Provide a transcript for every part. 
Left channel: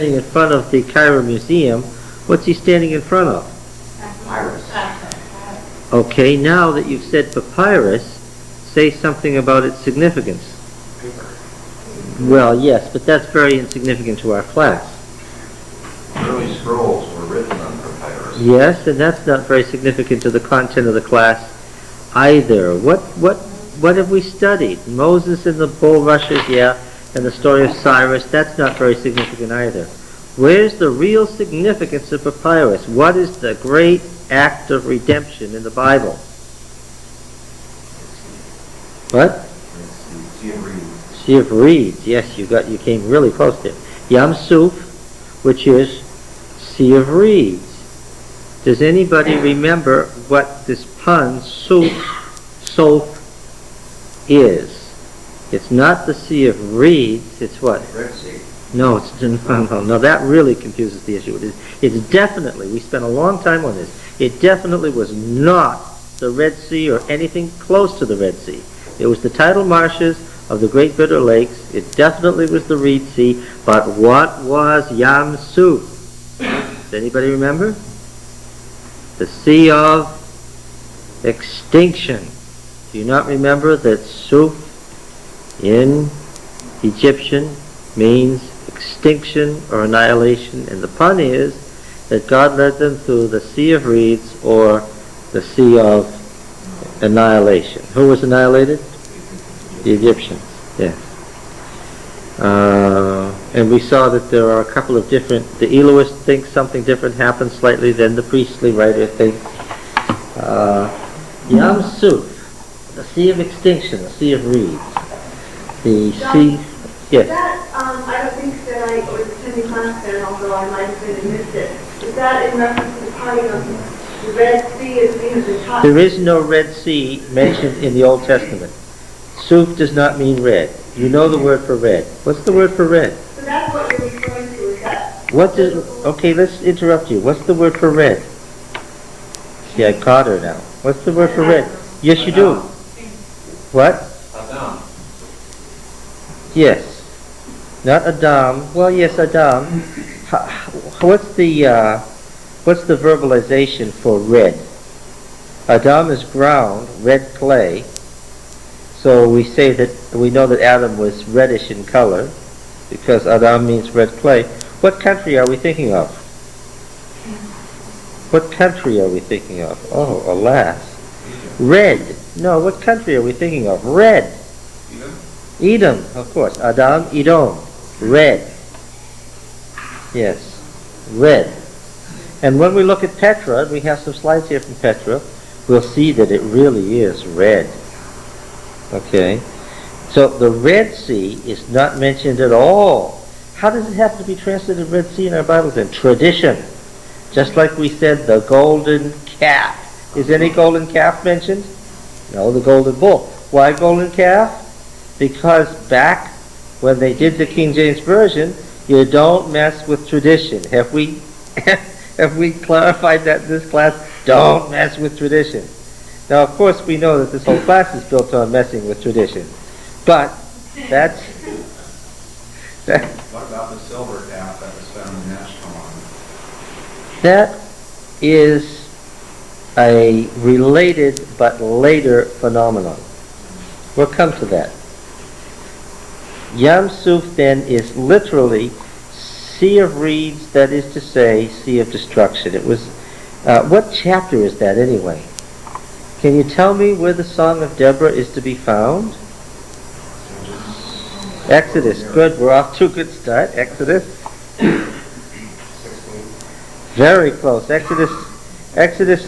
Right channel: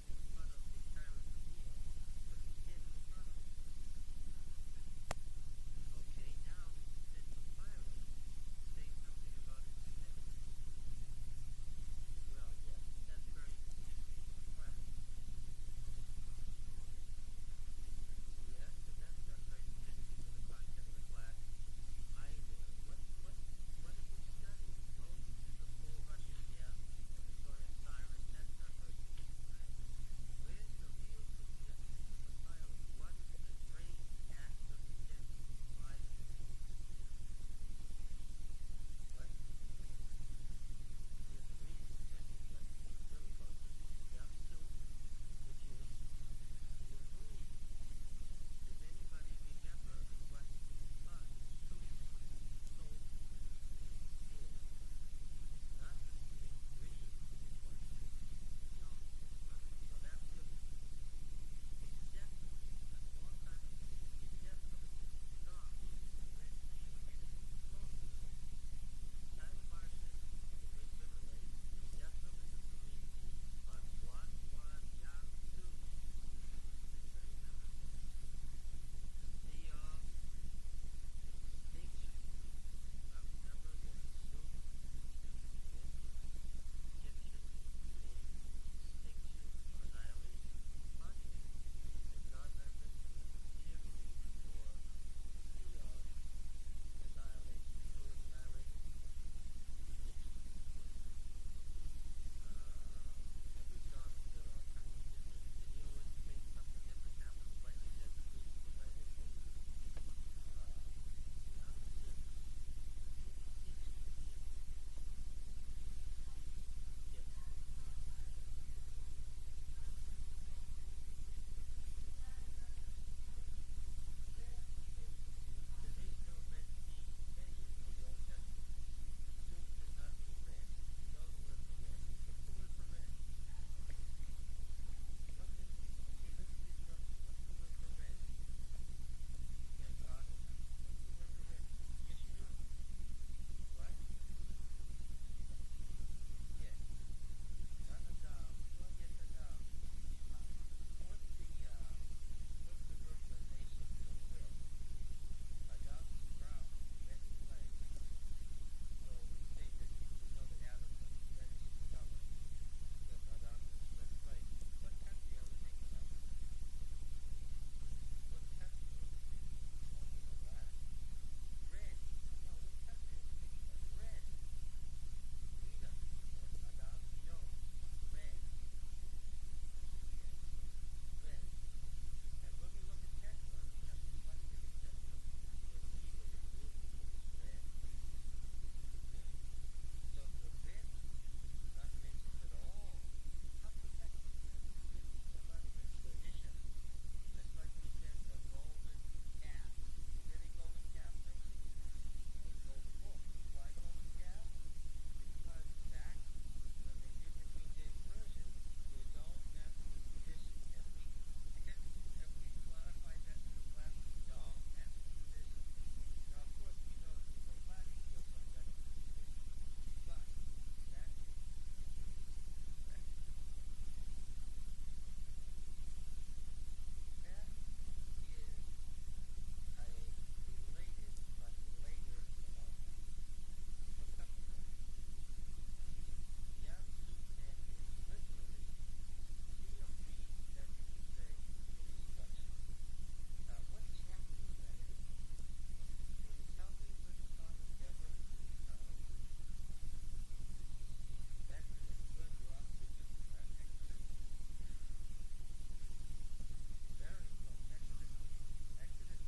standing in front of the Cairo Museum, what's he standing in front of? Papyrus. Okay, now that you've said papyrus, say something about its significance. Paper. Well, yes, but that's very insignificant to our class. Early scrolls were written on papyrus. Yes, and that's not very significant to the content of the class either. What have we studied? Moses and the bulrushes, yeah, and the story of Cyrus, that's not very significant either. Where's the real significance of papyrus? What is the great act of redemption in the Bible? What? Sea of Reeds. Sea of Reeds. Yes, you came really close there. Yam Suf, which is Sea of Reeds. Does anybody remember what this pun, Soph, is? It's not the Sea of Reeds, it's what? Red Sea. No, no, that really confuses the issue. It's definitely, we spent a long time on this, it definitely was not the Red Sea or anything close to the Red Sea. It was the tidal marshes of the Great Bitter Lakes. It definitely was the Reed Sea. But what was Yam Suf? Does anybody remember? The Sea of Extinction. Do you not remember that Suf in Egyptian means extinction or annihilation? And the pun is that God led them through the Sea of Reeds or the Sea of Annihilation. Who was annihilated? The Egyptians, yes. And we saw that there are a couple of different, the Elohist thinks something different happened slightly than the priestly writer thinks. Yam Suf, the Sea of Extinction, the Sea of Reeds. The sea, yes. That, I don't think that I was attending class then, although I might have been and missed it. Is that in reference to the parting of the Red Sea as being the top? There is no Red Sea mentioned in the Old Testament. Suf does not mean red. You know the word for red. What's the word for red? So that's what you're referring to, is that? Okay, let's interrupt you. What's the word for red? See, I caught her now. What's the word for red? Yes, you do. What? Adam. Yes. Not Adam. Well, yes, Adam. What's the verbalization for red? Adam is ground, red clay. So we say that we know that Adam was reddish in color because Adam means red clay. What country are we thinking of? What country are we thinking of? Oh, alas. Red. No, what country are we thinking of? Red. Edom, of course. Adam, Edom. Red. Yes. Red. And when we look at Petra, we have some slides here from Petra, we'll see that it really is red. Okay? So the Red Sea is not mentioned at all. How does it have to be translated Red Sea in our Bibles then? Tradition. Just like we said, the golden calf. Is any golden calf mentioned? No, the golden bull. Why golden calf? Because back when they did the King James Version, you don't mess with tradition. Have we clarified that in this class? Don't mess with tradition. Now, of course, we know that this whole class is built on messing with tradition. But that's... What about the silver calf that was found in Ashkelon? That is a related but later phenomenon. We'll come to that. Yam Suf then is literally Sea of Reeds, that is to say, Sea of Destruction. It was, what chapter is that anyway? Can you tell me where the Song of Deborah is to be found? Exodus. Good. We're off to a good start. Exodus. 16. Very close. Exodus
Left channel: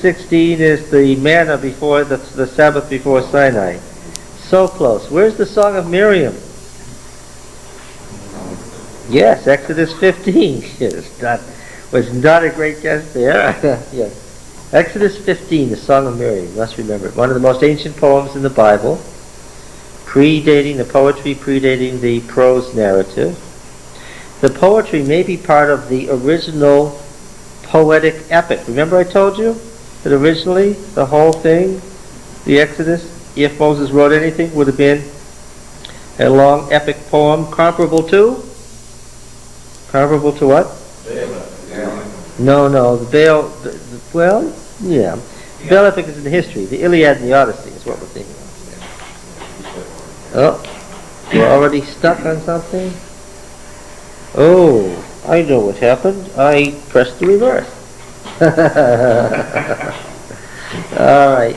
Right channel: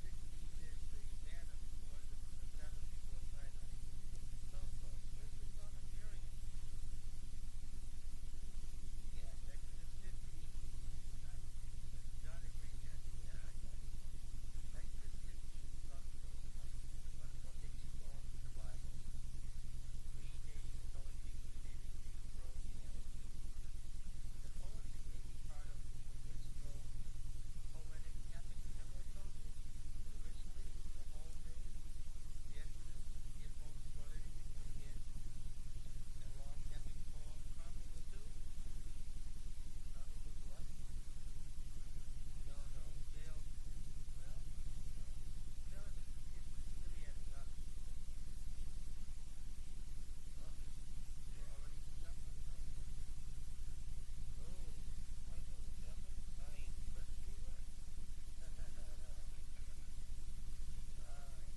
16 is the manna before the Sabbath before Sinai. So close. Where's the Song of Miriam? Yes, Exodus 15. Was not a great guess there. Yes. Exodus 15, the Song of Miriam, you must remember it. One of the most ancient poems in the Bible, predating the prose narrative. The poetry may be part of the original poetic epic. Remember I told you that originally the whole thing, the Exodus, if Moses wrote anything, would have been a long epic poem comparable to Comparable to what? No, the Baal, well, yeah. The Baal epic is in history. The Iliad and the Odyssey is what we're thinking of. Oh, we're already stuck on something? Oh, I know what happened. I pressed the reverse. All right.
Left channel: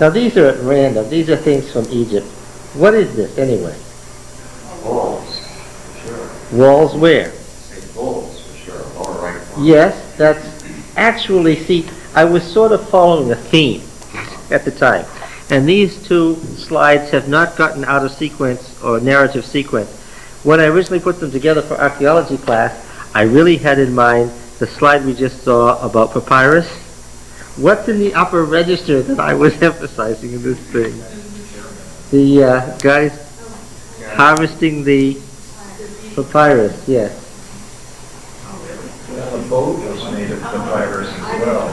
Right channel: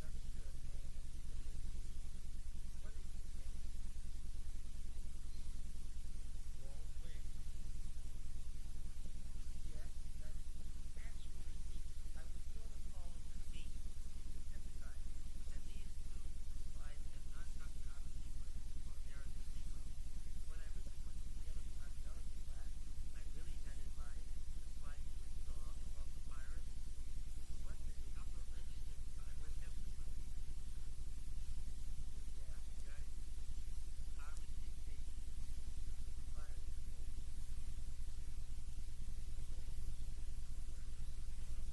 Now these are at random. These are things from Egypt. What is this anyway? Walls, for sure. Walls where? Walls, for sure. Lower right corner. Yes, that's actually, see, I was sort of following a theme at the time. And these two slides have not gotten out of sequence or narrative sequence. When I originally put them together for archaeology class, I really had in mind the slide we just saw about Papyrus. What's in the upper register that I was emphasizing in this thing? The guys harvesting the Papyrus, yes. Well, the boat was made of papyrus as well.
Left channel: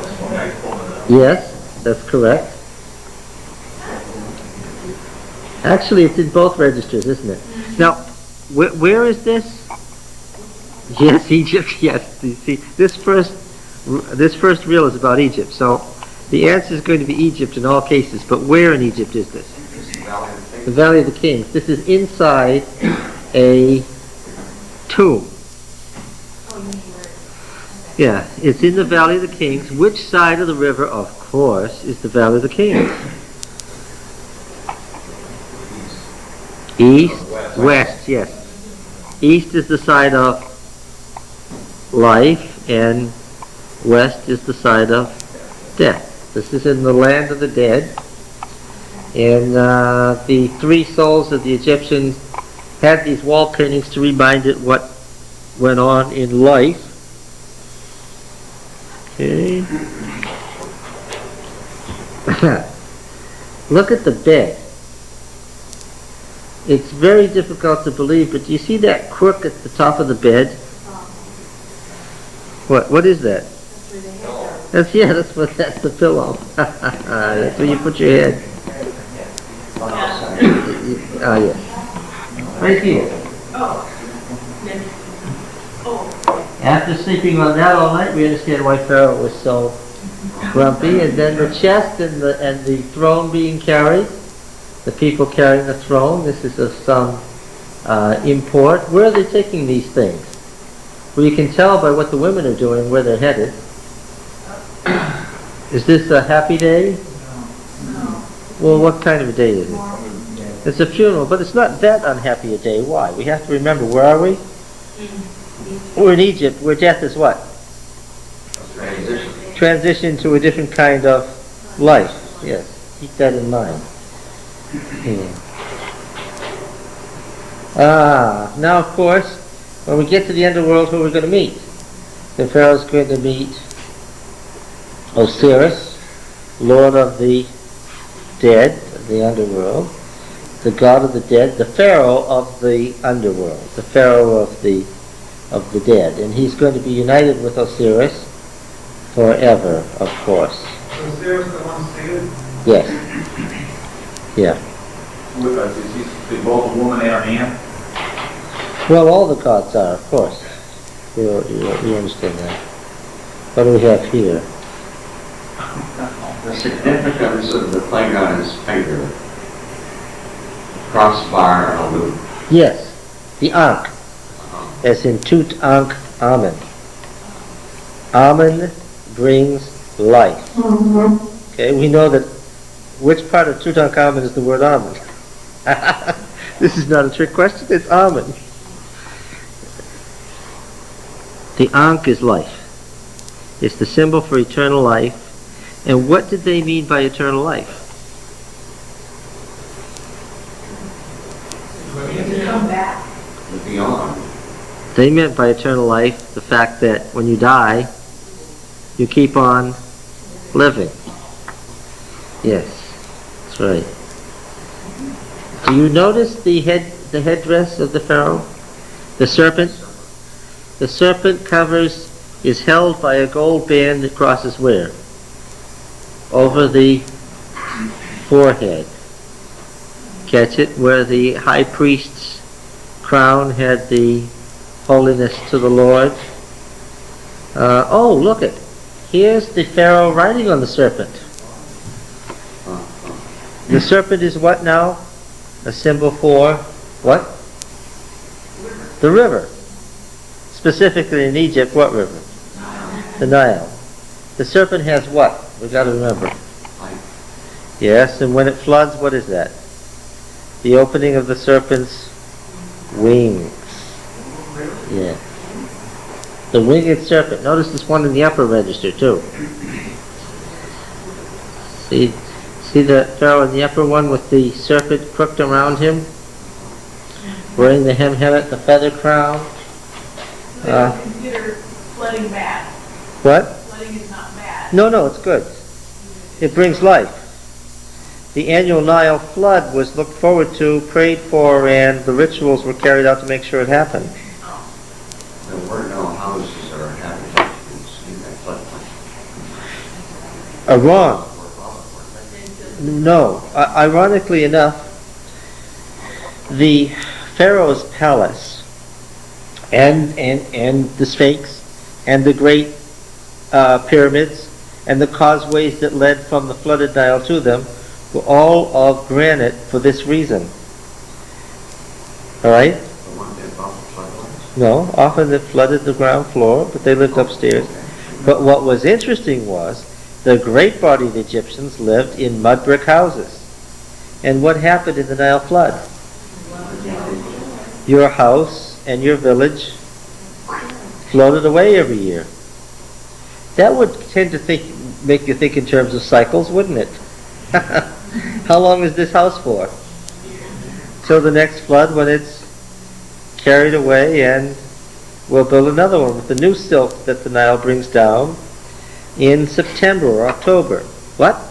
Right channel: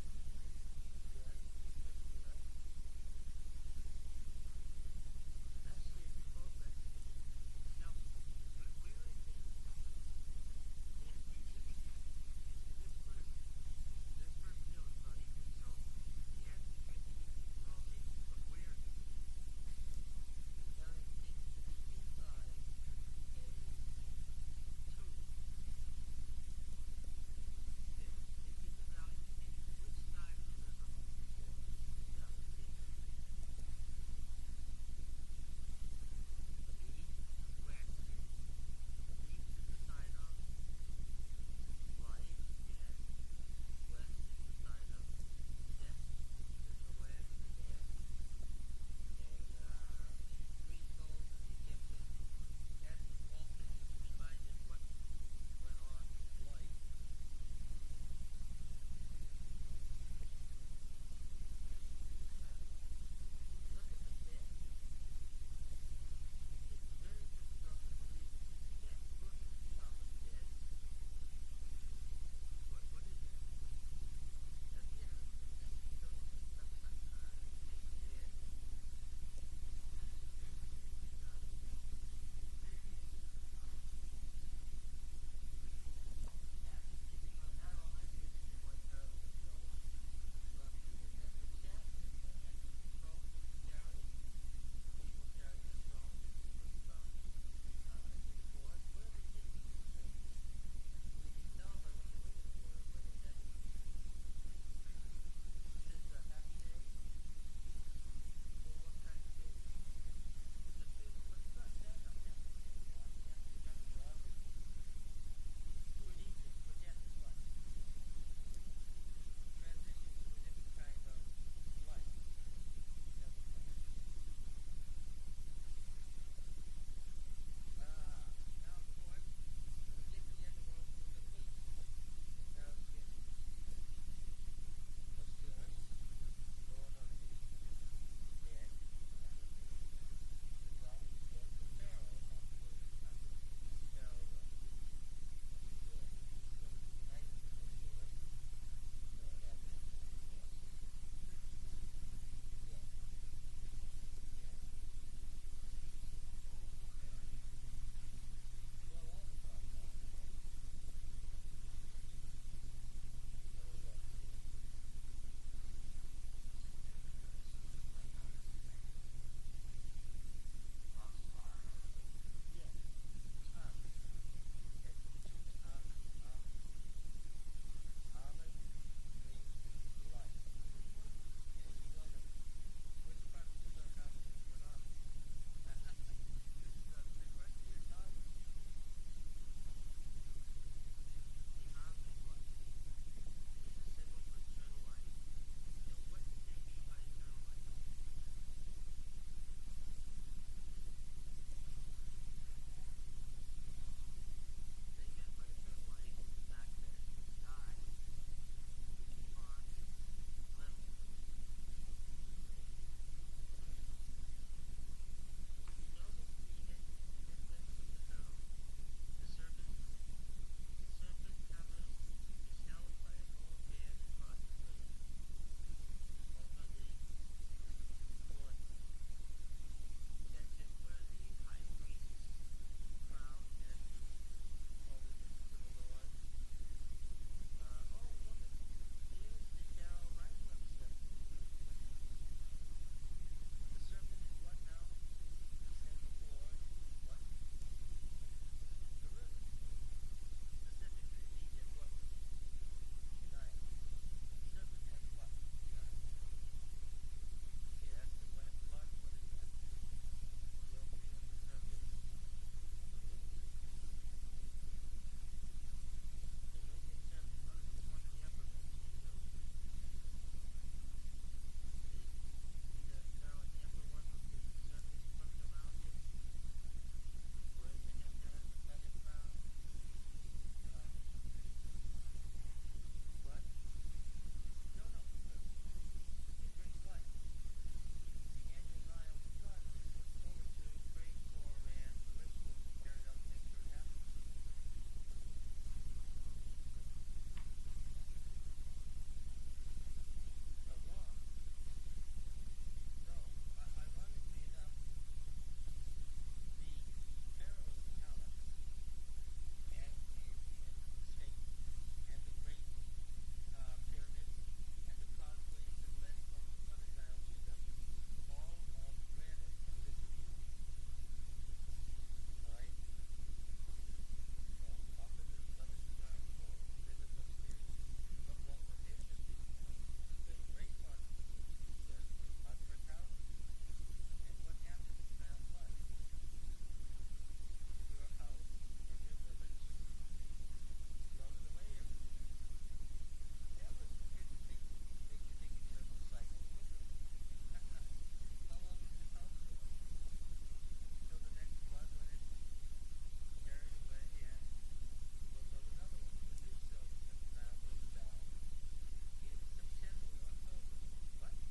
Yes, that's correct. Actually, it's in both registers, isn't it? Now, where is this? Yes, Egypt, yes. You see, this first reel is about Egypt, so the answer is going to be Egypt in all cases, but where in Egypt is this? The Valley of the Kings. This is inside a tomb. Yeah, it's in the Valley of the Kings. Which side of the river, of course, is the Valley of the Kings? East, west, yes. East is the side of life, and west is the side of death. This is in the land of the dead. And the three souls of the Egyptians had these wall paintings to remind it what went on in life. Okay. Look at the bed. It's very difficult to believe, but do you see that crook at the top of the bed? What is that? That's the pillow. That's where you put your head. Ah, yes. Right here. After sleeping on that all night, we understand why Pharaoh was so grumpy. And then the chest and the throne being carried, the people carrying the throne. This is of some import. Where are they taking these things? Well, you can tell by what the women are doing where they're headed. Is this a happy day? No. Well, what kind of a day is it? It's a funeral, but it's not that unhappy a day. Why? We have to remember, where are we? We're in Egypt, where death is what? Transition to a different kind of life. Yes, keep that in mind. Now of course, when we get to the underworld, who are we going to meet? The Pharaoh's going to meet Osiris, Lord of the dead, of the underworld, the god of the dead, the Pharaoh of the underworld, the Pharaoh of the dead. And he's going to be united with Osiris forever, of course. Osiris the one seated? Yes. Yeah. Is he both a woman and a man? Well, all the gods are, of course. You understand that. What do we have here? The significance of the thing on his finger, crossbar and a loop. Yes, the Ankh, as in Tutankhamen. Amen brings life. Okay, we know that which part of Tutankhamen is the word Amen? This is not a trick question, it's Amen. The Ankh is life. It's the symbol for eternal life. And what did they mean by eternal life? Come back. Beyond. They meant by eternal life the fact that when you die, you keep on living. Yes, that's right. Do you notice the headdress of the Pharaoh? The serpent? The serpent is held by a gold band that crosses where? Over the forehead. Catch it? Where the high priest's crown had the holiness to the Lord. Oh, look it. Here's the Pharaoh riding on the serpent. The serpent is what now? A symbol for what? The river. Specifically in Egypt, what river? The Nile. The serpent has what? We've got to remember. Yes, and when it floods, what is that? The opening of the serpent's wings. Yeah. The winged serpent. Notice this one in the upper register too. See the Pharaoh in the upper one with the serpent crooked around him? Wearing the hemhemet, the feather crown. Consider flooding bad. What? Flooding is not bad. No, it's good. It brings life. The annual Nile flood was looked forward to, prayed for, and the rituals were carried out to make sure it happened. There were no houses or inhabitants in that floodplain. Wrong. No. Ironically enough, the Pharaoh's palace and the Sphinx and the great pyramids and the causeways that led from the flooded Nile to them were all of granite for this reason. All right? The one that bought the floodplains. No, often it flooded the ground floor, but they lived upstairs. But what was interesting was the great-bodied Egyptians lived in mud brick houses. And what happened in the Nile flood? Your house and your village floated away every year. That would tend to make you think in terms of cycles, wouldn't it? How long is this house for? Till the next flood, when it's carried away, and we'll build another one with the new silt that the Nile brings down in September or October. What?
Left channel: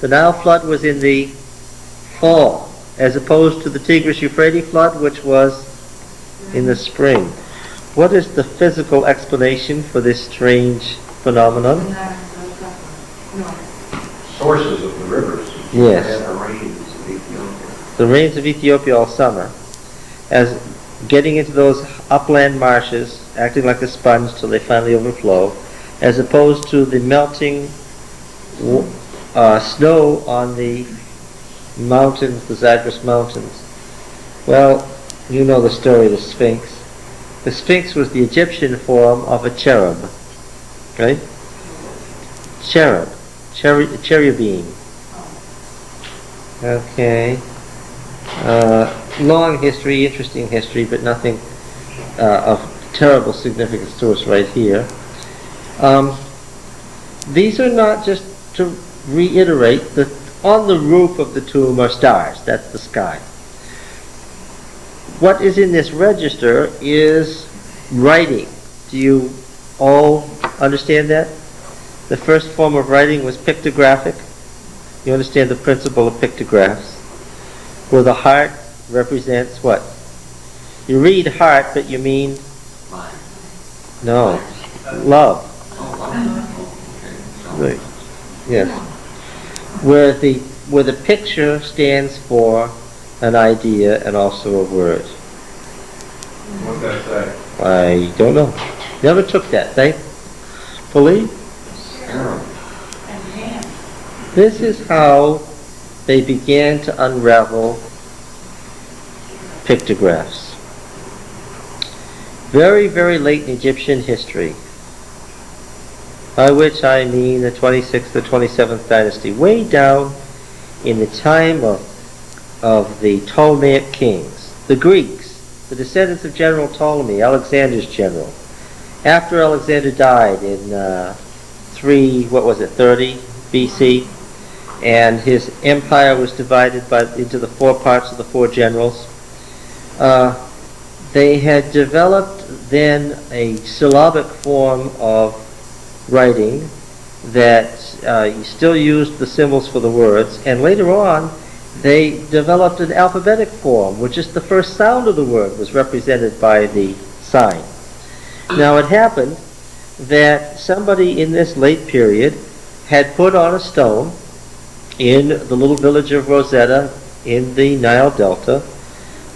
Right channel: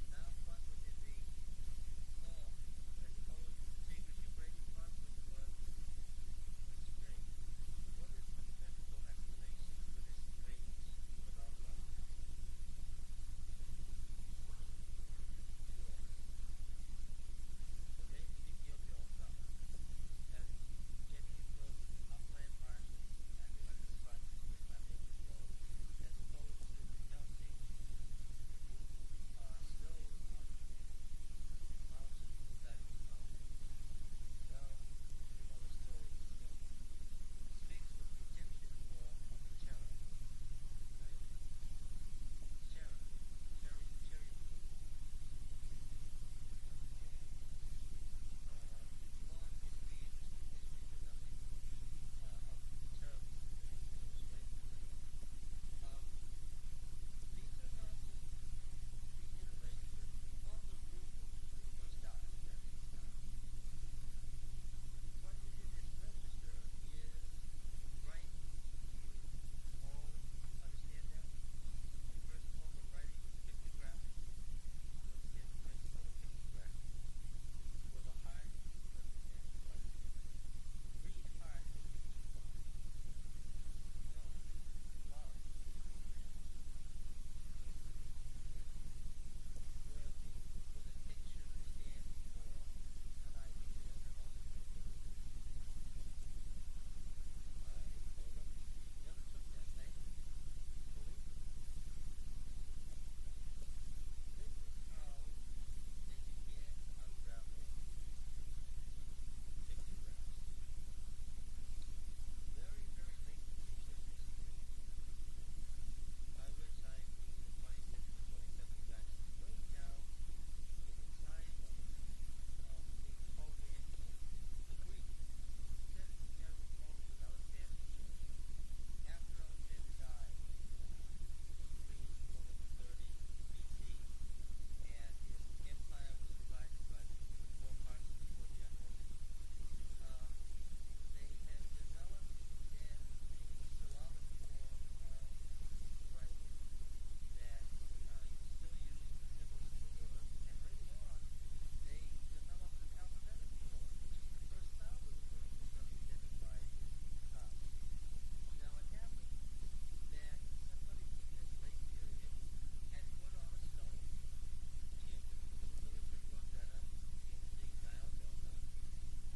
The Nile flood was in the fall, as opposed to the Tigris-Euphrates flood, which was in the spring. What is the physical explanation for this strange phenomenon? Sources of the rivers. Yes. They had the rains of Ethiopia. The rains of Ethiopia all summer, as getting into those upland marshes, acting like a sponge till they finally overflow, as opposed to the melting snow on the mountains, the Zagros Mountains. Well, you know the story of the Sphinx. The Sphinx was the Egyptian form of a cherub, right? Cherubim. Okay. Long history, interesting history, but nothing of terrible significance to us right here. These are not, just to reiterate, that on the roof of the tomb are stars. That's the sky. What is in this register is writing. Do you all understand that? The first form of writing was pictographic. You understand the principle of pictographs, where the heart represents what? You read heart, but you mean? Mine. No. Love. Oh, wow. Okay. Right. Yes. Where the picture stands for an idea and also a word. What's that say? I don't know. Never took that, thankfully. Arrow. This is how they began to unravel pictographs. Very, very late in Egyptian history, by which I mean the 26th or 27th dynasty, way down in the time of the Ptolemaic kings, the Greeks, the descendants of General Ptolemy, Alexander's general. After Alexander died in 30 BC, and his empire was divided into the four parts of the four generals. They had developed then a syllabic form of writing that still used the symbols for the words, and later on they developed an alphabetic form, which is the first sound of the word was represented by the sign. Now it happened that somebody in this late period had put on a stone in the little village of Rosetta in the Nile Delta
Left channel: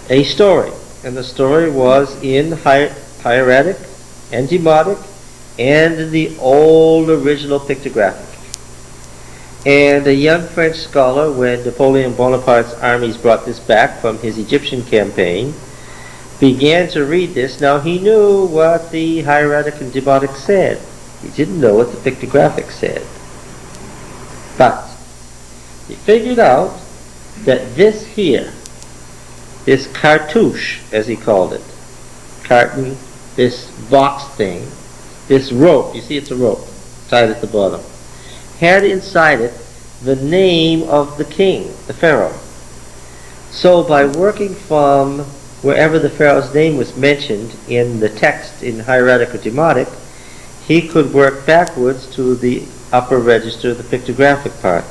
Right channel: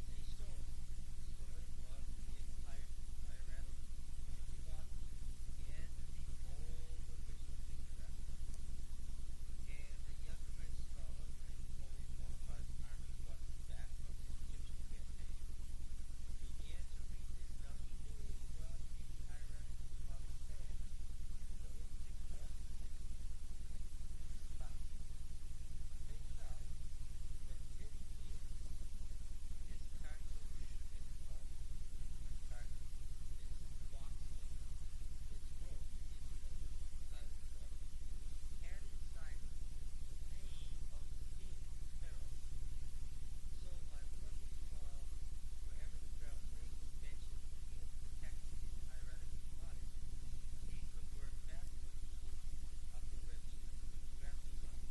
a story. And the story was in hieratic and demotic and the old original pictographic. And a young French scholar, when Napoleon Bonaparte's armies brought this back from his Egyptian campaign, began to read this. Now he knew what the hieratic and demotic said. He didn't know what the pictographic said. But he figured out that this here, this cartouche, as he called it, carton, this box thing, this rope, you see it's a rope tied at the bottom, had inside it the name of the king, the pharaoh. So by working from wherever the pharaoh's name was mentioned in the text in hieratic or demotic, he could work backwards to the upper register, the pictographic part.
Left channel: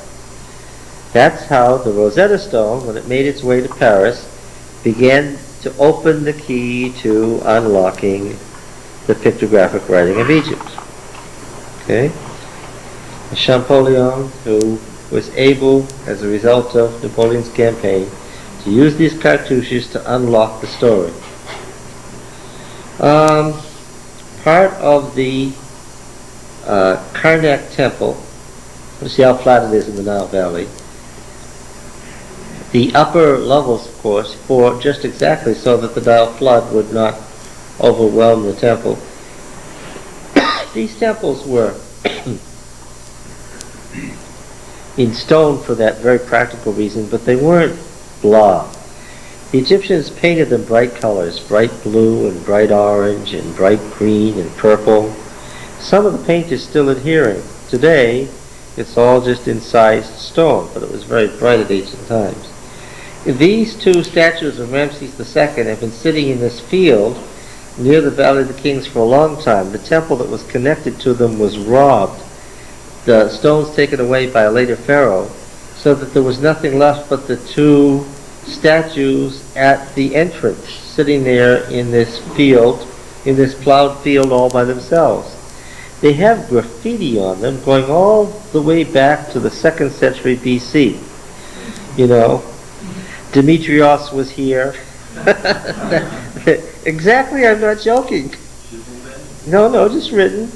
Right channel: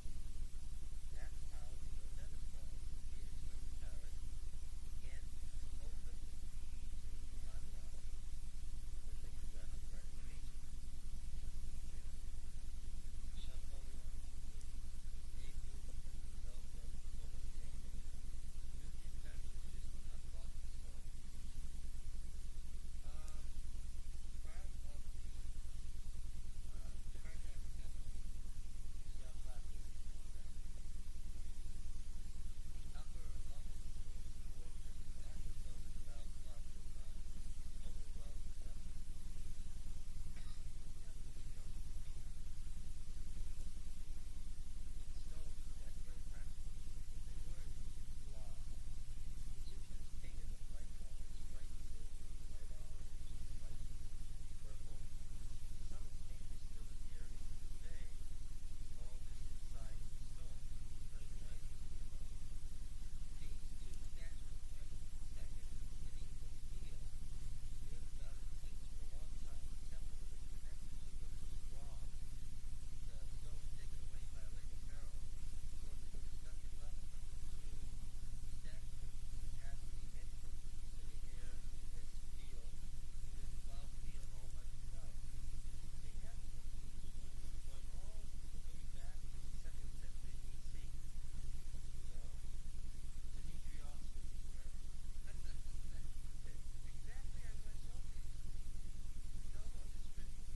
That's how the Rosetta Stone, when it made its way to Paris, began to open the key to unlocking the pictographic writing of Egypt. Okay? Champollion, who was able, as a result of Napoleon's campaign, to use these cartouches to unlock the story. Part of the Karnak temple, you see how flat it is in the Nile Valley. The upper levels, of course, for just exactly so that the Nile flood would not overwhelm the temple. These temples were in stone for that very practical reason, but they weren't blah. The Egyptians painted them bright colors, bright blue and bright orange and bright green and purple. Some of the paint is still adhering. Today, it's all just incised stone, but it was very bright at ancient times. These two statues of Ramses II have been sitting in this field near the Valley of the Kings for a long time. The temple that was connected to them was robbed, the stones taken away by a later pharaoh, so that there was nothing left but the two statues at the entrance, sitting there in this field, in this plowed field all by themselves. They have graffiti on them going all the way back to the 2nd century BC. You know, Demetrios was here. Exactly, I'm not joking. No, just written.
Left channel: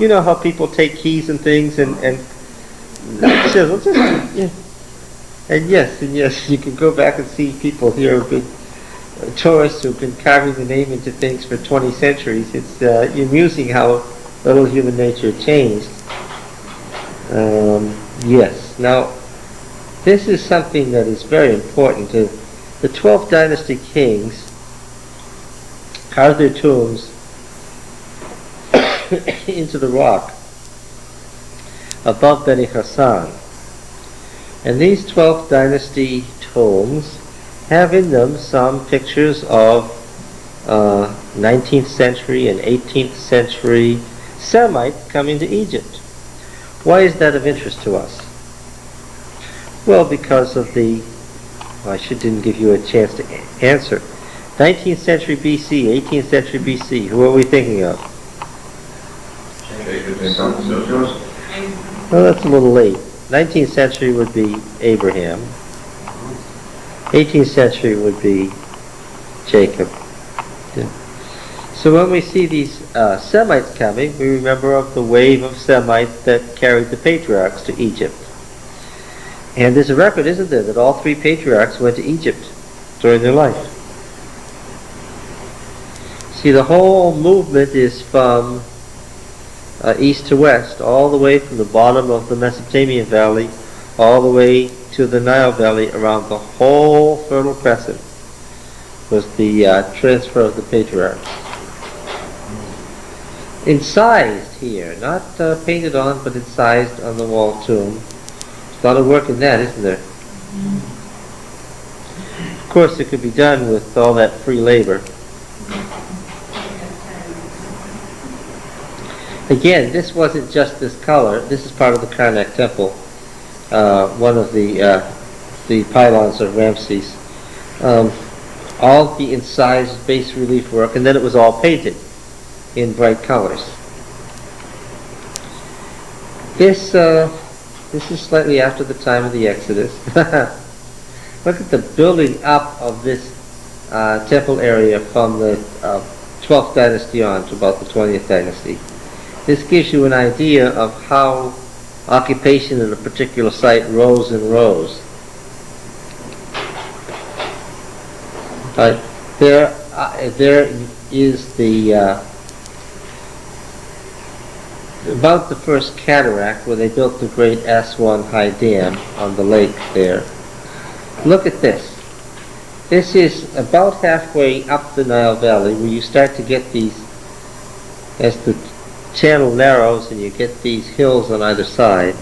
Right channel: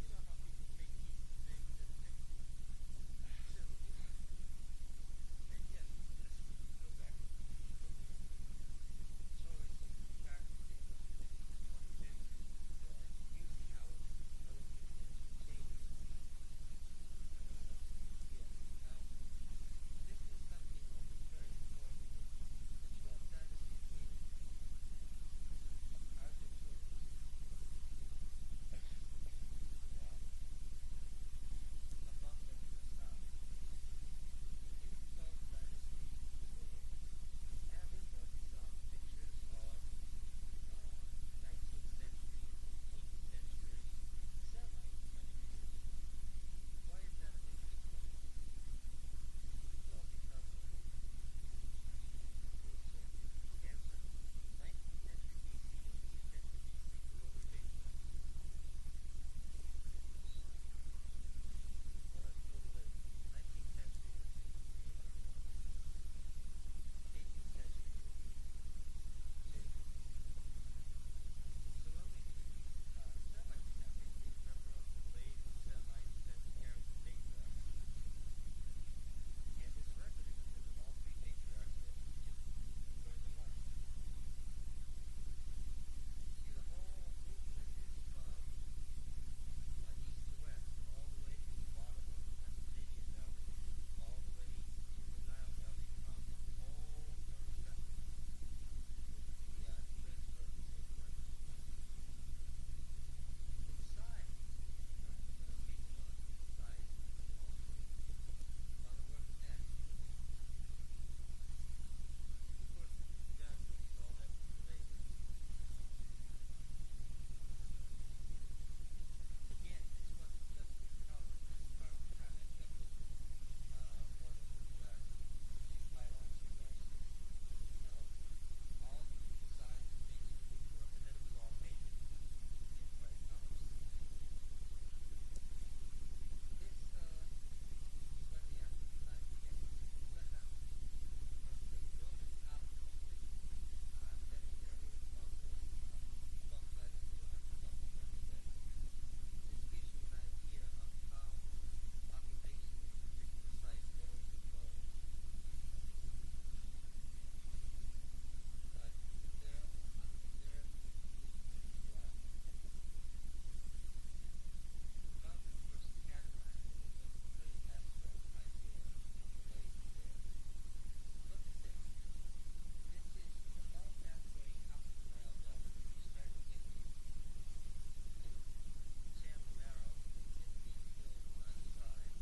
You know how people take keys and things and chisel, just, yeah. And yes, you can go back and see people here who've been tourists who've been carving the name into things for 20 centuries. It's amusing how little human nature changed. Yes. Now, this is something that is very important. The 12th dynasty kings carved their tombs into the rock above Beni Hassan. And these 12th dynasty tombs have in them some pictures of 19th century and 18th century Semites coming to Egypt. Why is that of interest to us? Well, because of didn't give you a chance to answer. 19th century BC, 18th century BC, who are we thinking of? Well, that's a little late. 19th century would be Abraham. 18th century would be Jacob. Yeah. So when we see these Semites coming, we remember of the wave of Semites that carried the patriarchs to Egypt. And there's a record, isn't there, that all three patriarchs went to Egypt during their life. See, the whole movement is from east to west, all the way from the bottom of the Mesopotamian Valley, all the way to the Nile Valley, around the whole Fertile Crescent, was the transfer of the patriarchs. Incised here, not painted on, but incised on the wall tomb. There's a lot of work in that, isn't there? Of course, it could be done with all that free labor. Again, this wasn't just this color. This is part of the Karnak temple, one of the pylons of Ramses. All the incised bas relief work, and then it was all painted in bright colors. This is slightly after the time of the Exodus. Look at the building up of this temple area from the 12th dynasty on to about the 20th dynasty. This gives you an idea of how occupation in a particular site rose and rose. There is the about the first cataract where they built the great Aswan High Dam on the lake there. Look at this. This is about halfway up the Nile Valley where you start to get these, as the channel narrows and you get these hills on either side.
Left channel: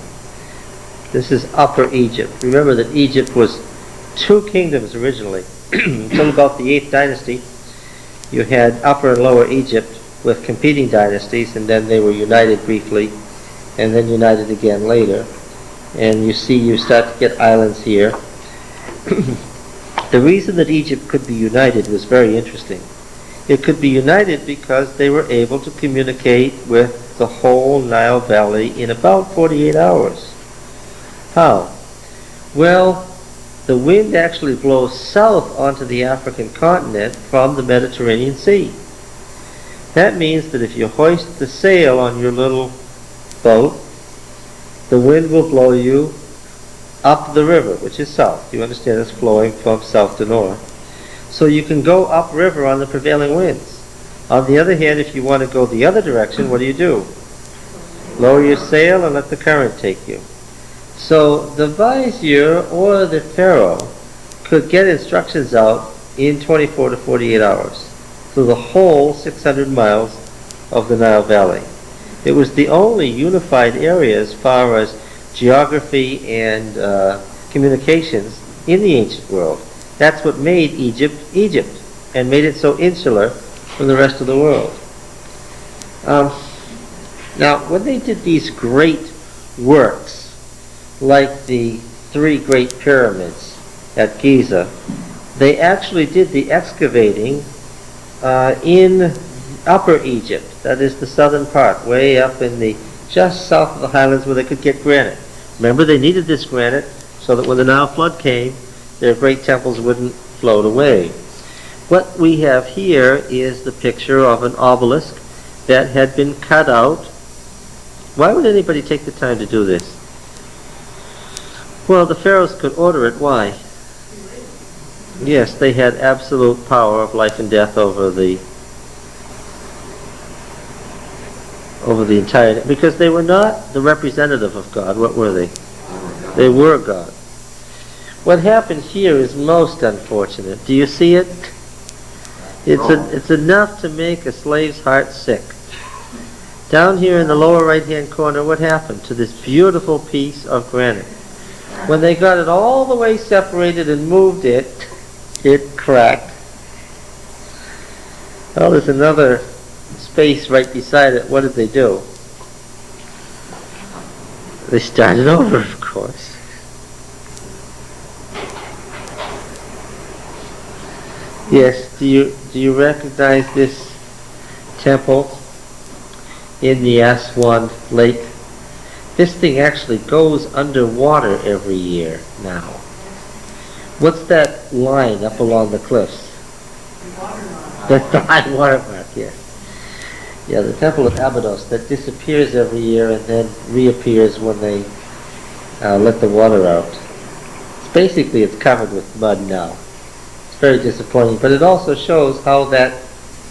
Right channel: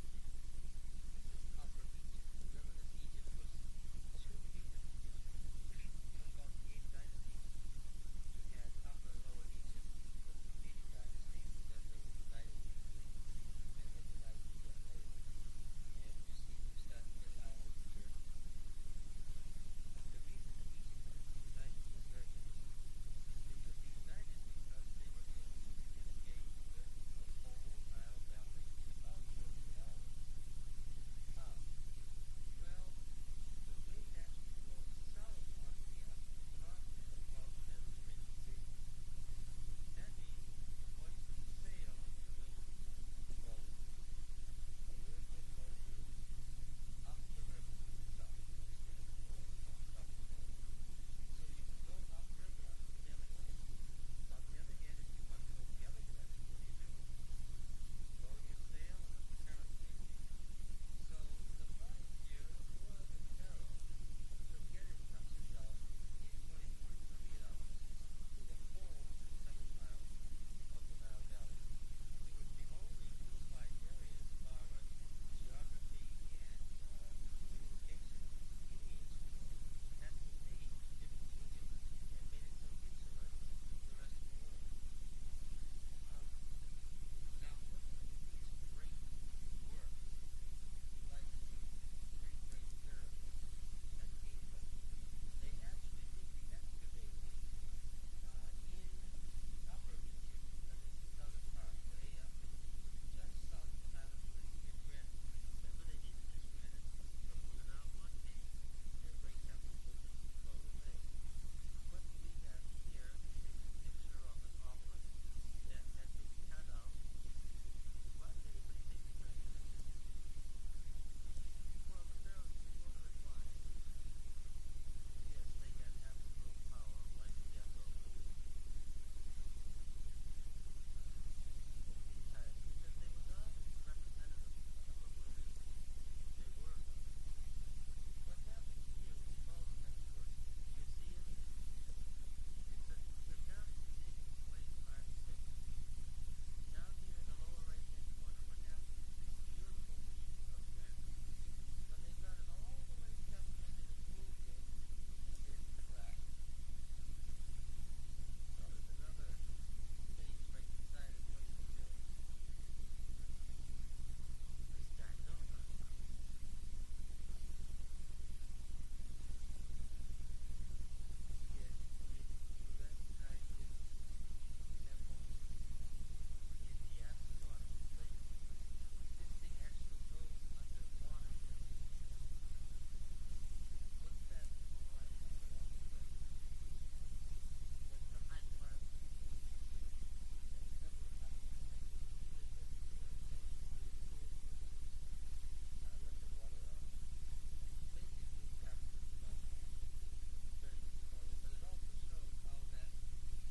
This is Upper Egypt. Remember that Egypt was two kingdoms originally. Until about the 8th dynasty, you had Upper and Lower Egypt with competing dynasties, and then they were united briefly, and then united again later. And you see, you start to get islands here. The reason that Egypt could be united was very interesting. It could be united because they were able to communicate with the whole Nile Valley in about 48 hours. How? Well, the wind actually blows south onto the African continent from the Mediterranean Sea. That means that if you hoist the sail on your little boat, the wind will blow you up the river, which is south. You understand it's flowing from south to north. So you can go upriver on the prevailing winds. On the other hand, if you want to go the other direction, what do? Lower your sail and let the current take you. So the vizier or the pharaoh could get instructions out in 24 to 48 hours through the whole 600 miles of the Nile Valley. It was the only unified area as far as geography and communications in the ancient world. That's what made Egypt, Egypt, and made it so insular from the rest of the world. Now, when they did these great works, like the 3 great pyramids at Giza, they actually did the excavating in Upper Egypt, that is the southern part, way up in the just south of the highlands where they could get granite. Remember, they needed this granite so that when the Nile flood came, their great temples wouldn't float away. What we have here is the picture of an obelisk that had been cut out. Why would anybody take the time to do this? Well, the pharaohs could order it. Why? Yes, they had absolute power of life and death over the entire, because they were not the representative of God. What were they? They were God. What happened here is most unfortunate. Do you see it? It's enough to make a slave's heart sick. Down here in the lower right-hand corner, what happened to this beautiful piece of granite? When they got it all the way separated and moved it, it cracked. Well, there's another space right beside it. What did they do? They started over, of course. Yes, do you recognize this temple in the Aswan Lake? This thing actually goes underwater every year now. What's that line up along the cliffs? That's the high water mark, yes. Yeah, the Temple of Abydos that disappears every year and then reappears when they let the water out. Basically, it's covered with mud now. It's very disappointing, but it also shows how that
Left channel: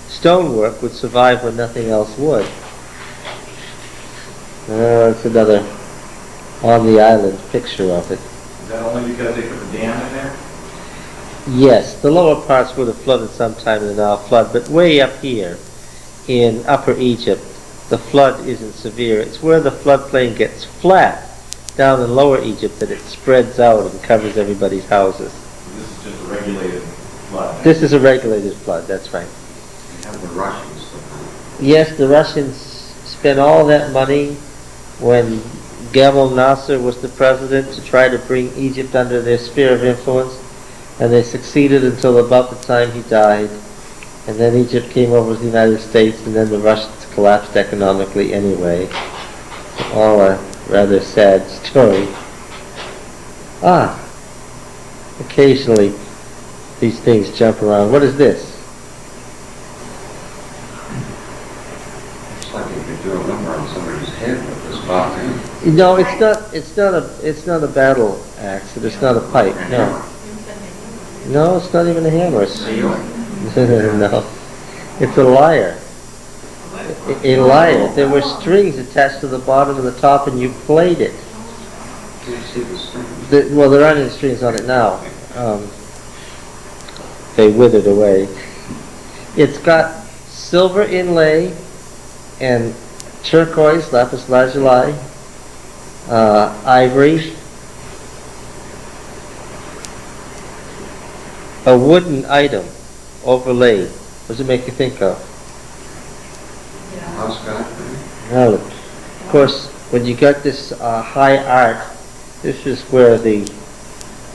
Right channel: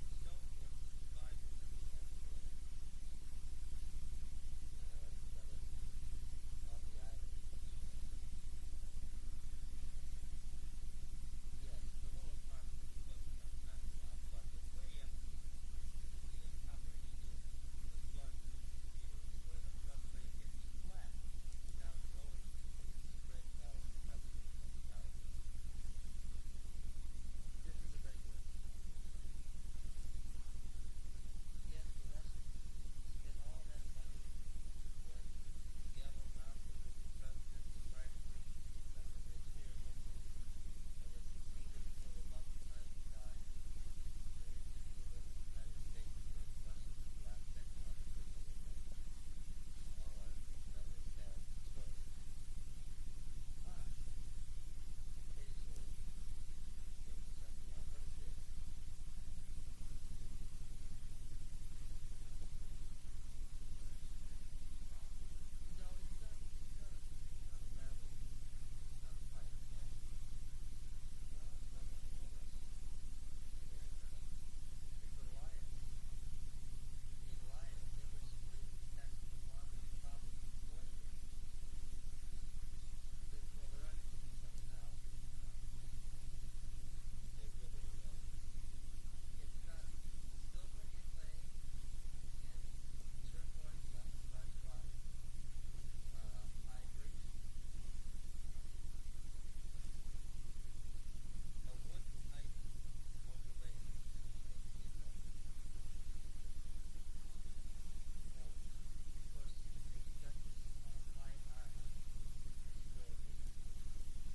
stonework would survive when nothing else would. It's another on the island picture of it. Is that only because they put the dam in there? Yes, the lower parts would have flooded sometime in the Nile flood, but way up here in Upper Egypt, the flood isn't severe. It's where the floodplain gets flat down in Lower Egypt that it spreads out and covers everybody's houses. This is just a regulated flood. This is a regulated flood, that's right. You have the Russians. Yes, the Russians spent all that money when Gamal Nasser was the president to try to bring Egypt under their sphere of influence, and they succeeded until about the time he died. And then Egypt came over to the United States, and then the Russians collapsed economically anyway. All a rather sad story. Occasionally these things jump around. What is this? like you could do a number on somebody's head with this box in. No, it's not. It's not a battle axe. It's not a pipe. No. No, it's not even a hammer. No, it's a lyre. A lyre. There were strings attached to the bottom and the top, and you played it. Do you see the string? Well, there aren't any strings on it now. They withered away. It's got silver inlay and turquoise, lapis lazuli, ivory, a wooden item overlaid. What does it make you think of? House guy? Now, of course, when you got this high art, this is where you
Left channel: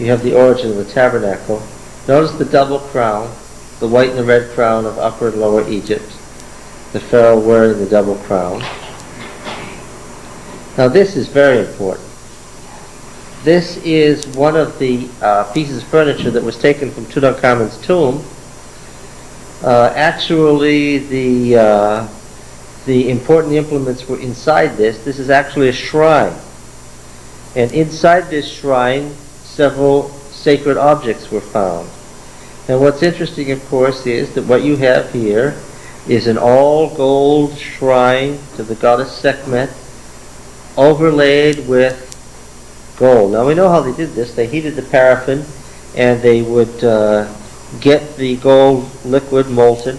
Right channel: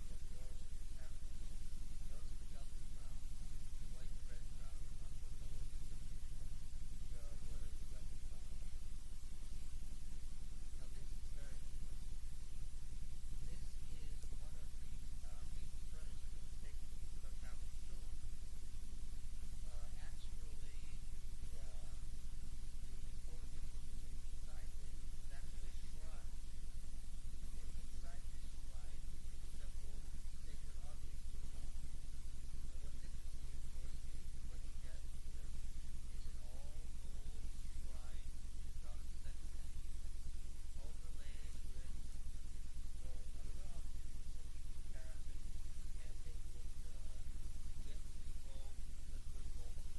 have the origin of the tabernacle. Notice the double crown, the white and the red crown of Upper and Lower Egypt. The Pharaoh wearing the double crown. Now this is very important. This is one of the pieces of furniture that was taken from Tutankhamun's tomb. Actually, the important implements were inside this. This is actually a shrine. And inside this shrine, several sacred objects were found. And what's interesting, of course, is that what you have here is an all-gold shrine to the goddess Sekhmet, overlaid with gold. Now we know how they did this. They heated the paraffin, and they would get the gold liquid molten,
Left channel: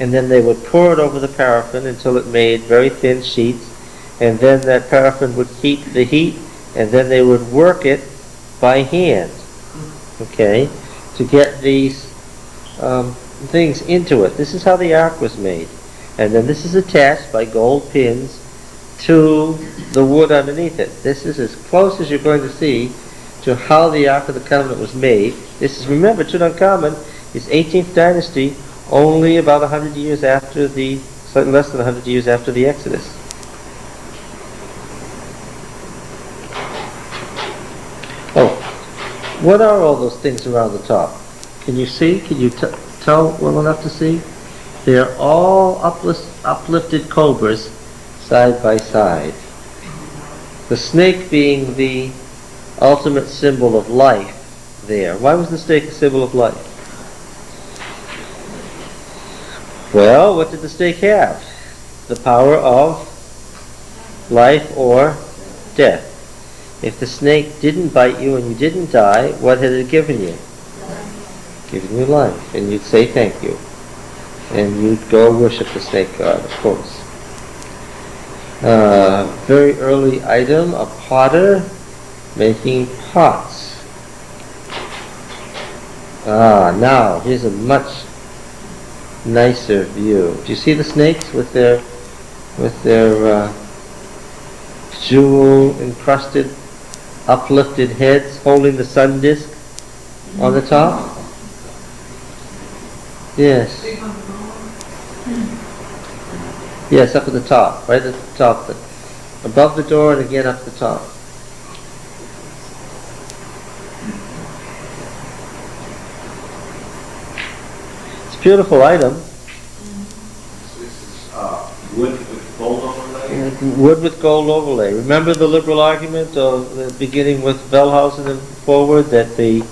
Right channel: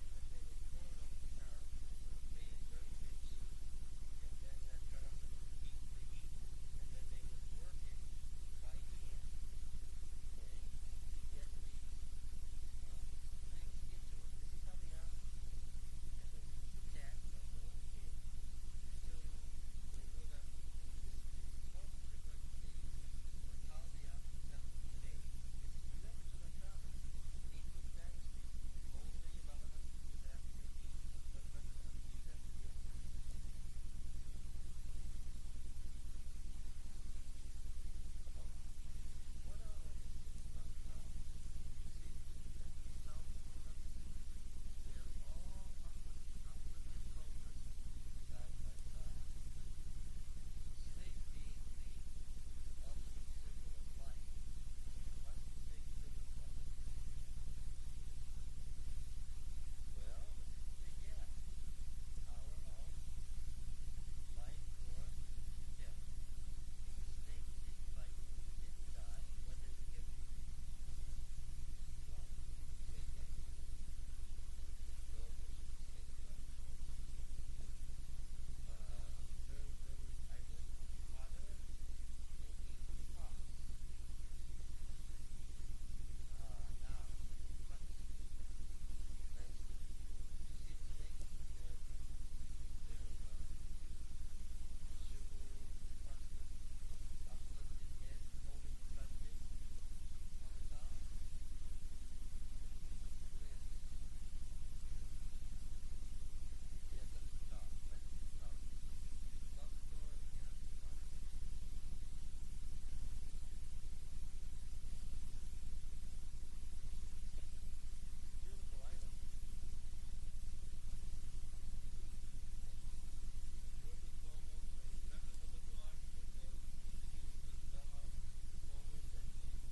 and then they would pour it over the paraffin until it made very thin sheets, and then that paraffin would keep the heat, and then they would work it by hand, okay, to get these things into it. This is how the ark was made. And then this is attached by gold pins to the wood underneath it. This is as close as you're going to see to how the Ark of the Covenant was made. This is, remember, Tutankhamen is 18th dynasty, only about 100 years after slightly less than 100 years after the Exodus. Oh, what are all those things around the top? Can you see? Can you tell well enough to see? They are all uplifted cobras side by side. The snake being the ultimate symbol of life there. Why was the snake a symbol of life? Well, what did the snake have? The power of life or death. If the snake didn't bite you and you didn't die, what had it given you? Given you life. And you'd say thank you. And you'd go worship the snake god, of course. Very early item, a potter making pots. Now, here's a much nicer view. Do you see the snakes with their jewel-encrusted, uplifted heads holding the sun disk on the top? Yes. Yes, up at the top, right at the top. Above the door and again up the top. It's a beautiful item. This is wood with gold overlay? Wood with gold overlay. Remember the liberal argument of beginning with Wellhausen and forward that the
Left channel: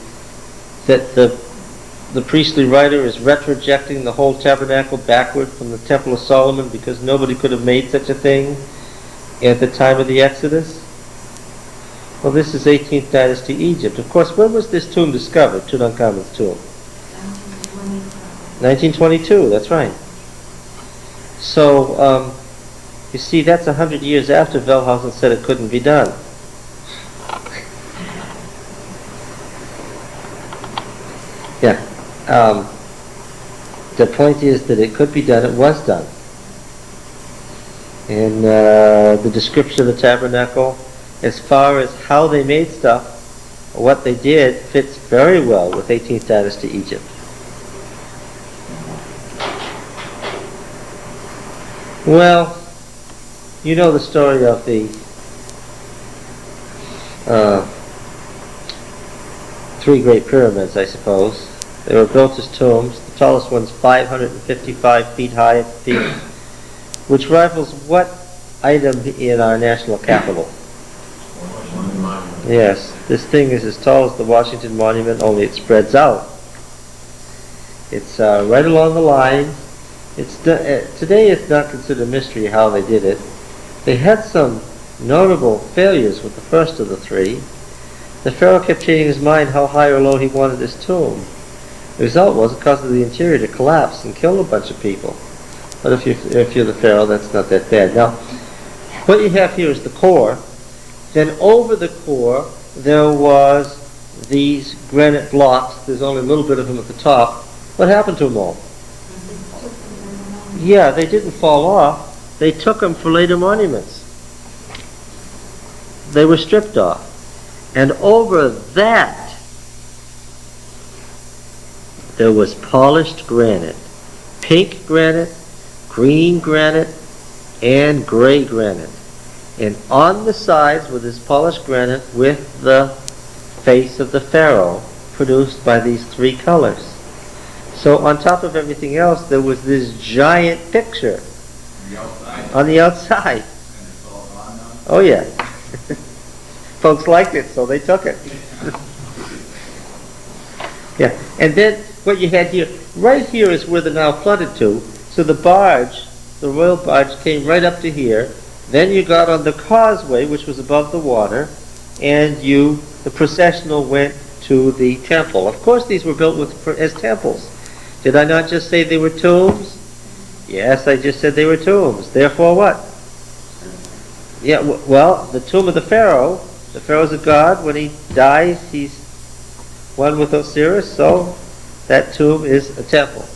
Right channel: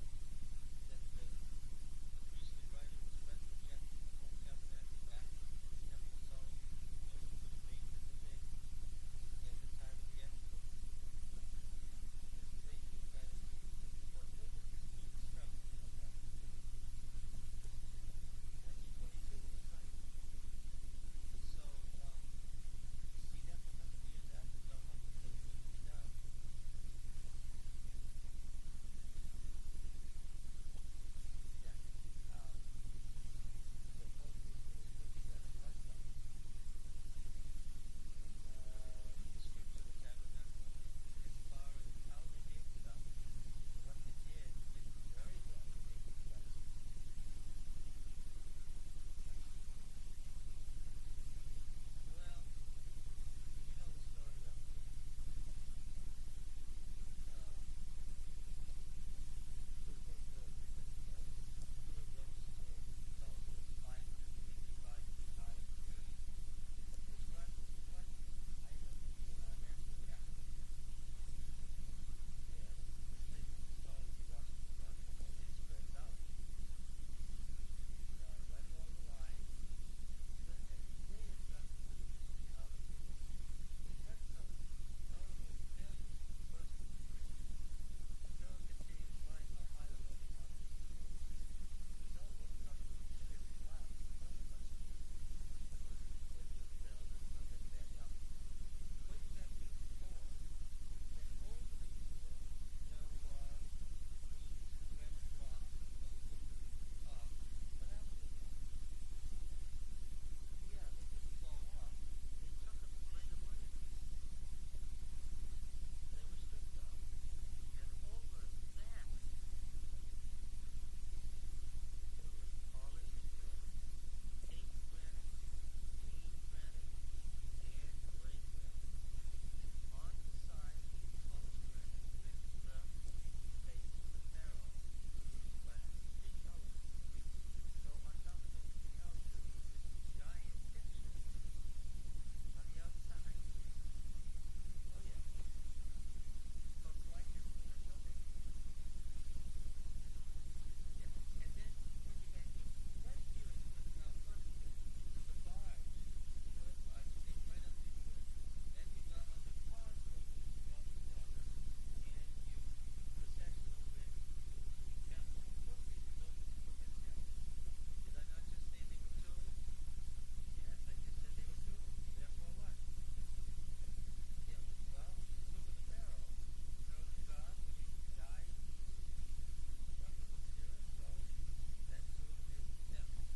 priestly writer is retrojecting the whole tabernacle backward from the Temple of Solomon because nobody could have made such a thing at the time of the Exodus? Well, this is 18th dynasty Egypt. Of course, when was this tomb discovered, Tutankhamun's tomb? 1922, that's right. So, you see, that's 100 years after Wellhausen said it couldn't be done. Yeah. The point is that it could be done, it was done. And the description of the tabernacle, as far as how they made stuff, what they did, fits very well with 18th dynasty Egypt. Well, you know the story of the three great pyramids, I suppose. They were built as tombs. The tallest one's 555 feet high at the peak. which rivals what item in our national capital? Yes, this thing is as tall as the Washington Monument, only it spreads out. It's right along the line. Today it's not considered a mystery how they did it. They had some notable failures with the first of the three. The pharaoh kept changing his mind how high or low he wanted his tomb. The result was it caused the interior to collapse and kill a bunch of people. But if you're the pharaoh, that's not that bad. Now, what you have here is the core. Then over the core, there was these granite blocks. There's only a little bit of them at the top. What happened to them all? Yeah, they didn't fall off. They took them for later monuments. They were stripped off. And over that, there was polished granite. Pink granite, green granite, and gray granite. And on the sides were this polished granite with the face of the pharaoh produced by these three colors. So on top of everything else, there was this giant picture on the outside. Oh yeah. Folks liked it, so they took it. Yeah, and then what you had here, right here is where the Nile flooded to. So the barge, the royal barge, came right up to here. Then you got on the causeway, which was above the water, and the processional went to the temple. Of course, these were built as temples. Did I not just say they were tombs? Yes, I just said they were tombs. Therefore what? Yeah, well, the tomb of the pharaoh is a god. When he dies, he's one with Osiris, so that tomb is a temple.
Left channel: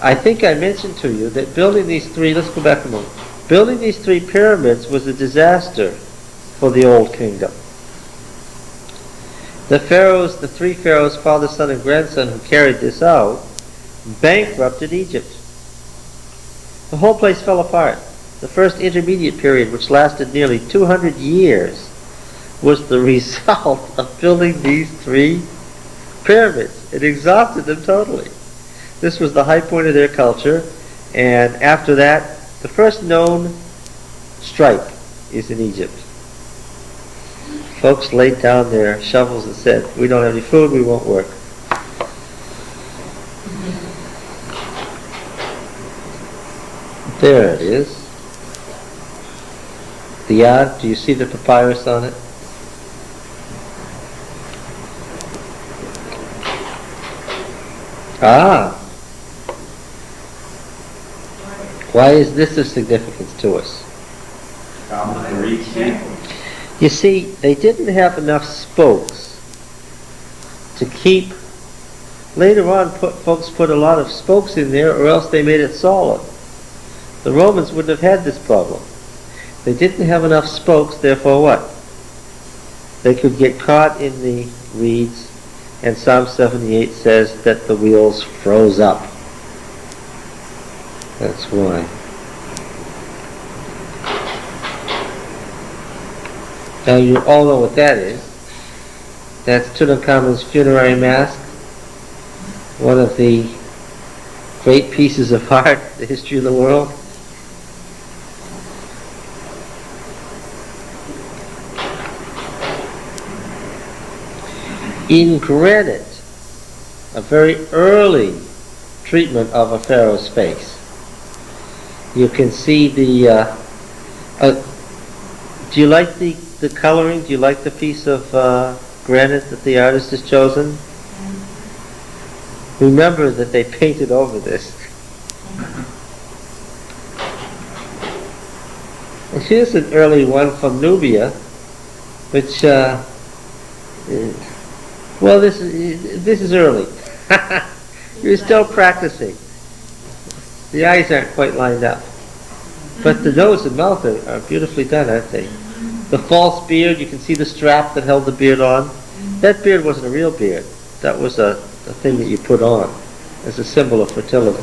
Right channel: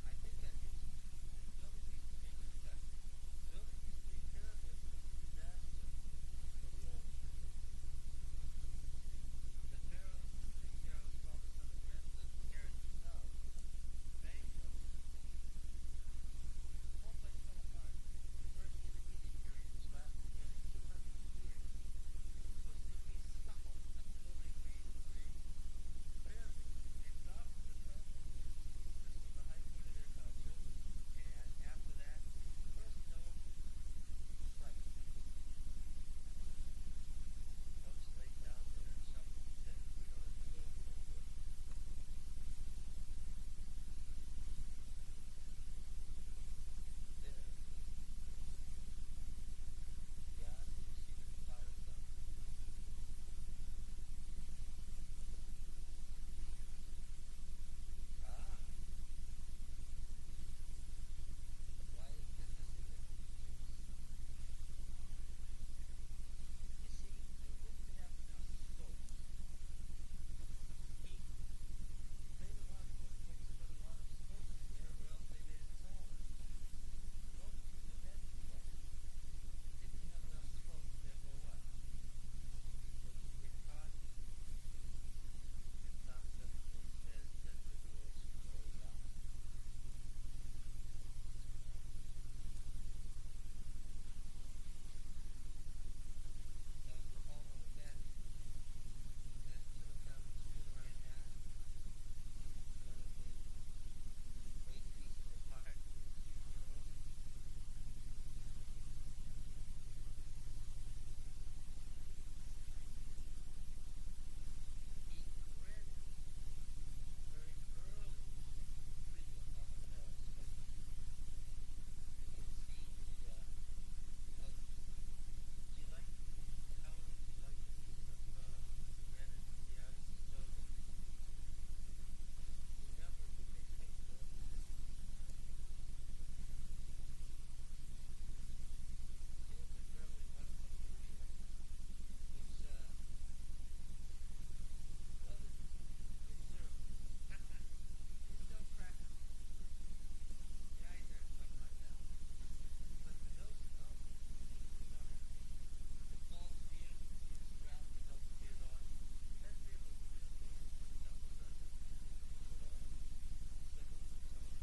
I think I mentioned to you that building these three, let's go back a moment. Building these three pyramids was a disaster for the old kingdom. The three pharaohs, father, son, and grandson who carried this out, bankrupted Egypt. The whole place fell apart. The first intermediate period, which lasted nearly 200 years, was the result of building these three pyramids. It exhausted them totally. This was the high point of their culture, and after that, the first known strike is in Egypt. Folks laid down their shovels and said, "We don't have any food, we won't work." There it is. The yard, do you see the papyrus on it? Ah! Why is this of significance to us? You see, they didn't have enough spokes to keep. Later on, folks put a lot of spokes in there, or else they made it solid. The Romans wouldn't have had this problem. They didn't have enough spokes, therefore what? They could get caught in the reeds, and Psalm 78 says that the wheels froze up. That's why. Now you all know what that is. That's Tutankhamen's funerary mask. One of the great pieces of art in the history of the world. In granite, a very early treatment of a pharaoh's face. You can see the. Do you like the coloring? Do you like the piece of granite that the artist has chosen? Remember that they painted over this. And here's an early one from Nubia, which, well, this is early. You're still practicing. The eyes aren't quite lined up. But the nose and mouth are beautifully done, aren't they? The false beard, you can see the strap that held the beard on. That beard wasn't a real beard. That was a thing that you put on as a symbol of fertility.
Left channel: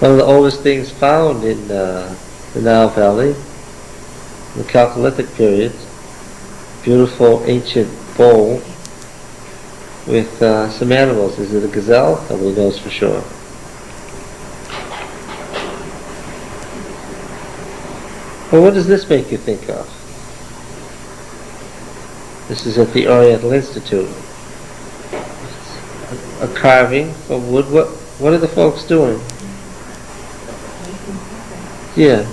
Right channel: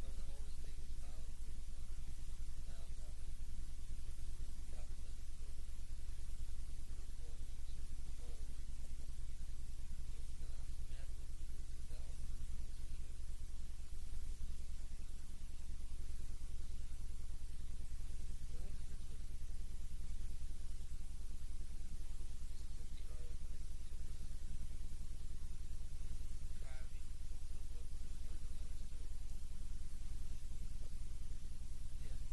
One of the oldest things found in the Nile Valley, in the Chalcolithic period, beautiful ancient bowl with some animals. Is it a gazelle? Nobody knows for sure. Well, what does this make you think of? This is at the Oriental Institute. A carving from wood. What are the folks doing? Yeah.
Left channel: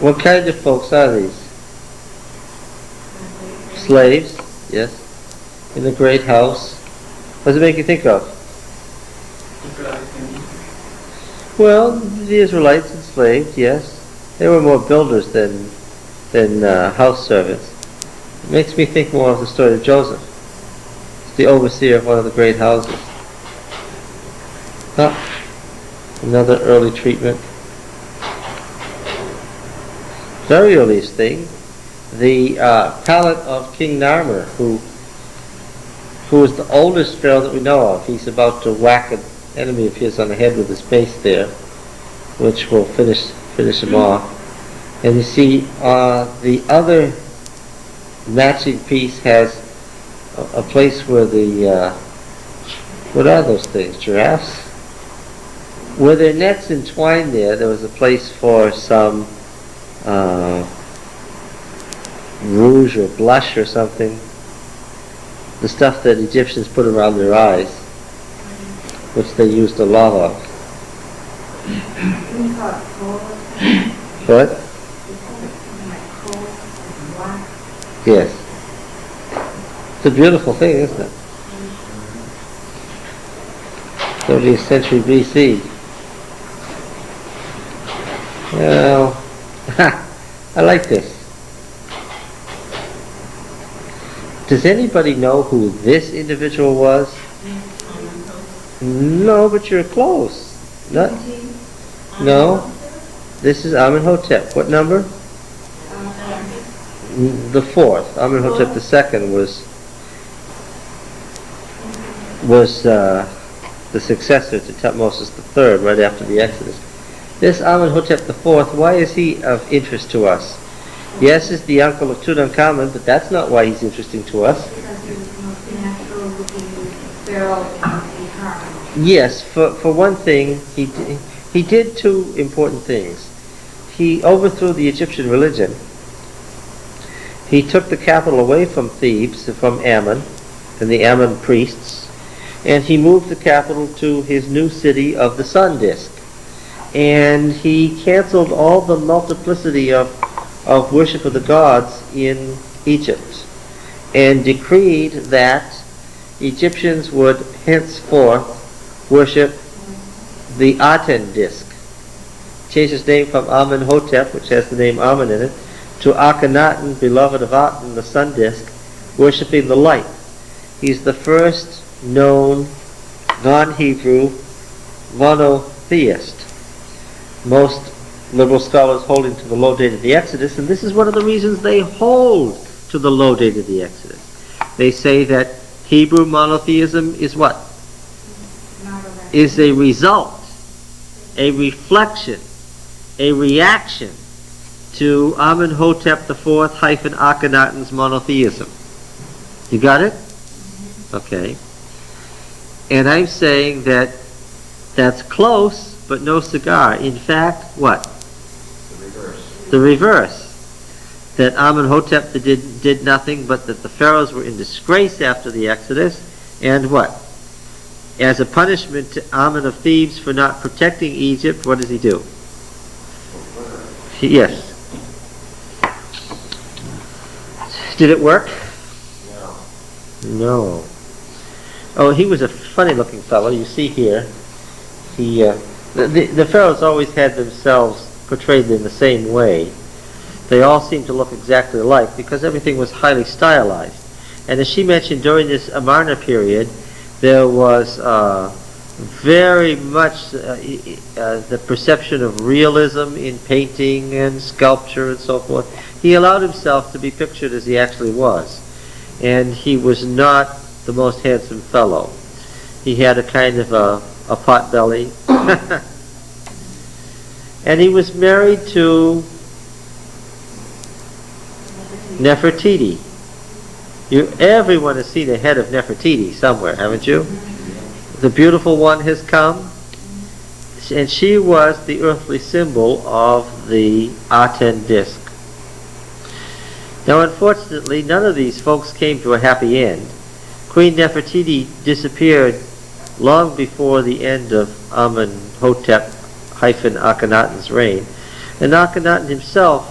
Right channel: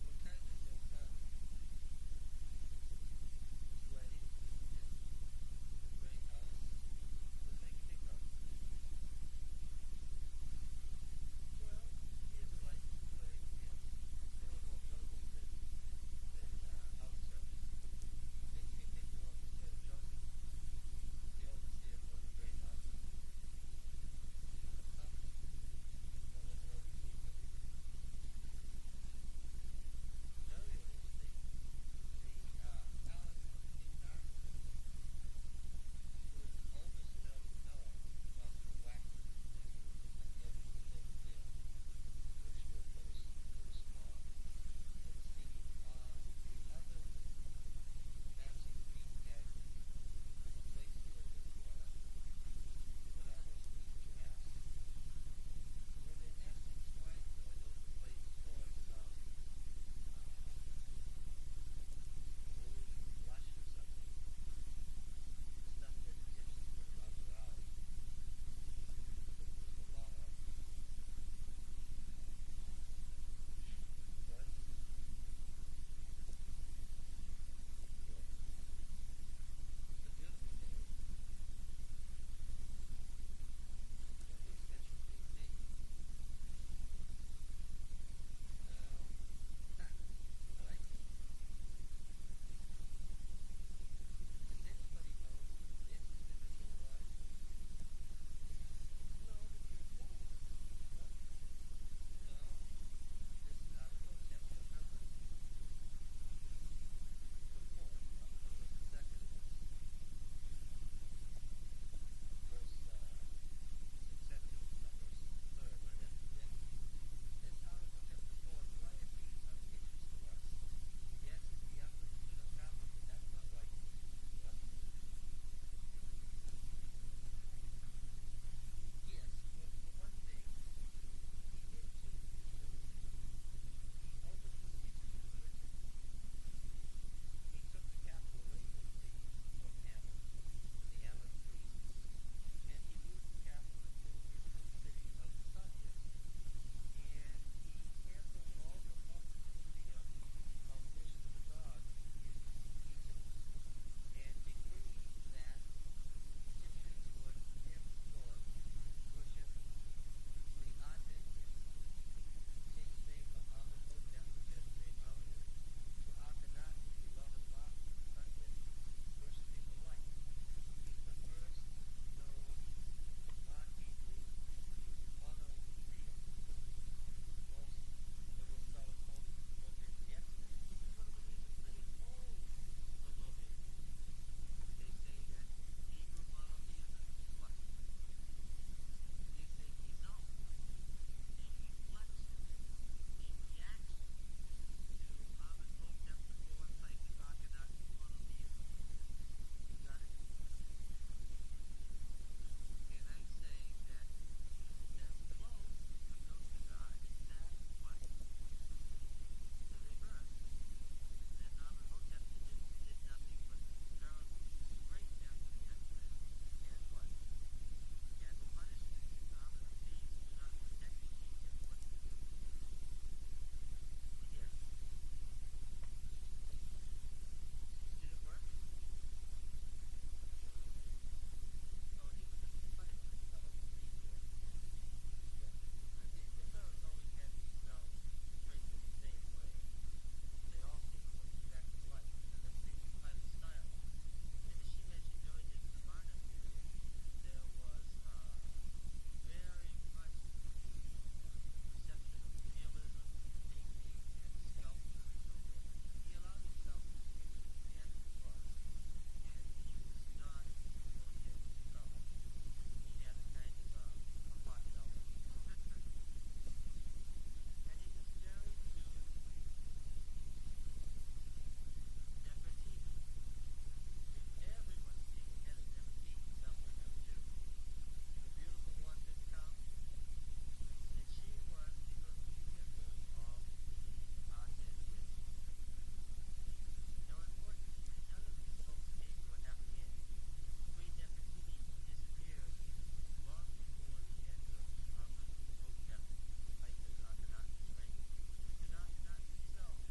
What kind of folks are these? Slaves, yes. In the great house. What does it make you think of? Well, the Israelites enslaved, yes. They were more builders than house servants. It makes me think more of the story of Joseph. It's the overseer of one of the great houses. Huh? Another early treatment. Very earliest thing, the palette of King Narmer, who is the oldest pharaoh that we know of. He's about to whack an enemy of his on the head with his mace there, which will finish him off. And you see, the other matching piece has a place where the what are those things? Giraffes? Where their nets entwined there was a place for some rouge or blush or something. The stuff that Egyptians put around their eyes, which they used a lot of. What? Yes. It's a beautiful thing, isn't it? 30th century BC. Well, I like this. Does anybody know who this individual was? No, but you're close. No. This is Amenhotep. What number? The fourth. Amenhotep II was the successor to Tutmosis III right after the Exodus. This Amenhotep IV, why is he of interest to us? Yes, he's the uncle of Tutankhamen, but that's not why he's interesting to us. Because he was the most natural looking pharaoh in the harem. Yes, for one thing, he did two important things. He overthrew the Egyptian religion. He took the capital away from Thebes, from Ammon, and the Ammon priests, and he moved the capital to his new city of the sun disk. And he canceled all the multiplicity of worship of the gods in Egypt, and decreed that Egyptians would henceforth worship the Aten disk. Changed his name from Amenhotep, which has the name Amen in it, to Akhenaten, beloved of Aten, the sun disk, worshipping the light. He's the first known non-Hebrew monotheist. Most liberal scholars holding to the low date of the Exodus, and this is one of the reasons they hold to the low date of the Exodus. They say that Hebrew monotheism is what? Is a result, a reflection, a reaction to Amenhotep IV hyphen Akhenaten's monotheism. You got it? Okay. And I'm saying that that's close, but no cigar. In fact, what? The reverse. That Amenhotep did nothing, but that the pharaohs were in disgrace after the Exodus, and what? As a punishment to Amen of Thebes for not protecting Egypt, what does he do? Yes. Did it work? No. Oh, he was a funny-looking fellow. You see here, the pharaohs always had themselves portrayed in the same way. They all seemed to look exactly alike because everything was highly stylized. And as she mentioned, during this Amarna period, there was very much the perception of realism in painting and sculpture and so forth. He allowed himself to be pictured as he actually was. And he was not the most handsome fellow. He had a kind of a pot belly. And he was married to Nefertiti. Everyone has seen a head of Nefertiti somewhere, haven't you? The beautiful one has come, and she was the earthly symbol of the Aten disk. Now, unfortunately, none of these folks came to a happy end. Queen Nefertiti disappeared long before the end of Amenhotep-Akhenaten's reign, and Akhenaten himself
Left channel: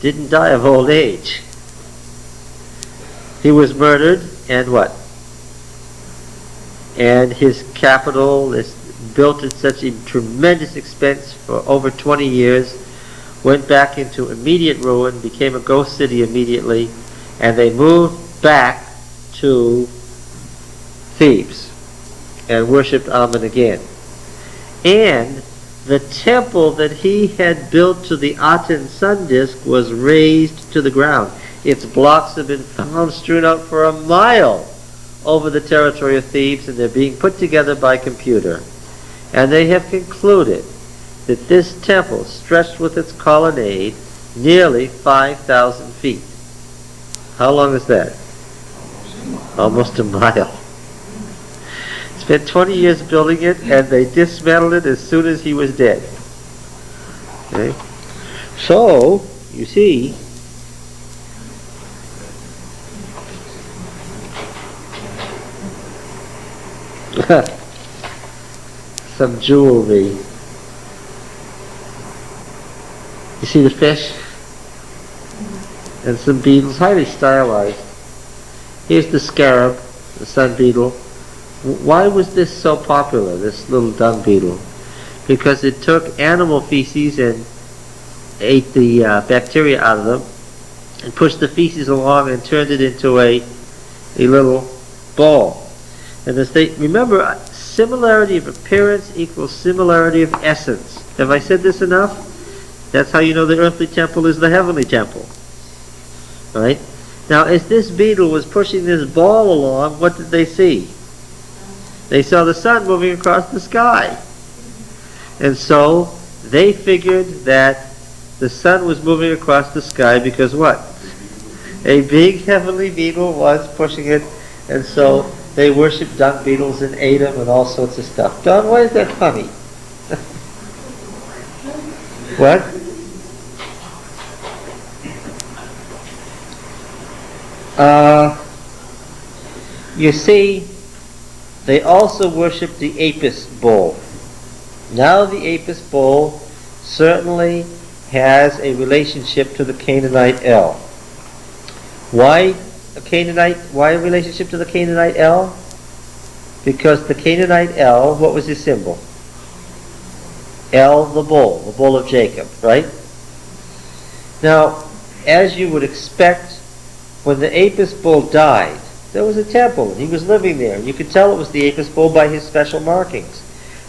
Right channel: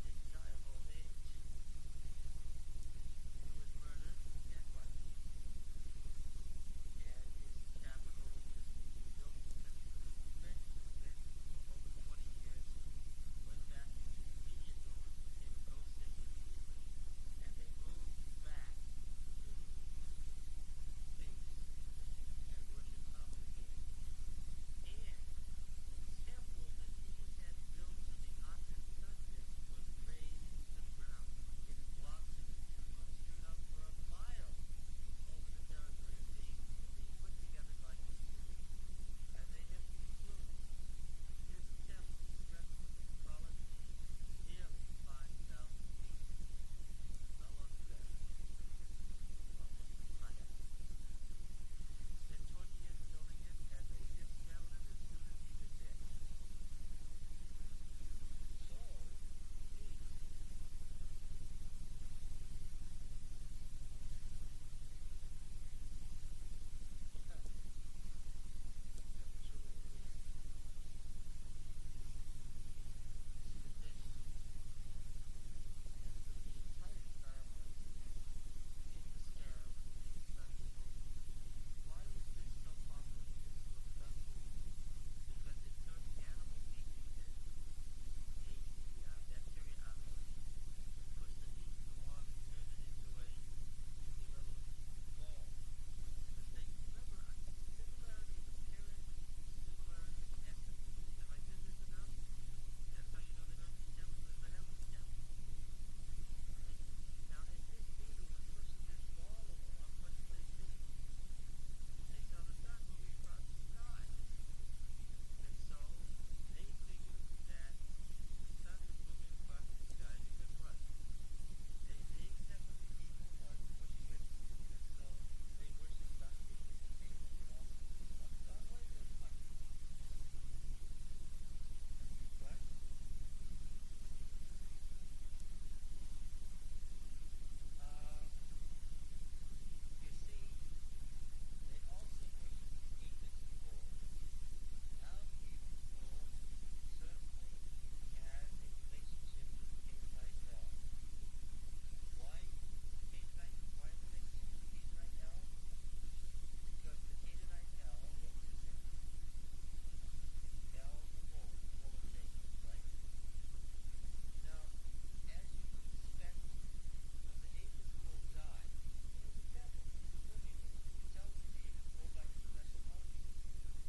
didn't die of old age. He was murdered, and what? And his capital is built at such a tremendous expense for over 20 years, went back into immediate ruin, became a ghost city immediately, and they moved back to Thebes and worshipped Amun again. And the temple that he had built to the Aten sun disk was razed to the ground. Its blocks have been found strewn out for a mile over the territory of Thebes, and they're being put together by computer. And they have concluded that this temple stretched with its colonnade nearly 5,000 feet. How long is that? Almost a mile. Spent 20 years building it, and they dismantled it as soon as he was dead. Okay? So, you see, some jewelry. You see the fish? And some beetles, highly stylized. Here's the scarab, the sun beetle. Why was this so popular, this little dung beetle? Because it took animal feces and ate the bacteria out of them, and pushed the feces along and turned it into a little ball. And as they remember, similarity of appearance equals similarity of essence. Have I said this enough? That's how you know the earthly temple is the heavenly temple. Right? Now, as this beetle was pushing this ball along, what did they see? They saw the sun moving across the sky. And so they figured that the sun was moving across the sky because what? A big heavenly beetle was pushing it, and so they worshipped dung beetles and ate them and all sorts of stuff. Don, why is that funny? What? You see, they also worshipped the Apis bull. Now the Apis bull certainly has a relationship to the Canaanite El. Why a Canaanite? Why a relationship to the Canaanite El? Because the Canaanite El, what was his symbol? El, the bull of Jacob, right? Now, as you would expect, when the Apis bull died, there was a temple, and he was living there. You could tell it was the Apis bull by his special markings.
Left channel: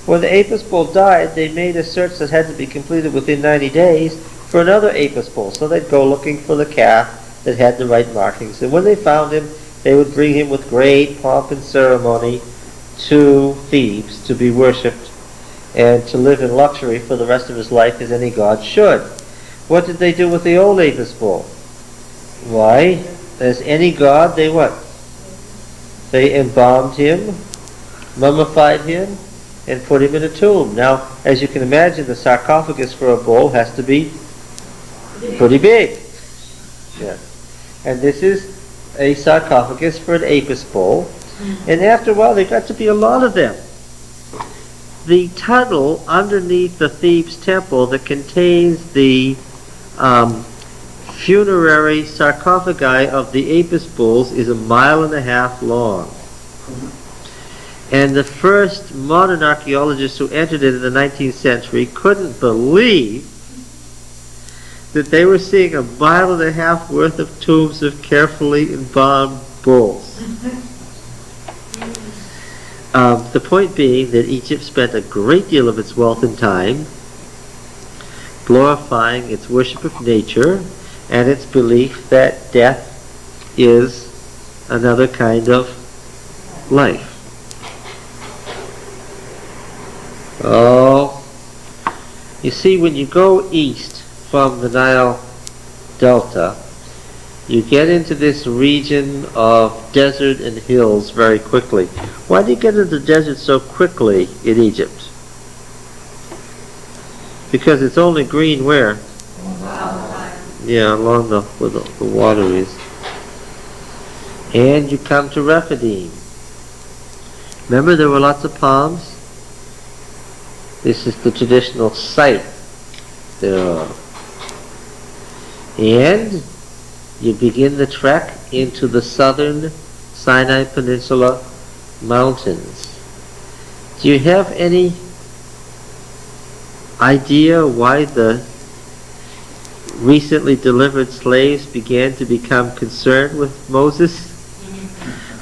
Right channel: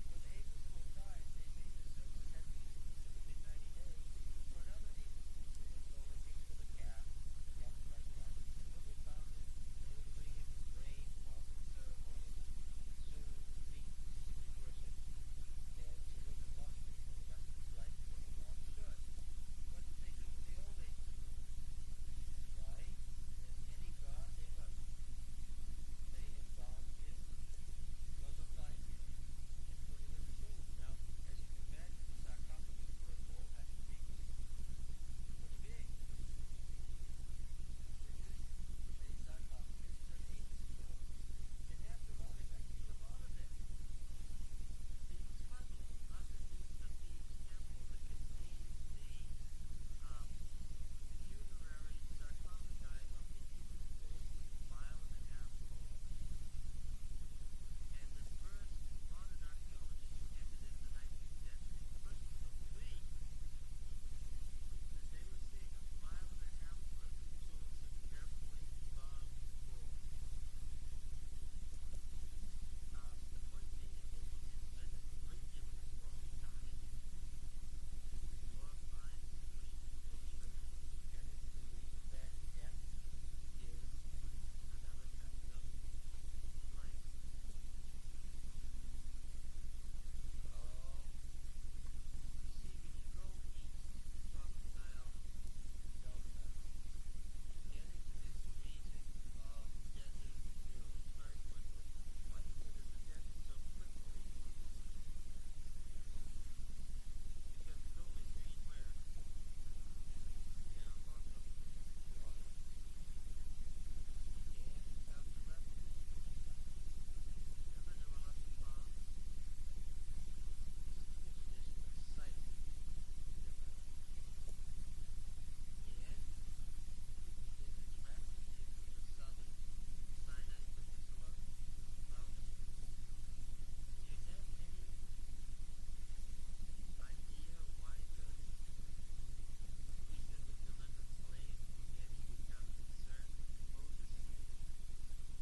When the Apis bull died, they made a search that had to be completed within 90 days for another Apis bull. So they'd go looking for the calf that had the right markings. And when they found him, they would bring him with great pomp and ceremony to Thebes to be worshipped and to live in luxury for the rest of his life as any god should. What did they do with the old Apis bull? Why, as any god, they what? They embalmed him, mummified him, and put him in a tomb. Now, as you can imagine, the sarcophagus for a bull has to be pretty big. Yeah. And this is a sarcophagus for an Apis bull. And after a while, there got to be a lot of them. The tunnel underneath the Thebes temple that contains the funerary sarcophagi of the Apis bulls is 1.5 miles long. And the first modern archaeologists who entered it in the 19th century couldn't believe that they were seeing 1.5 miles worth of tombs of carefully embalmed bulls. The point being that Egypt spent a great deal of its wealth and time glorifying its worship of nature and its belief that death is another kind of life. Oh, you see, when you go east from the Nile Delta, you get into this region of desert and hills very quickly. Why do you get into the desert so quickly in Egypt? Because it's only green where? Yeah, along where the water is. And you come to Rephidim. Remember there were lots of palms? This is the traditional site thereof. And you begin the trek into the southern Sinai Peninsula mountains. Do you have any idea why the recently delivered slaves began to become concerned with Moses?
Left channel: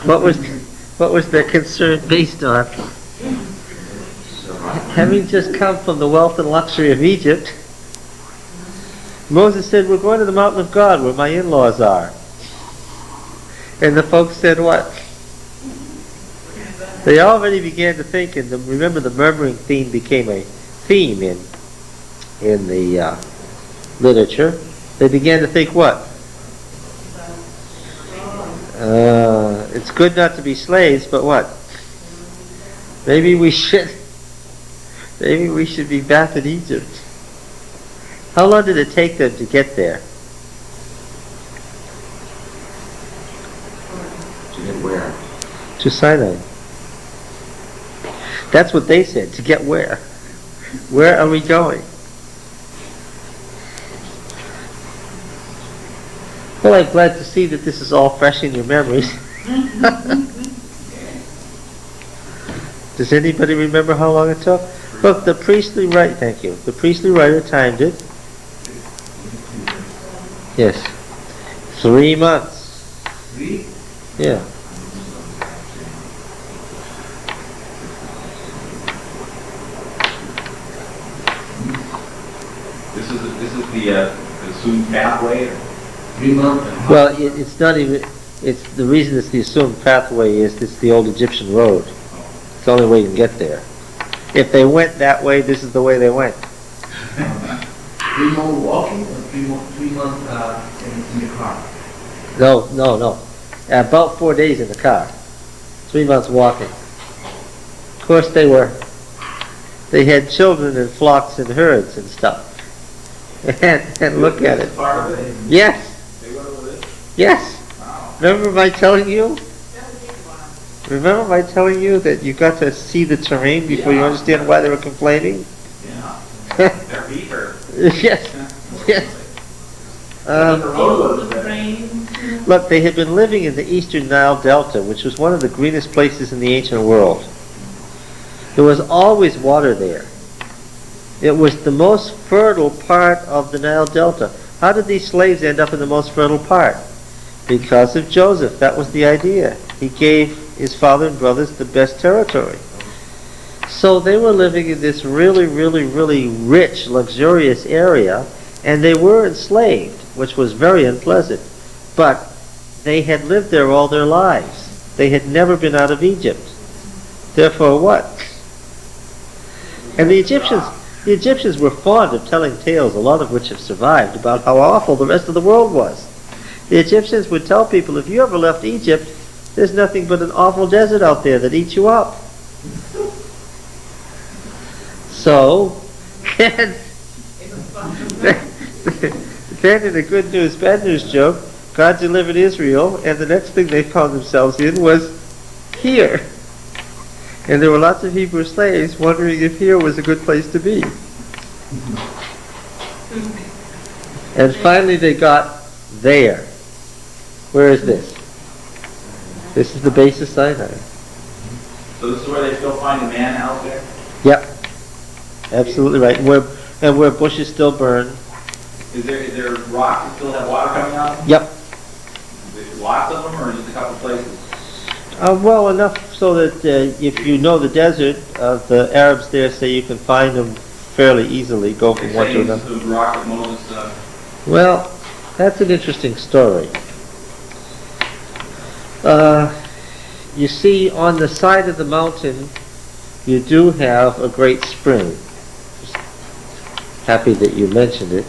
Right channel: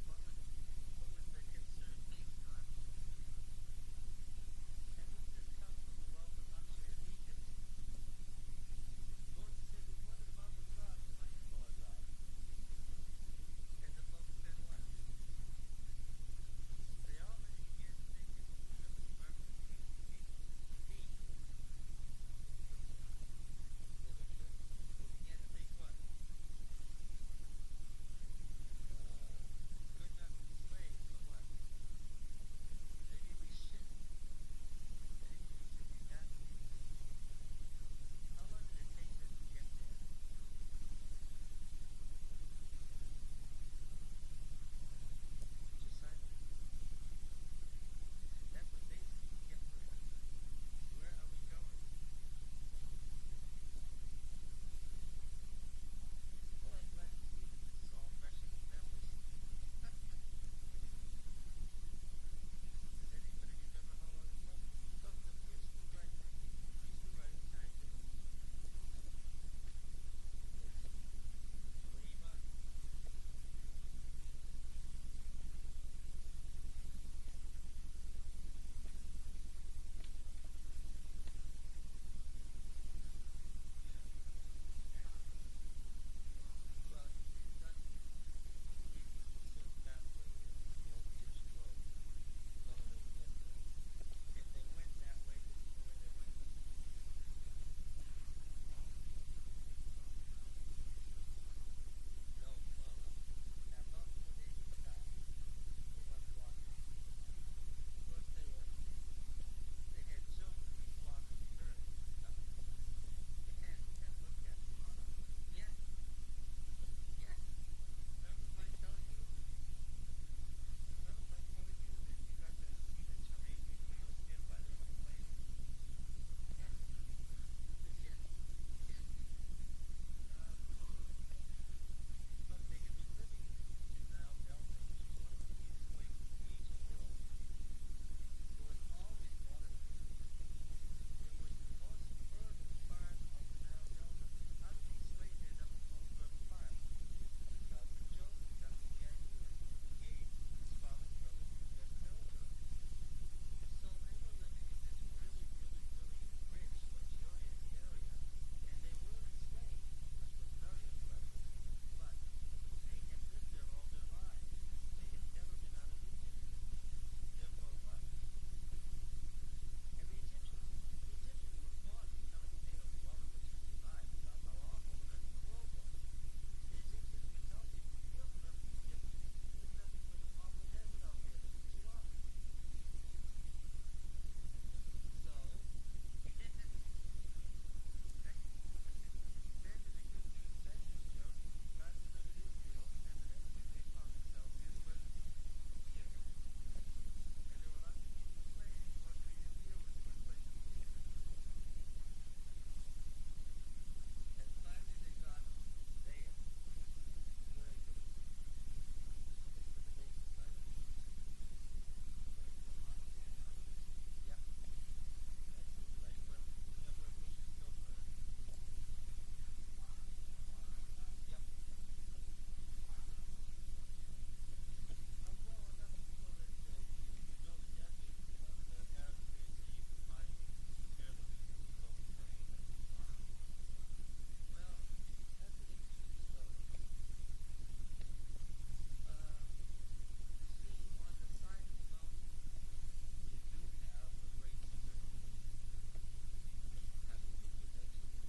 What was their concern based on? Having just come from the wealth and luxury of Egypt, Moses said, we're going to the mountain of God where my in-laws are. And the folks said what? They already began to think, and remember the murmuring theme became a theme in the literature. They began to think what? It's good not to be slaves, but what? Maybe we should be back in Egypt. How long did it take them to get there? To get where? To Sinai. That's what they said. To get where? Where are we going? Well, I'm glad to see that this is all fresh in your memories. Does anybody remember how long it took? Look, the priestly writer, thank you. The priestly writer timed it. Yes. 3 months. 3? Yeah. This is the assumed pathway. 3 months? Well, it's not even, it's the reason it's the assumed pathway is it's the old Egyptian road. It's the only way you can get there. If they went that way, this is the way they went. 3 months walking or 3 months in the car? No. About 4 days in the car. 3 months walking. Of course they had children and flocks and herds and stuff. And look at it. Part of it. Yes. They went over this. Yes. Wow. Remember my telling you? Remember my telling you that you got to see the terrain before you understand why they were complaining? Yeah. Their feet hurt. Yes. Yes. The road was The better. rain. Look, they had been living in the eastern Nile Delta, which was one of the greenest places in the ancient world. There was always water there. It was the most fertile part of the Nile Delta. How did these slaves end up in the most fertile part? Because of Joseph. That was the idea. He gave his father and brothers the best territory. So they were living in this really, really, really rich, luxurious area, and they were enslaved, which was very unpleasant. But they had lived there all their lives. They had never been out of Egypt. Therefore what? And the Egyptians were fond of telling tales, a lot of which have survived, about how awful the rest of the world was. The Egyptians would tell people, if you ever left Egypt, there's nothing but an awful desert out there that eats you up. So, then in a good news, bad news joke, God delivered Israel, and the next thing they found themselves in was here. And there were lots of Hebrew slaves wondering if here was a good place to be. And finally they got there. Where is this? This is the base of Sinai. So this is where they still find the man out there? Yep. Absolutely right. And where bushes still burn. Is there rocks that still have water coming out? Yep. Is there lots of them or just a couple places? Well, enough so that if you know the desert, the Arabs there say you can find them fairly easily, go from one to another. The rock that Moses... Well, that's an interesting story. You see, on the side of the mountain, you do have a great spring. Happy that you mentioned it.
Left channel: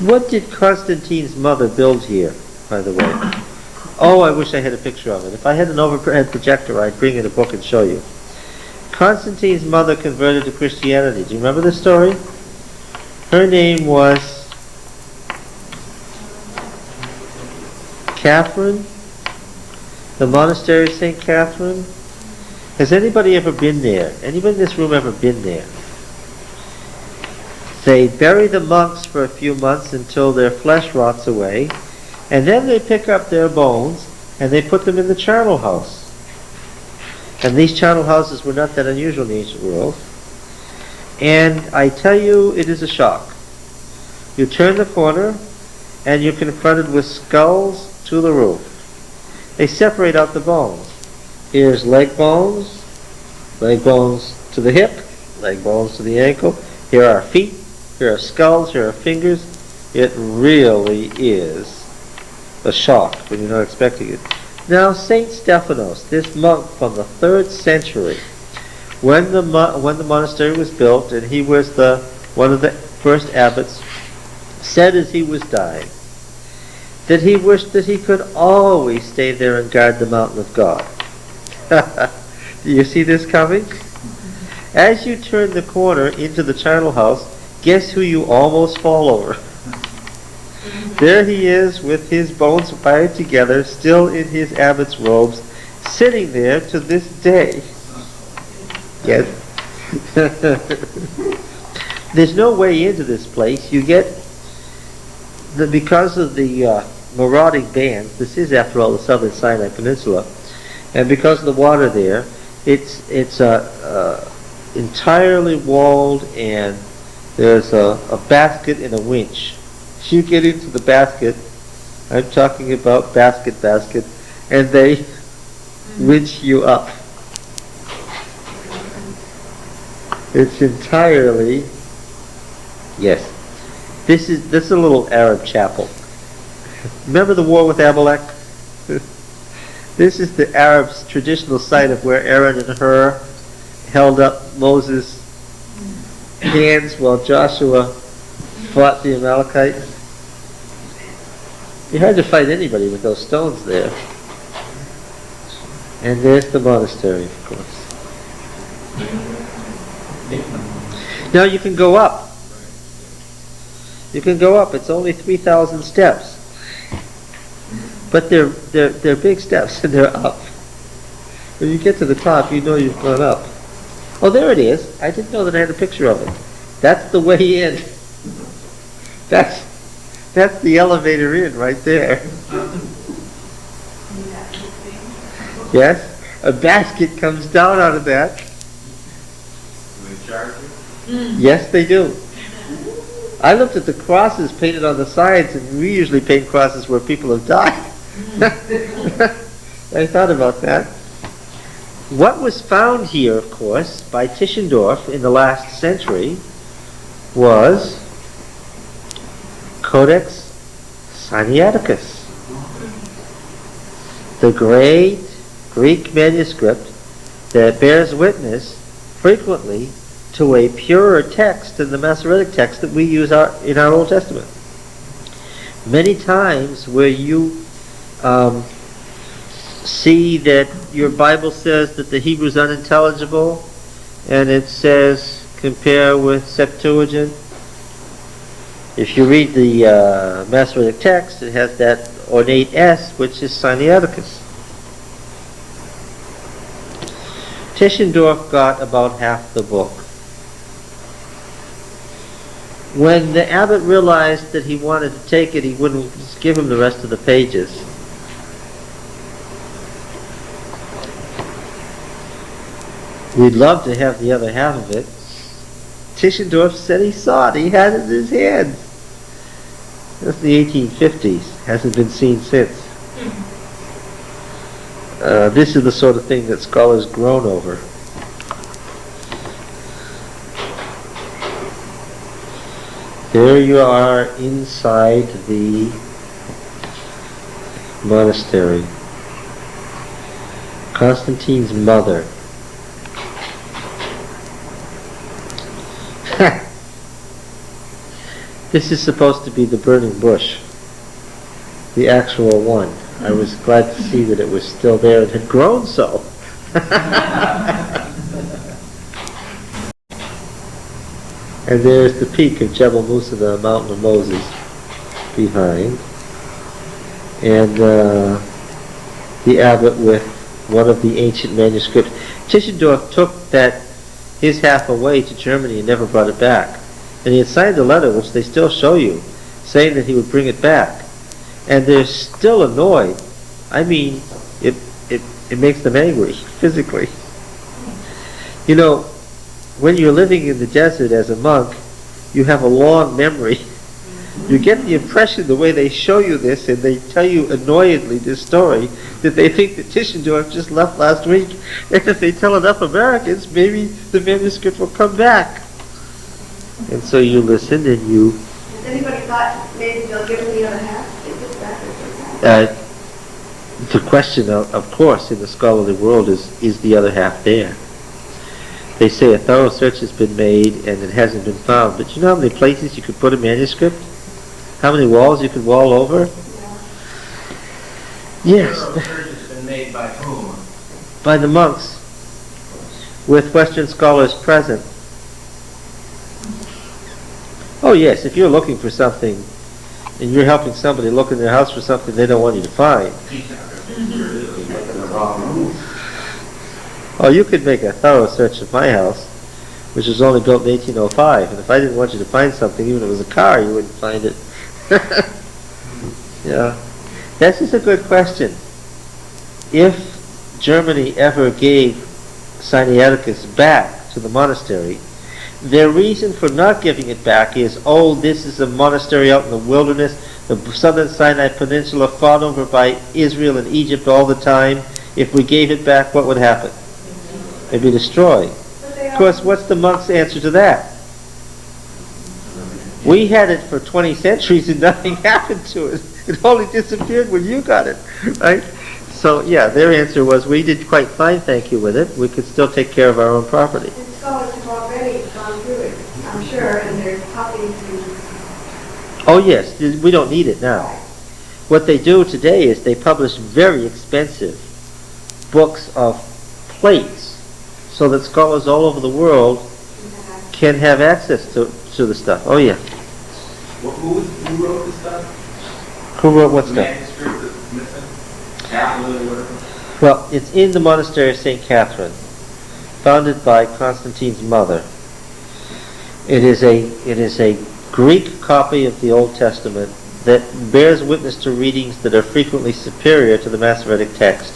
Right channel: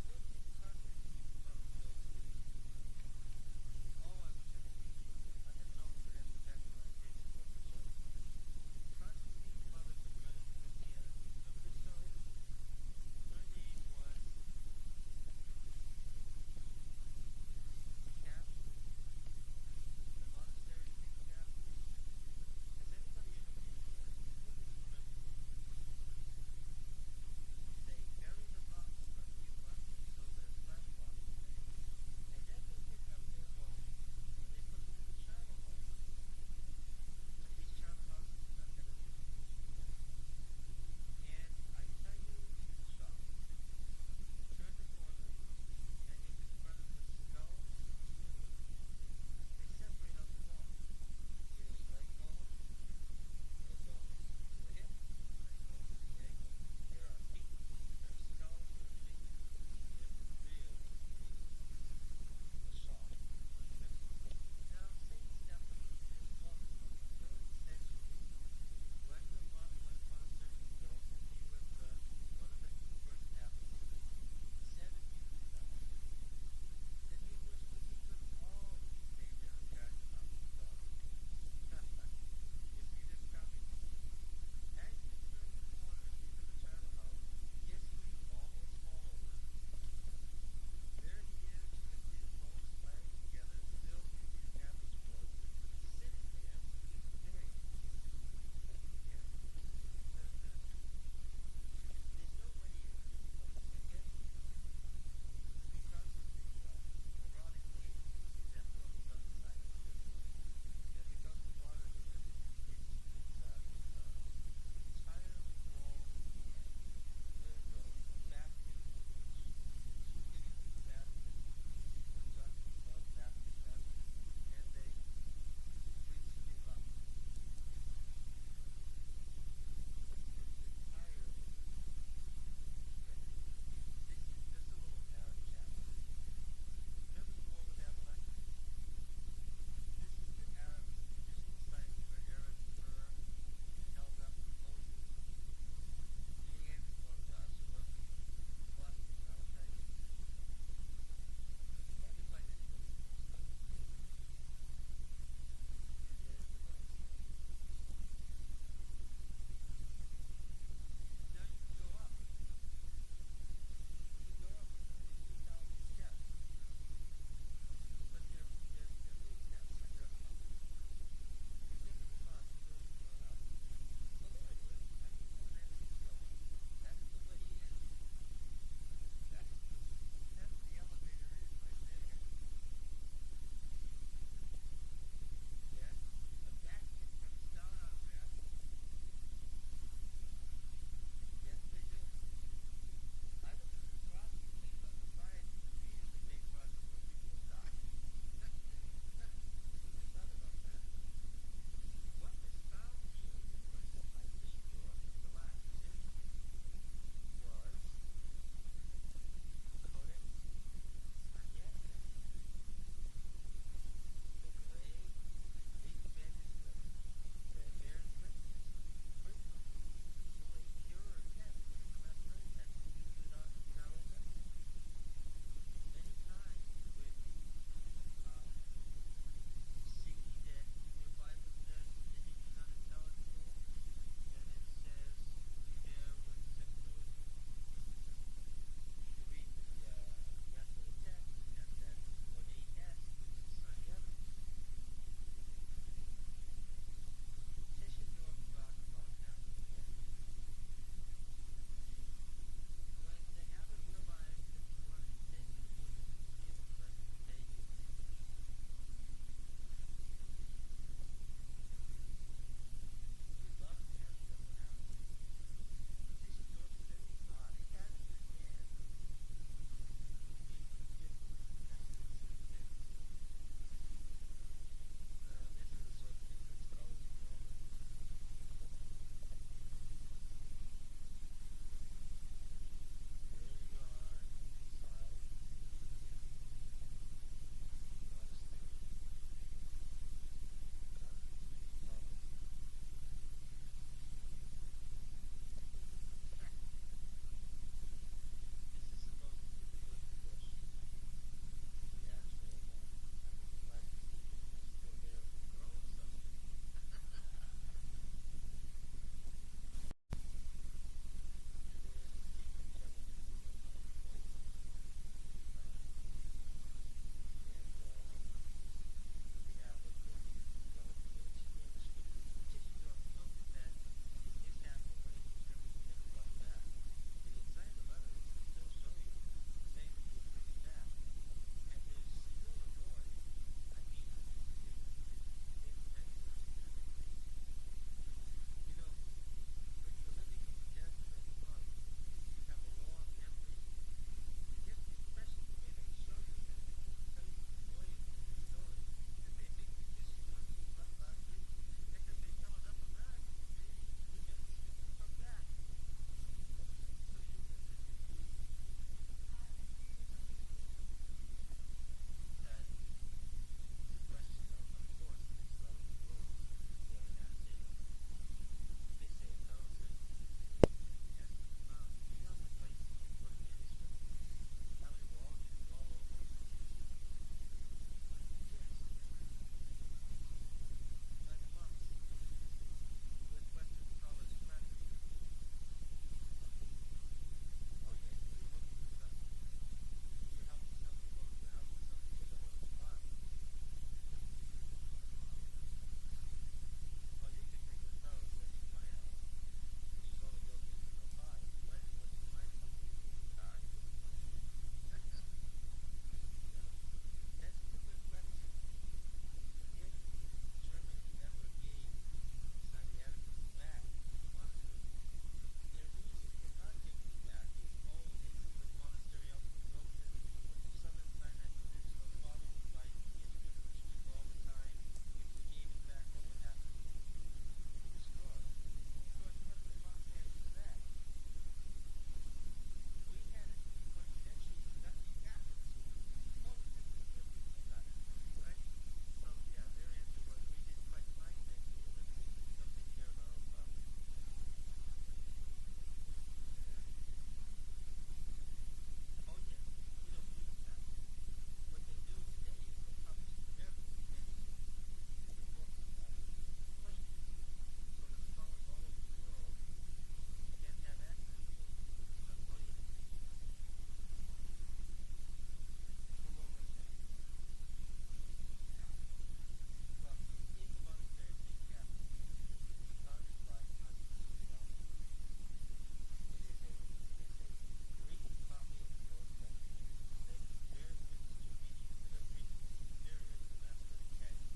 What did Constantine's mother build here? by the way. Oh, I wish I had a picture of it. If I had an overhead projector, I'd bring in a book and show you. Constantine's mother converted to Christianity. Do you remember this story? Her name was Catherine. The monastery of St. Catherine. Has anybody ever been there? Anybody in this room ever been there? They bury the monks for a few months until their flesh rots away, and then they pick up their bones and they put them in the charnel house. And these charnel houses were not that unusual in the ancient world. And I tell you, it is a shock. You turn the corner and you're confronted with skulls to the roof. They separate out the bones. Here's leg bones to the hip, leg bones to the ankle. Here are feet, here are skulls, here are fingers. It really is a shock when you're not expecting it. Now, Saint Stephanos, this monk from the 3rd century, when the monastery was built, and he was one of the first abbots, said as he was dying that he wished that he could always stay there and guard the mountain of God. Do you see this coming? As you turn the corner into the charnel house, guess who you almost fall over? There he is with his bones wired together, still in his abbot's robes, sitting there to this day. Yes. There's no way into this place. You get, because of the marauding bands, this is after all the southern Sinai Peninsula, and because of the water there, it's entirely walled, and there's a basket and a winch. You get into the basket, I'm talking about basket, and they winch you up. It's entirely, yes. This is a little Arab chapel. Remember the war with Amalek? This is the Arabs' traditional site of where Aaron and Hur held up Moses' hands while Joshua fought the Amalekites. You hard to fight anybody with those stones there. And there's the monastery, of course. Now you can go up. You can go up. It's only 3,000 steps. But they're big steps, and they're up. When you get to the top, you know you've gone up. Oh, there it is. I didn't know that I had a picture of it. That's the way in. That's the elevator in right there. Yes? A basket comes down out of that. Do they charge you? Yes, they do. I looked at the crosses painted on the sides, and we usually paint crosses where people have died. I thought about that. What was found here, of course, by Tischendorf in the last century was Codex Sinaiticus, the great Greek manuscript that bears witness frequently to a purer text than the Masoretic text that we use in our Old Testament. Many times where you see that your Bible says that the Hebrew's unintelligible, and it says compare with Septuagint. If you read the Masoretic text, it has that ornate S, which is Sinaiticus. Tischendorf got about half the book. When the abbot realized that he wanted to take it, he wouldn't give him the rest of the pages. We'd love to have the other half of it. Tischendorf said he saw it. He had it in his hands. That's the 1850s. Hasn't been seen since. This is the sort of thing that scholars groan over. There you are inside the monastery. Constantine's mother. This is supposed to be the burning bush. the actual one. I was glad to see that it was still there and had grown so. And there's the peak of Jebel Musa, the mountain of Moses, behind. And the abbot with one of the ancient manuscripts. Tischendorf took his half away to Germany and never brought it back. And he had signed a letter, which they still show you, saying that he would bring it back. And they're still annoyed. I mean, it makes them angry, physically. You know, when you're living in the desert as a monk, you have a long memory. You get the impression, the way they show you this, and they tell you annoyedly this story, that they think that Tischendorf just left last week. And if they tell enough Americans, maybe the manuscript will come back. And so you listen and you... Has anybody thought maybe they'll give him the other half? Is it that or that? The question, of course, in the scholarly world is the other half there? They say a thorough search has been made and it hasn't been found. But you know how many places you could put a manuscript? How many walls you could wall over? Yes. Thorough search has been made by whom? By the monks, with Western scholars present. Oh yes, if you're looking for something and you're helping somebody look in their house for something they don't want you to find. Oh, you could make a thorough search of my house, which was only built in 1805, and if I didn't want you to find something, even if it was a car, you wouldn't find it. Yeah. That's just a good question. If Germany ever gave Sinaiticus back to the monastery, their reason for not giving it back is, oh, this is a monastery out in the wilderness, the southern Sinai Peninsula fought over by Israel and Egypt all the time. If we gave it back, what would happen? It'd be destroyed. Of course, what's the monk's answer to that? We had it for 20 centuries and nothing happened to it. It only disappeared when you got it, right? So, yeah, their answer was, we did quite fine, thank you, with it. We could still take care of our own property. The scholars have already gone through it, I'm sure, and there's copies. Oh, yes, we don't need it now. What they do today is they publish very expensive books of plates so that scholars all over the world can have access to the stuff. Oh, yeah. Who wrote this stuff? Who wrote what The stuff? manuscript that's missing? Capital or whatever? Well, it's in the monastery of St. Catherine, founded by Constantine's mother. It is a Greek copy of the Old Testament that bears witness to readings that are frequently superior to the Masoretic text.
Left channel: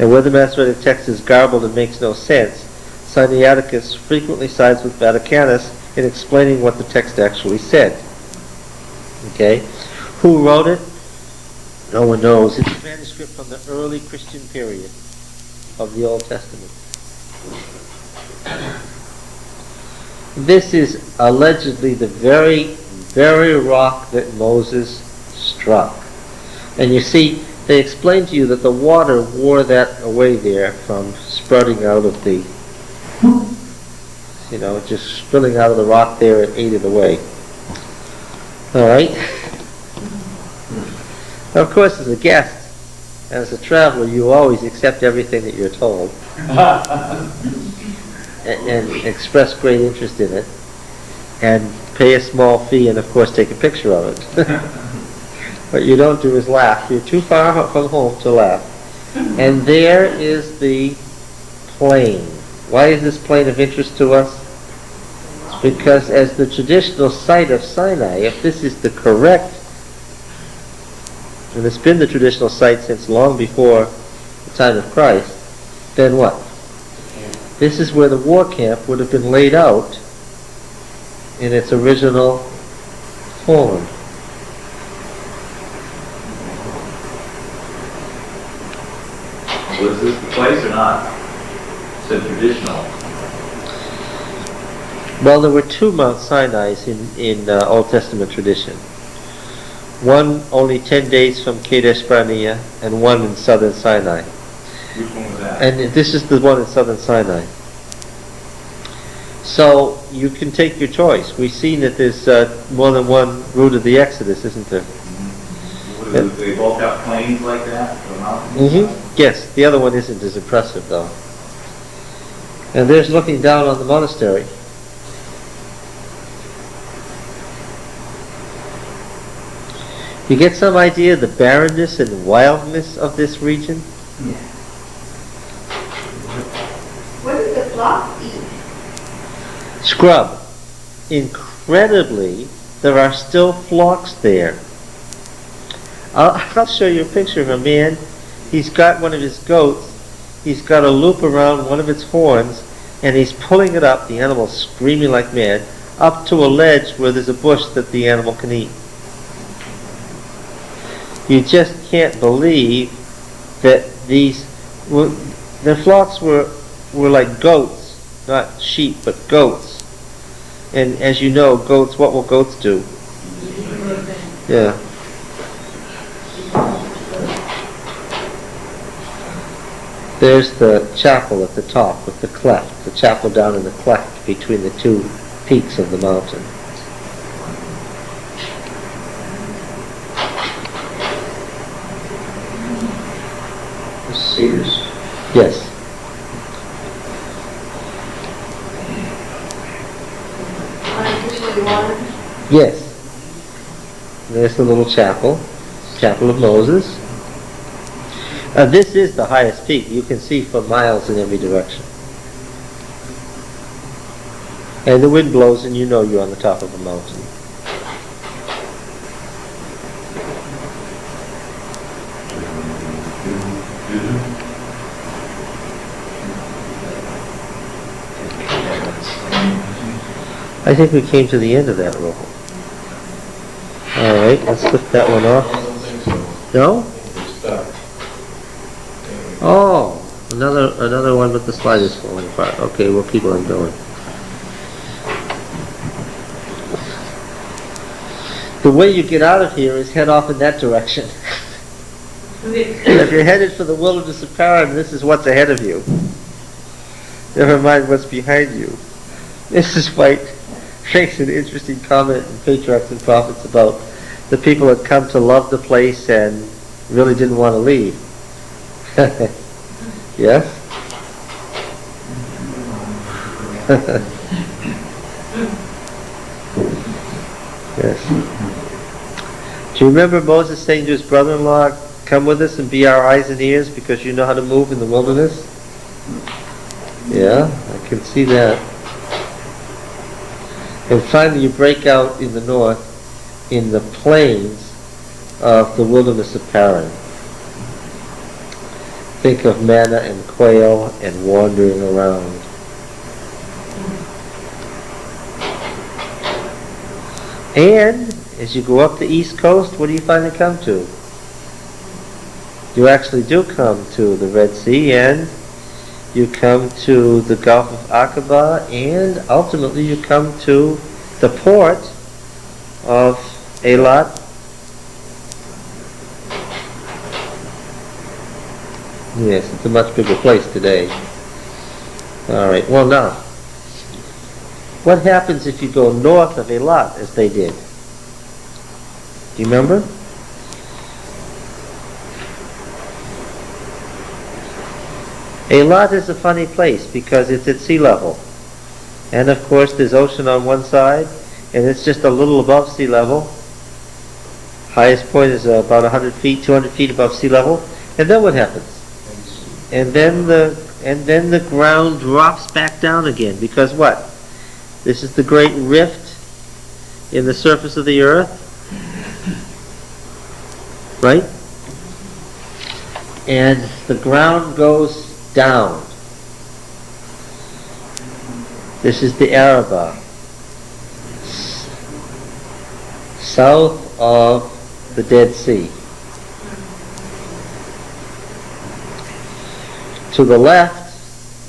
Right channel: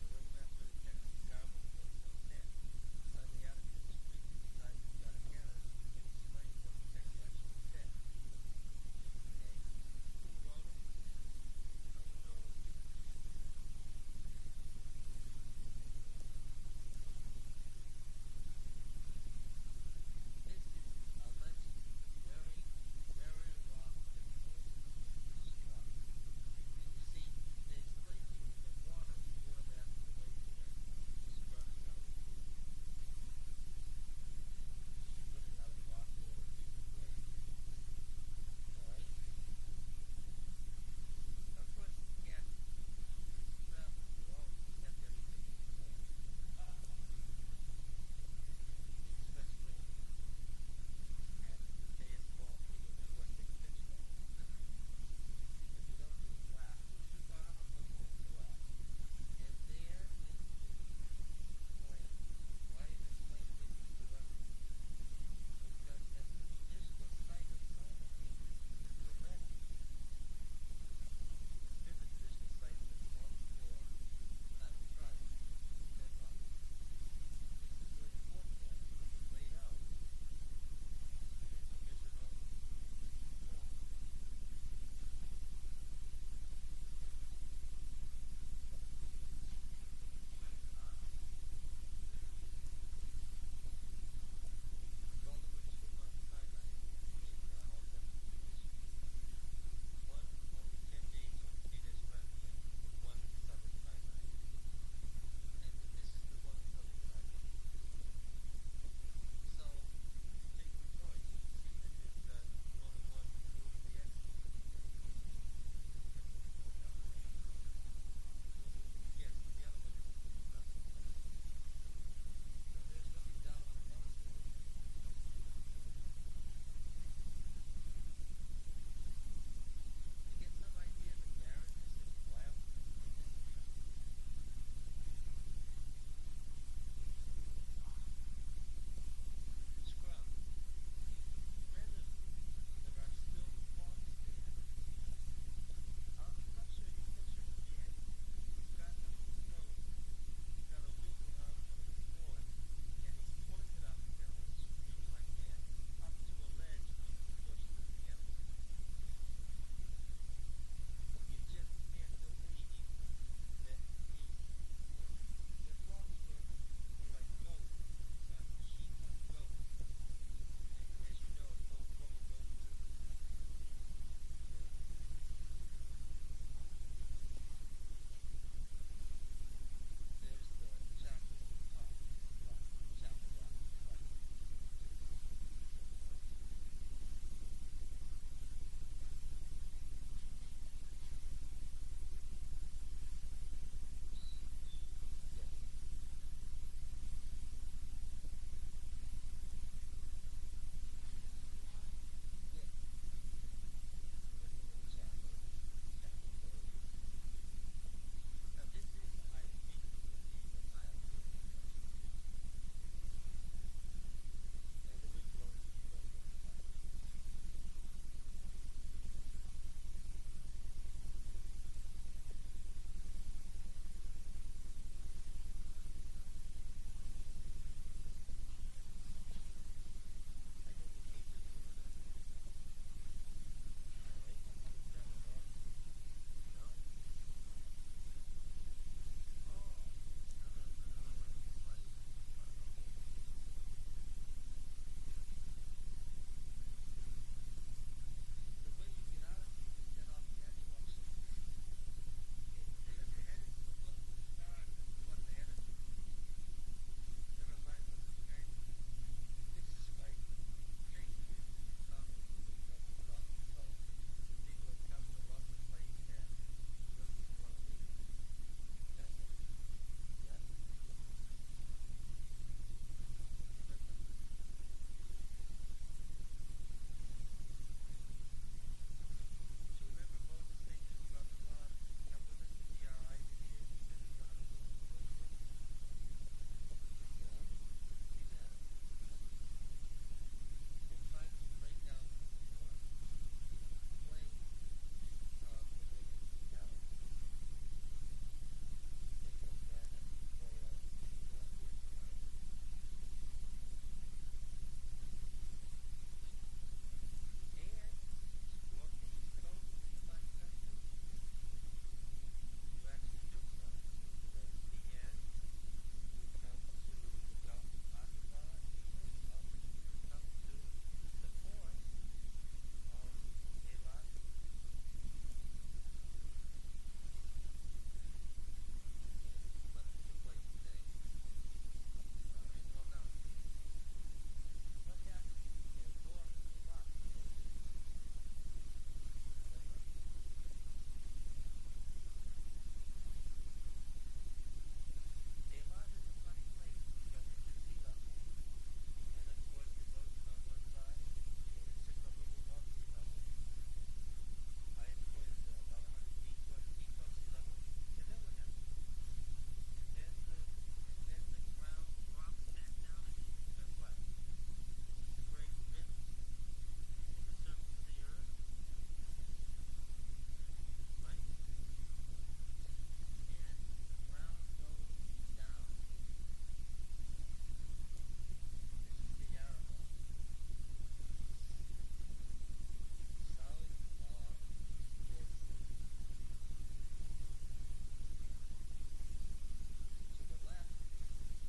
And where the Masoretic text is garbled and makes no sense, Sinaiticus frequently sides with Vaticanus in explaining what the text actually said. Okay? Who wrote it? No one knows. It's a manuscript from the early Christian period of the Old Testament. This is allegedly the very, very rock that Moses struck. And you see, they explain to you that the water wore that away there from sprouting out of the, just spilling out of the rock there, it ate it away. All right? Now, of course, as a guest, as a traveler, you always accept everything that you're told and express great interest in it and pay a small fee and, of course, take a picture of it. What you don't do is laugh. You're too far from home to laugh. And there is the plain. Why is this plain of interest to us? Because as the traditional site of Sinai, if this is the correct, and it's been the traditional site since long before the time of Christ, then what? This is where the war camp would have been laid out in its original form. Was this the place or not? It's a traditional. Well, there were two Mount Sinai's in Old Testament tradition. One only 10 days from Kadesh Barnea, and one in southern Sinai. Which one was that? And this is the one in southern Sinai. So you can take your choice. We've seen that there's more than one route of the Exodus, isn't there? What So do they both have planes like that, the mountains? Yes, the other one isn't as impressive though. And there's looking down on the monastery. You get some idea of the barrenness and wildness of this region? Yeah. What does the flock eat? Scrub. Incredibly, there are still flocks there. I'll show you a picture of a man. He's got one of his goats. He's got a loop around one of its horns, and he's pulling it up, the animal screaming like mad, up to a ledge where there's a bush that the animal can eat. You just can't believe that the flocks were like goats, not sheep, but goats. And as you know, goats, what will goats do? Yeah. There's the chapel at the top with the cleft, the chapel down in the cleft between the two peaks of the mountain. Cedars. Yes. Artificially watered? Yes. There's the little chapel, Chapel of Moses. This is the highest peak. You can see for miles in every direction. And the wind blows and you know you're on the top of a mountain. I think we came to the end of that roll. Alright, let's lift that one off. No? Oh, another one but the slide is falling apart. Okay, we'll keep on going. The way you get out of here is head off in that direction. If you're headed for the wilderness of Paran, this is what's ahead of you. Never mind what's behind you. Mrs. White makes an interesting comment in Patriarchs and Prophets about the people that come to love the place and really didn't want to leave. Yes? Yes. Do you remember Moses saying to his brother-in-law, come with us and be our eyes and ears because you know how to move in the wilderness? Yeah, I can see that. And finally you break out in the north in the plains of the wilderness of Paran. Think of manna and quail and wandering around. And as you go up the east coast, what do you finally come to? You actually do come to the Red Sea, and you come to the Gulf of Aqaba, and ultimately you come to the port of Eilat. Yes, it's a much bigger place today. Alright, well now, what happens if you go north of Eilat as they did? Do you remember? Eilat is a funny place because it's at sea level. And of course there's ocean on one side, and it's just a little above sea level. Highest point is about 100 feet, 200 feet above sea level. And then what happens? And then the ground drops back down again, because what? This is the great rift in the surface of the earth, right? And the ground goes down. This is the Arabah, south of the Dead Sea. To the left,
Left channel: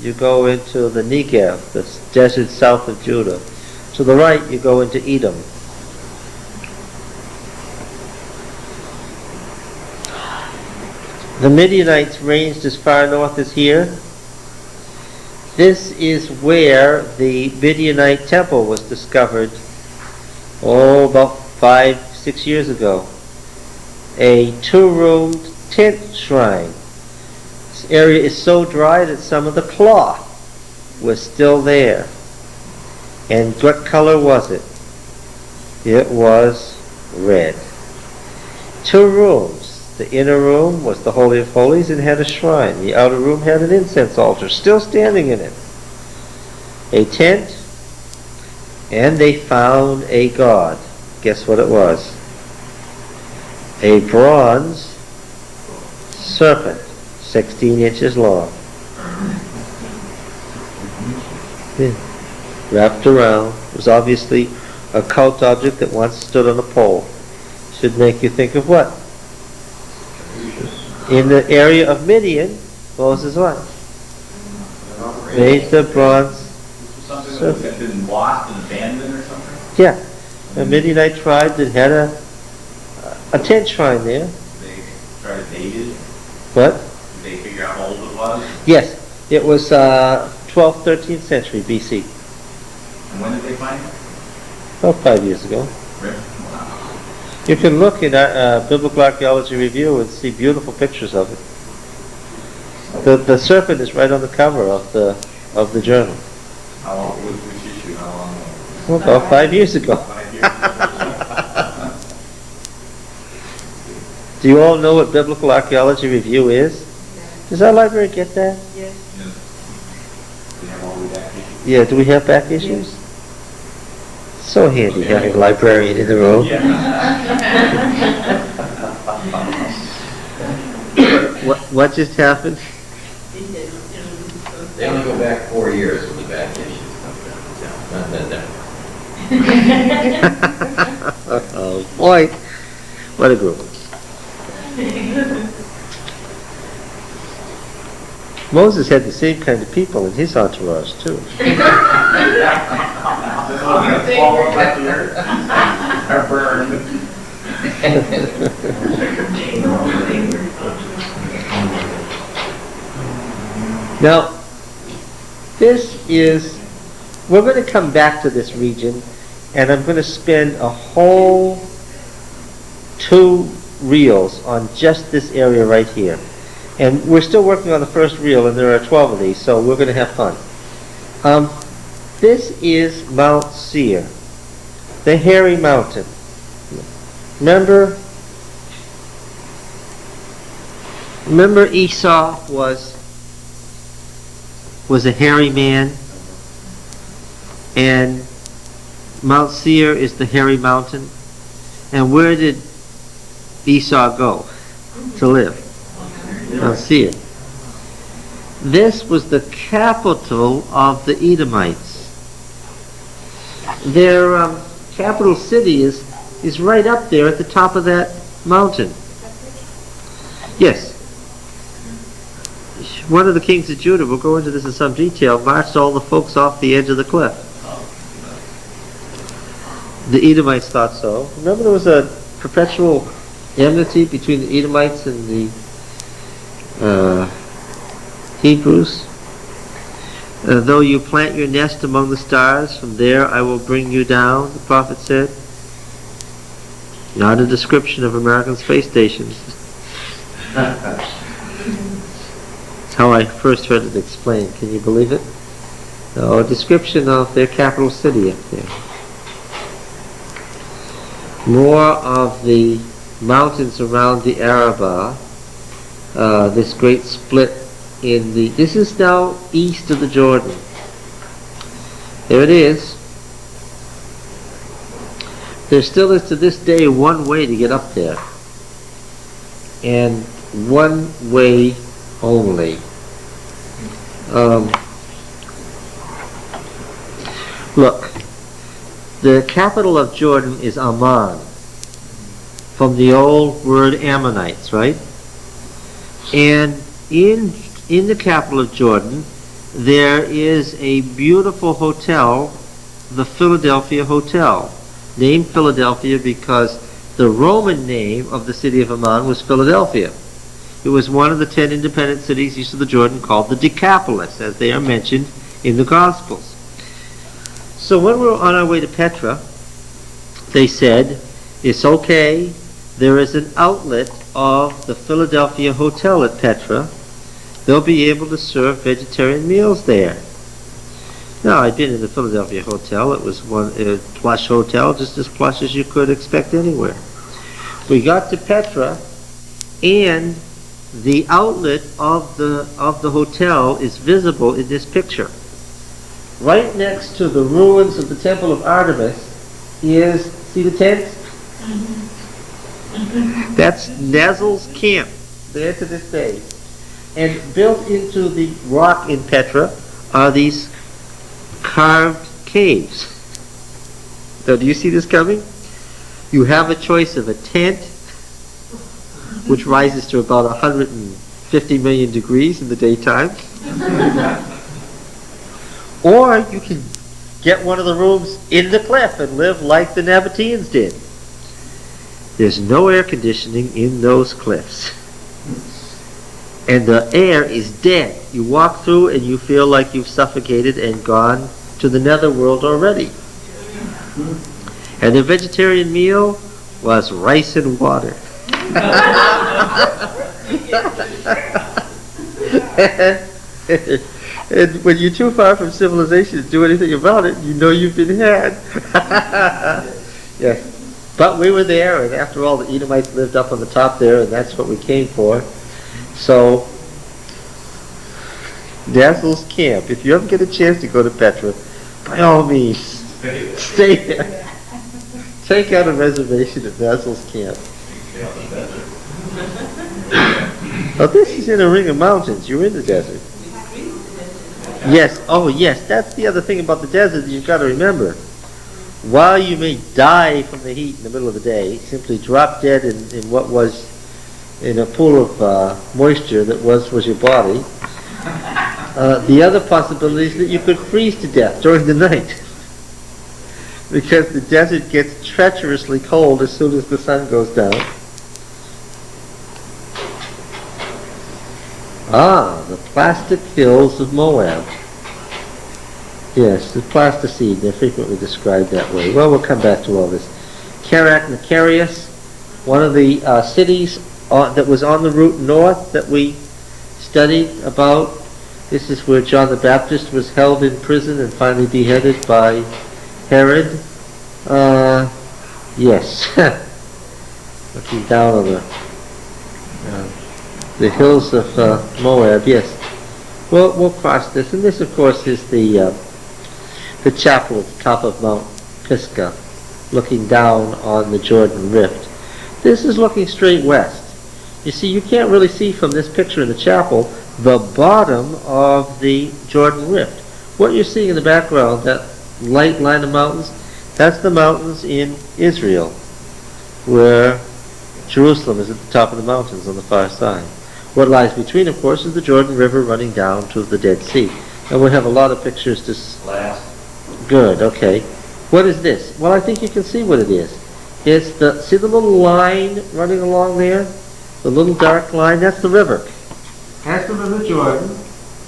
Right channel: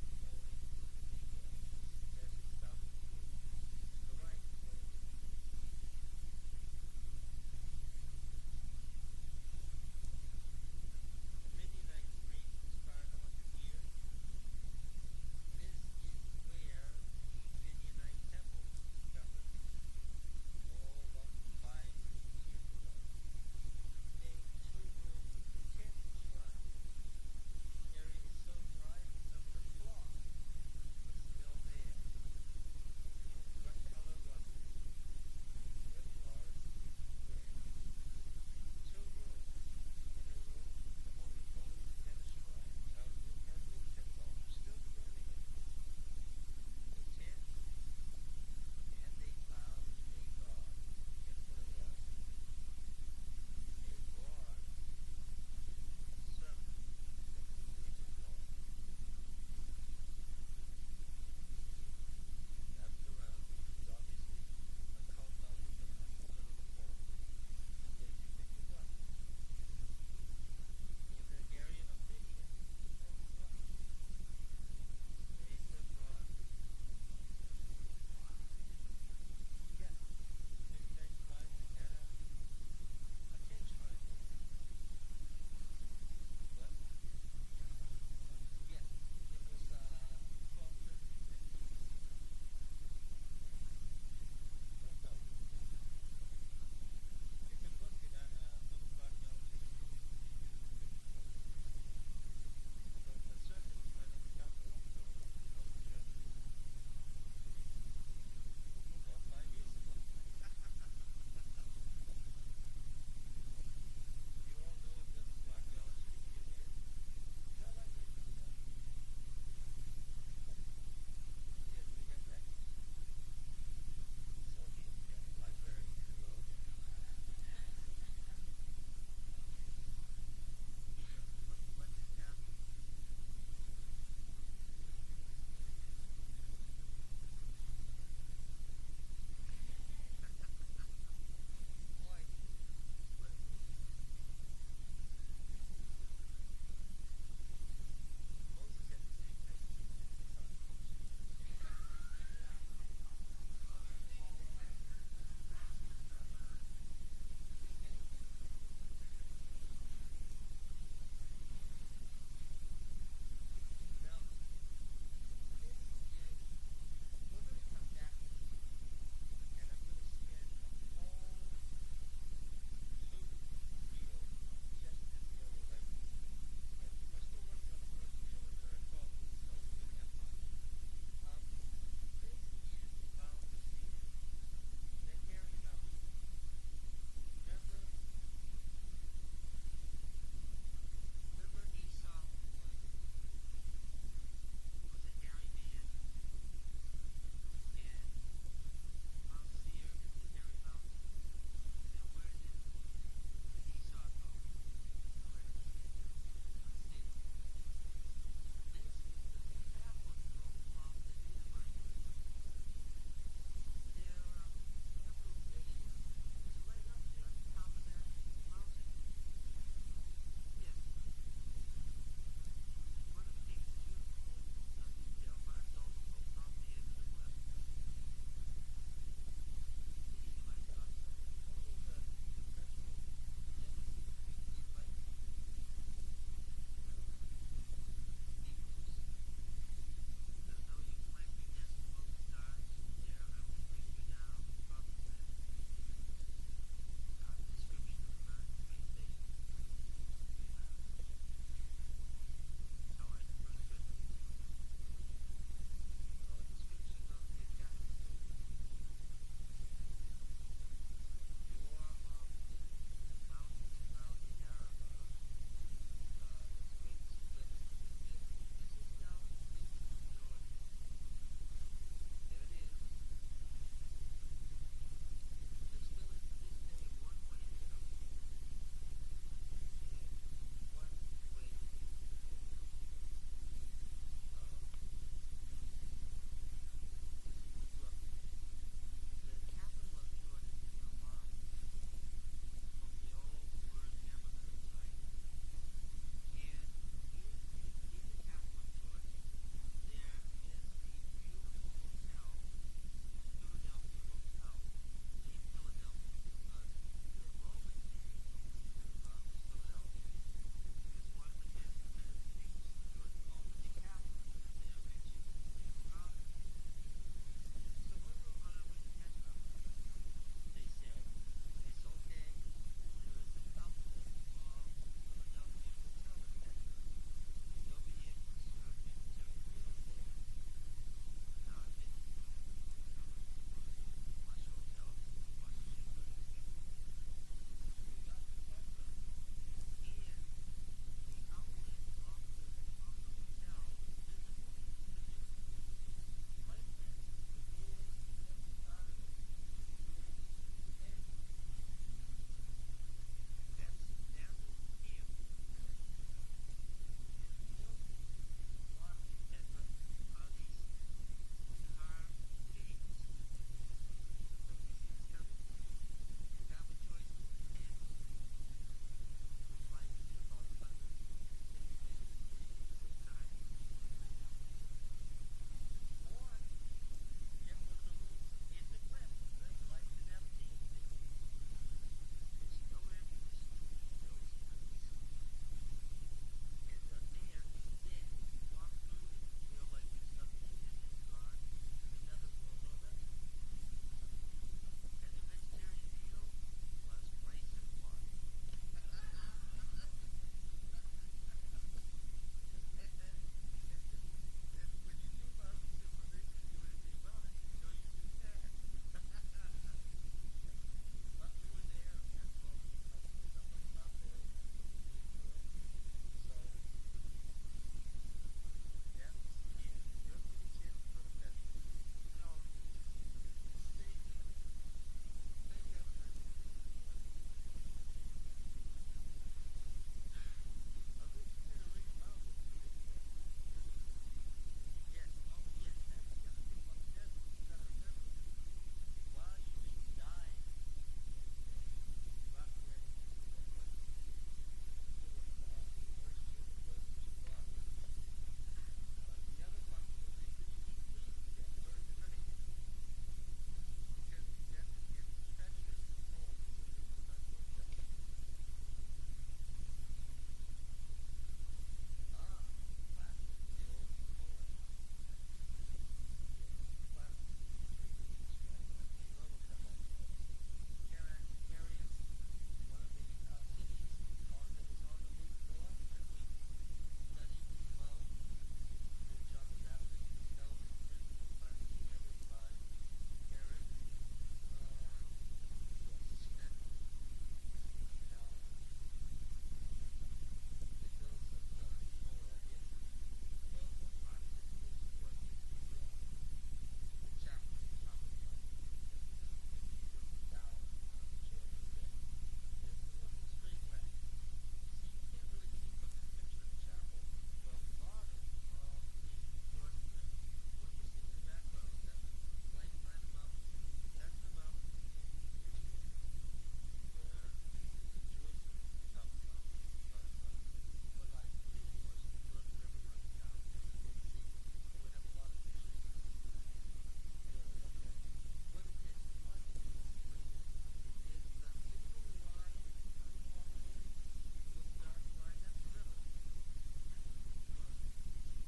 you go into the Negev, the desert south of Judah. To the right, you go into Edom. The Midianites ranged as far north as here. This is where the Midianite temple was discovered, about 5-6 years ago. a two-roomed tent shrine. This area is so dry that some of the cloth was still there. And what color was it? It was red. Two rooms. The inner room was the Holy of Holies and had a shrine. The outer room had an incense altar still standing in it. A tent, and they found a god. Guess what it was? A bronze serpent, 16 inches long. Yeah. Wrapped around. It was obviously a cult object that once stood on a pole. Should make you think of what? In the area of Midian, Moses what? Made the bronze Something serpent. that had been lost and abandoned or something? Yeah, a Midianite tribe that had a tent shrine there. They tried to date it? What? Did they figure out how old it was? Yes, it was 12th, 13th century BC. And when did they find it? About 5 years ago. Really? Wow. You can look in Biblical Archaeology Review and see beautiful pictures of it. The serpent is right on the cover of the journal. How long, which issue, how long? Well, about 5 years ago. 5 years ago. Do you all know what Biblical Archaeology Review is? Does our library get that? Yes. We have all the back issues. Yeah, do we have back issues? So handy having a librarian in the room. What just happened? They only go back 4 years with the back issues. Oh boy, what a group. Moses had the same kind of people in his entourage too. Are burned. Now, we're going to come back to this region, and I'm going to spend a whole 2 reels on just this area right here. And we're still working on the first reel, and there are 12 of these, so we're going to have fun. This is Mount Seir, the hairy mountain. Remember Esau was a hairy man, and Mount Seir is the hairy mountain. And where did Esau go to live? Mount Seir. This was the capital of the Edomites. Their capital city is right up there at the top of that mountain. Yes. One of the kings of Judah, we'll go into this in some detail, marched all the folks off the edge of the cliff. The Edomites thought so. Remember there was a perpetual enmity between the Edomites and the Hebrews? Though you plant your nest among the stars, from there I will bring you down, the prophet said. Not a description of American space stations. That's how I first heard it explained. Can you believe it? No, a description of their capital city up there. More of the mountains around the Arabah, this great split this is now east of the Jordan. There it is. There still is to this day one way to get up there. And one way only. Look, the capital of Jordan is Amman, from the old word Ammonites, right? And in the capital of Jordan, there is a beautiful hotel, the Philadelphia Hotel, named Philadelphia because the Roman name of the city of Amman was Philadelphia. It was one of the 10 independent cities east of the Jordan called the Decapolis, as they are mentioned in the Gospels. So when we were on our way to Petra, they said, it's okay there is an outlet of the Philadelphia Hotel at Petra. They'll be able to serve vegetarian meals there. Now, I've been in the Philadelphia Hotel. It was a plush hotel, just as plush as you could expect anywhere. We got to Petra, and the outlet of the hotel is visible in this picture. Right next to the ruins of the Temple of Artemis is, see the tent? That's Nazel's camp, there to this day. And built into the rock in Petra are these carved caves. Now, do you see this coming? You have a choice of a tent, which rises to about 150 million degrees in the daytime, or you can get one of the rooms in the cliff and live like the Nabateans did. There's no air conditioning in those cliffs. And the air is dead. You walk through and you feel like you've suffocated and gone to the netherworld already. And the vegetarian meal was rice and water. And when you're too far from civilization to do anything about it, you know you've been had. Yes. But we were there, and after all, the Edomites lived up on the top there, and that's what we came for. So, Nazel's camp. If you ever get a chance to go to Petra, by all means, stay there. Take out a reservation at Nazel's camp. Oh, this is in a ring of mountains. You're in the desert. Yes. Oh, yes. That's the other thing about the desert that you've got to remember. While you may die from the heat in the middle of the day, simply drop dead in what was in a pool of moisture that was your body, the other possibility is that you could freeze to death during the night. Because the desert gets treacherously cold as soon as the sun goes down. Ah, the plastic hills of Moab. Yes, the plasticine, they're frequently described that way. Well, we'll come back to all this. Karak Macarius, one of the cities that was on the route north that we studied about. This is where John the Baptist was held in prison and finally beheaded by Herod. Yes. Looking down on the hills of Moab, yes. Well, we'll cross this, and this, of course, is the chapel at the top of Mount Pisgah, looking down on the Jordan Rift. This is looking straight west. You see, you can't really see from this picture in the chapel the bottom of the Jordan Rift. What you're seeing in the background, that light line of mountains, that's the mountains in Israel, where Jerusalem is at the top of the mountains on the far side. What lies between, of course, is the Jordan River running down to the Dead Sea. And we have a lot of pictures to... Last. Good, okay. What is this? Well, I think you can see what it is. It's see the little line running along there? The little dark line? That's the river. That's the River Jordan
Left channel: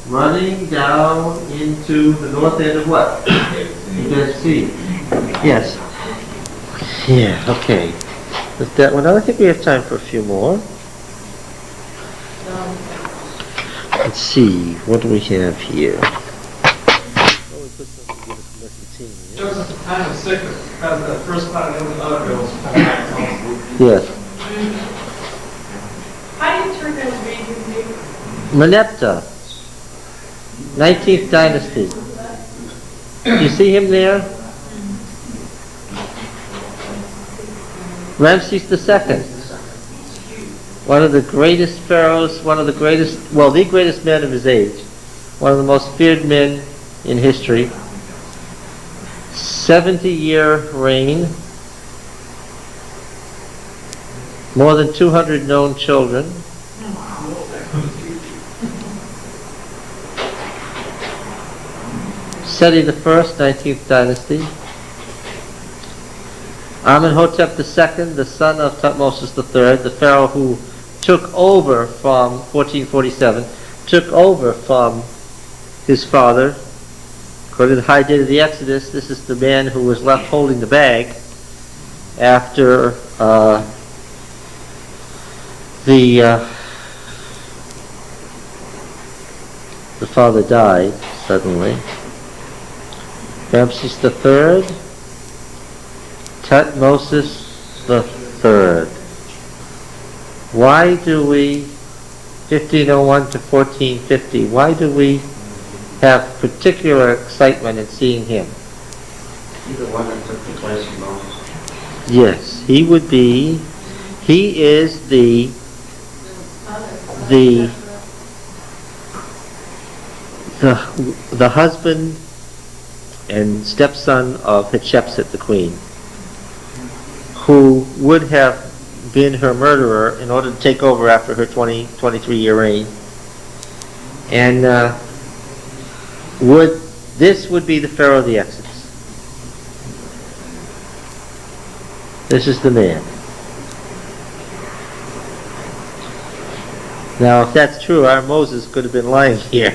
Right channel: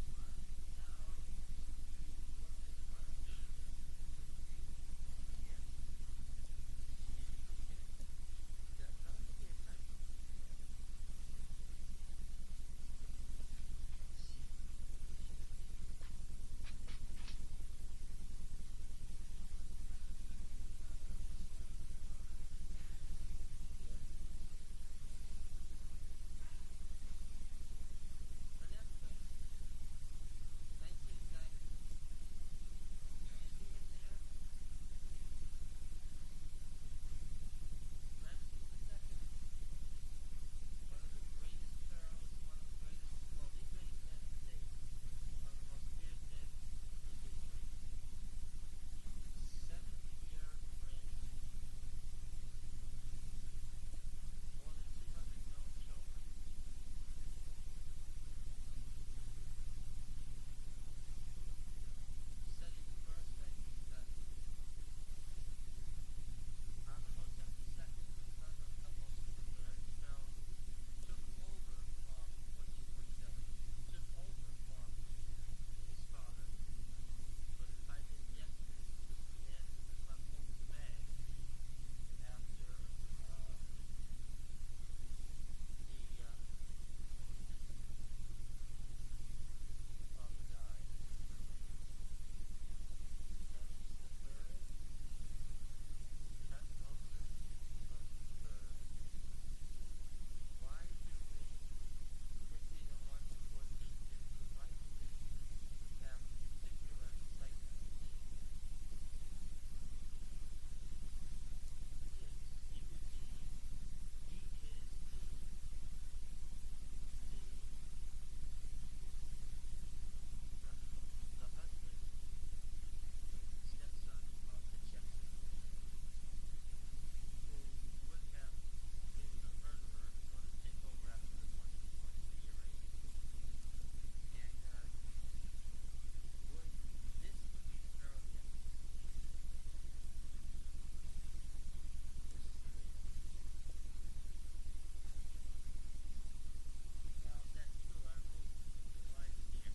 running down into the north end of what? The Dead Sea. Yes. Yeah, okay. With that one, I think we have time for a few more. Let's see, what do we have here? Joseph is kind of sick because the first part of the other bills. Yes. How do you turn that read his name? Merneptah, 19th dynasty. You see him there? Ramses II, one of the greatest pharaohs, the greatest man of his age, one of the most feared men in history. 70-year reign, more than 200 known children. Seti I, 19th dynasty. Amenhotep II, the son of Thutmose III, the pharaoh who took over from 1447, took over from his father. According to the high date of the Exodus, this is the man who was left holding the bag after the father died suddenly. Ramses III, Tutmosis III. Why do we, 1501 to 1450, why do we have particular excitement in seeing him? He's the one that took the place of Moses. Yes, he is the husband and stepson of Hatshepsut, the queen, who would have been her murderer in order to take over after her 23-year reign. And this would be the Pharaoh of the Exodus. This is the man. Now, if that's true, our Moses could have been lying here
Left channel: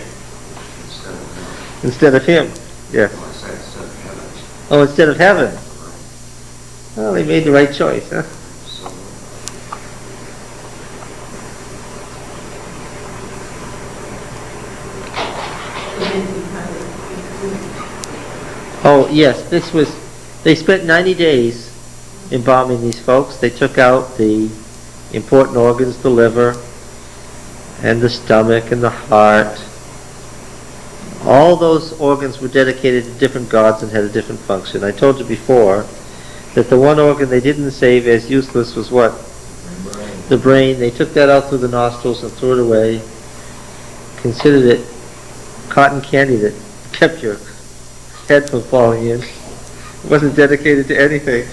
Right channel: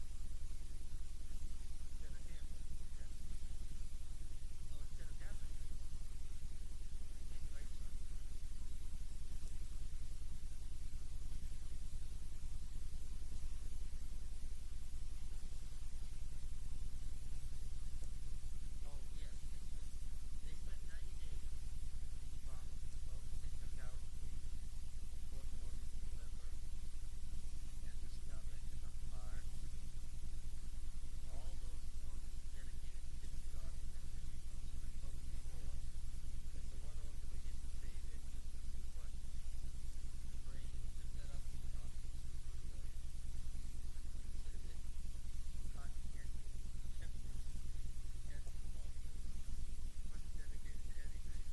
instead of him. Yes. Oh, instead of heaven. Well, he made the right choice, huh? Oh, yes, they spent 90 days embalming these folks. They took out the important organs, the liver, and the stomach, and the heart. All those organs were dedicated to different gods and had a different function. I told you before that the one organ they didn't save as useless was what? The brain. They took that out through the nostrils and threw it away. Considered it cotton candy that kept your head from falling in. It wasn't dedicated to anything.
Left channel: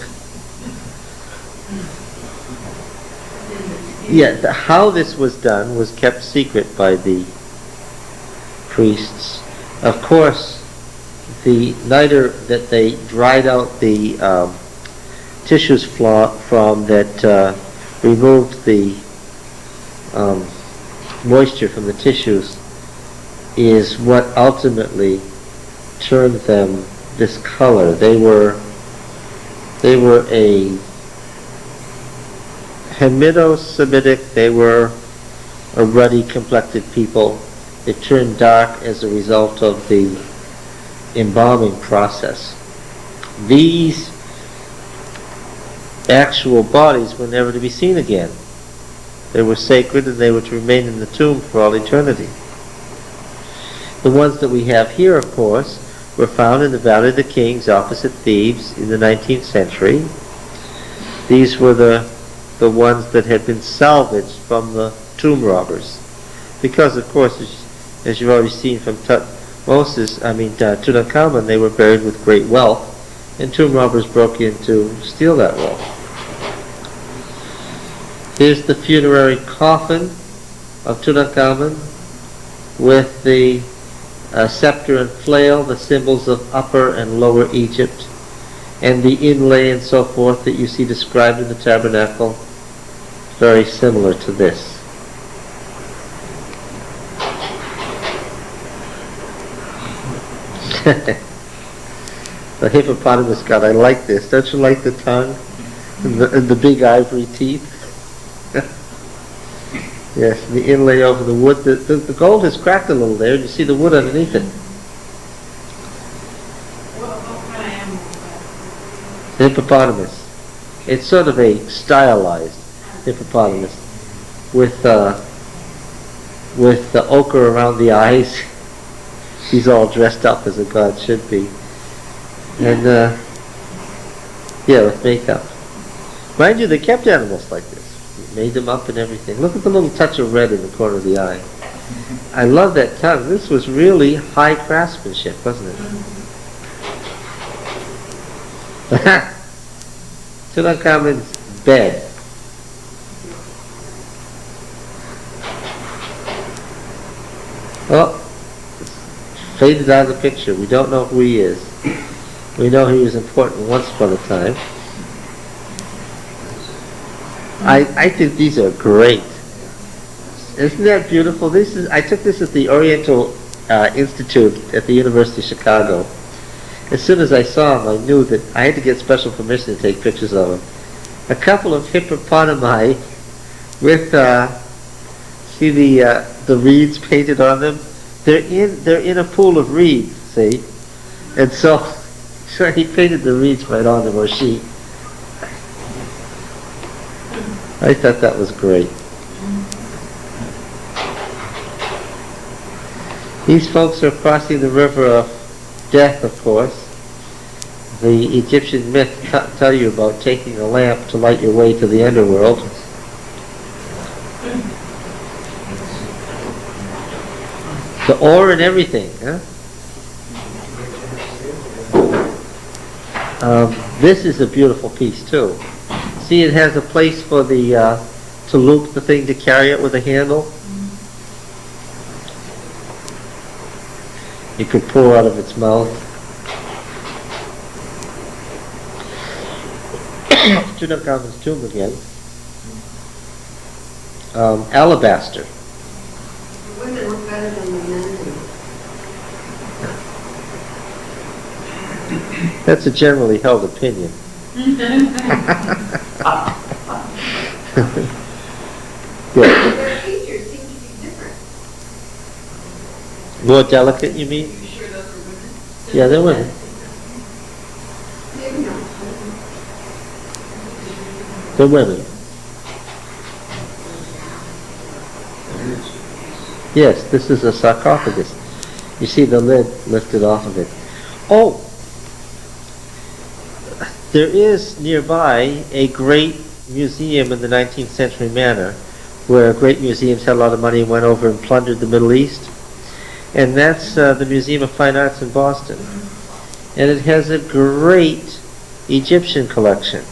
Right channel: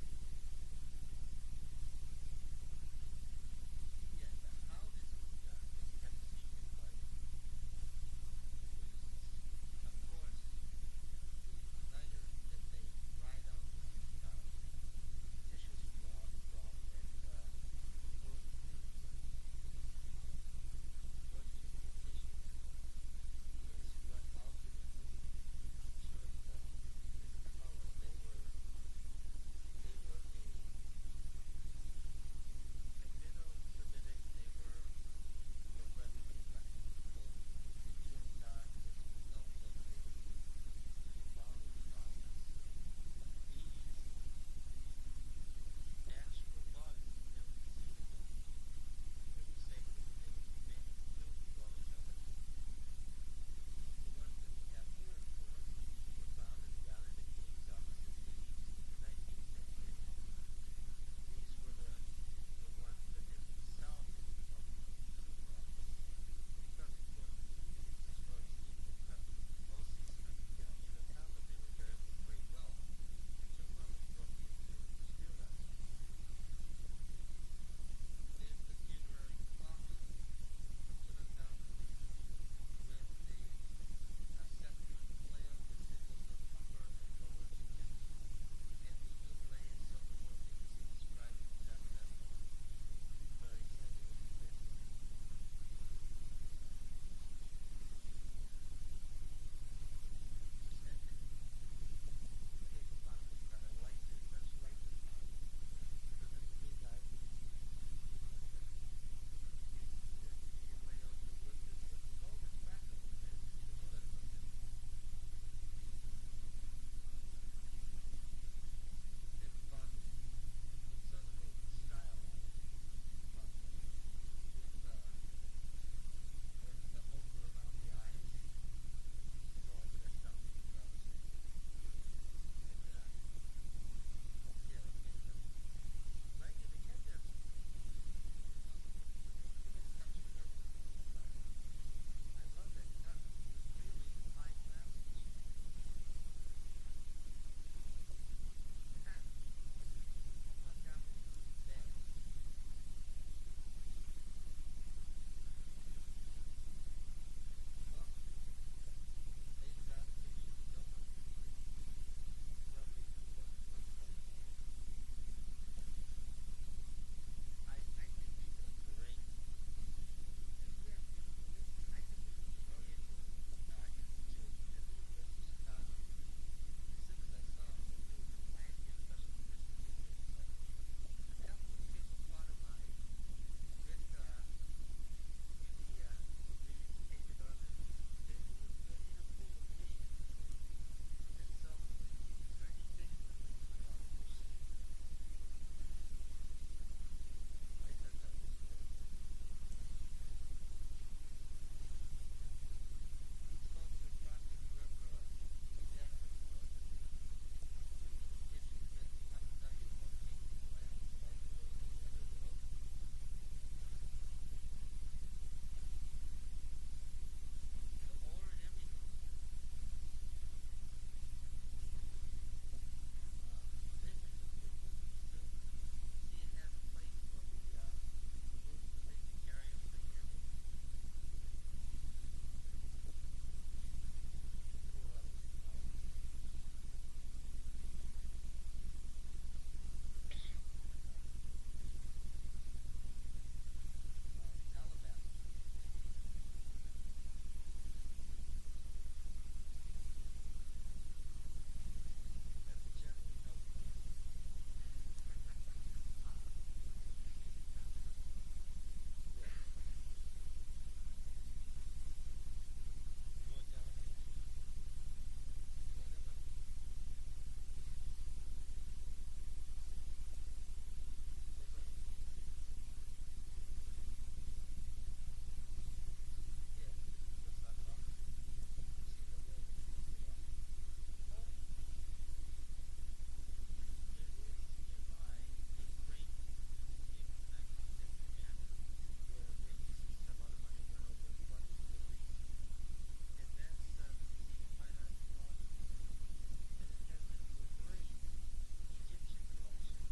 Yeah, how this was done was kept secret by the priests. Of course, the nitre that they dried out the tissues from that removed the moisture from the tissues is what ultimately turned them this color. They were a Hamido-Semitic, they were a ruddy complected people. It turned dark as a result of the embalming process. These actual bodies were never to be seen again. They were sacred and they were to remain in the tomb for all eternity. The ones that we have here, of course, were found in the Valley of the Kings opposite Thebes in the 19th century. These were the ones that had been salvaged from the tomb robbers. Because, of course, as you've already seen from Tutankhamen, they were buried with great wealth, and tomb robbers broke in to steal that wealth. Here's the funerary coffin of Tutankhamen with the scepter and flail, the symbols of Upper and Lower Egypt, and the inlay and so forth that you see described in the tabernacle, very similar to this. The hippopotamus god, I like this. Don't you like the tongue and the big ivory teeth? Yes, the inlay over the wood. The gold has cracked a little there, and you see the wood underneath it. What kind of animal is that? The hippopotamus. It's sort of a stylized hippopotamus with the ochre around the eyes. He's all dressed up as a god should be. And, yeah, with makeup. Mind you, they kept animals like this. Made them up and everything. Look at the little touch of red in the corner of the eye. I love that tongue. This was really high craftsmanship, wasn't it? Tutankhamen's bed. Oh, faded out of the picture. We don't know who he is. We know he was important once upon a time. I think these are great. Isn't that beautiful? I took this at the Oriental Institute at the University of Chicago. As soon as I saw him, I knew that I had to get special permission to take pictures of him. A couple of hippopotami with see the reeds painted on them. They're in a pool of reeds, see, and so he painted the reeds right on them, or she. I thought that was great. These folks are crossing the river of death, of course. The Egyptian myths tell you about taking a lamp to light your way to the underworld. The ore and everything, huh? This is a beautiful piece too. See, it has a place for the to loop the thing to carry it with a handle. You could pour out of its mouth. Tutankhamun's tomb again. Alabaster. The women look better than the men do. That's a generally held opinion. Good. Their features seem to be different. More delicate, you mean? You sure those are women? Yeah, they're women. Maybe not. They're women. Yes, this is a sarcophagus. You see the lid lifted off of it. Oh! There is nearby a great museum in the 19th century manner, where great museums had a lot of money and went over and plundered the Middle East. And that's the Museum of Fine Arts in Boston. And it has a great Egyptian collection.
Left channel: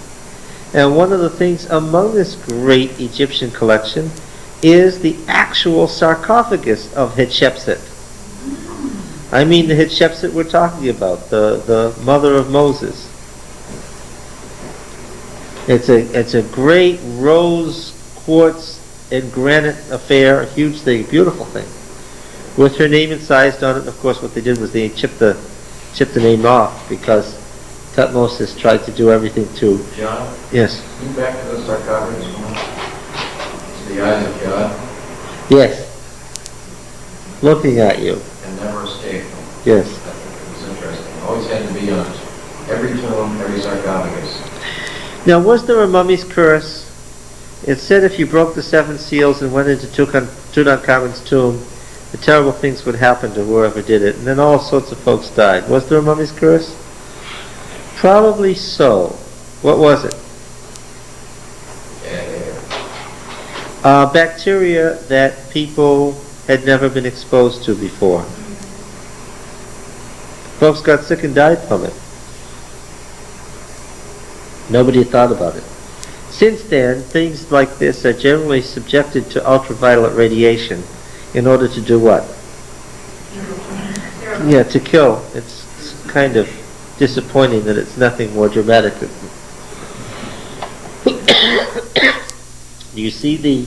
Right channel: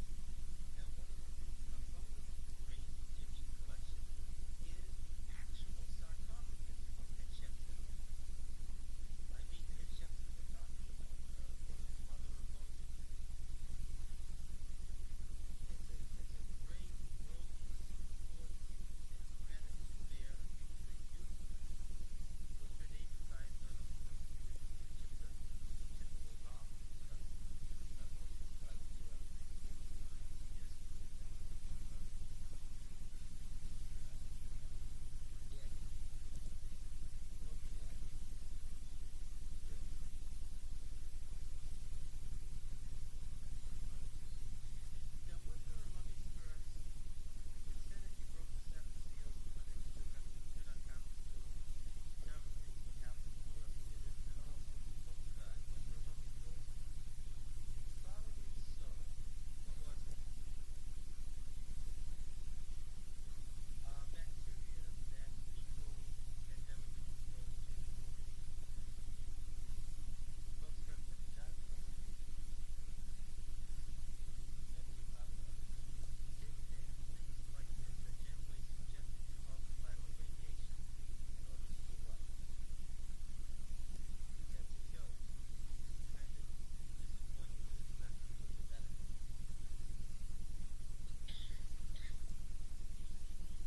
And one of the things among this great Egyptian collection is the actual sarcophagus of Hatshepsut. I mean the Hatshepsut we're talking about, the mother of Moses. It's a great rose quartz and granite affair, a huge thing, beautiful thing, with her name incised on it. And of course, what they did was they chipped the name off because Tutmosis tried to do everything to. John? Yes. Can you back to the sarcophagus one? The eyes of God Yes. Looking at you. and never escape them. Yes. I think it was interesting. Always had to be on every tomb, every sarcophagus. Now, was there a mummy's curse? It said if you broke the 7 seals and went into Tutankhamun's tomb, the terrible things would happen to whoever did it, and then all sorts of folks died. Was there a mummy's curse? Probably so. What was it? Bacteria that people had never been exposed to before. Folks got sick and died from it. Nobody had thought about it. Since then, things like this are generally subjected to ultraviolet radiation in order to do what? Yeah, to kill. It's kind of disappointing that it's nothing more dramatic. Do you see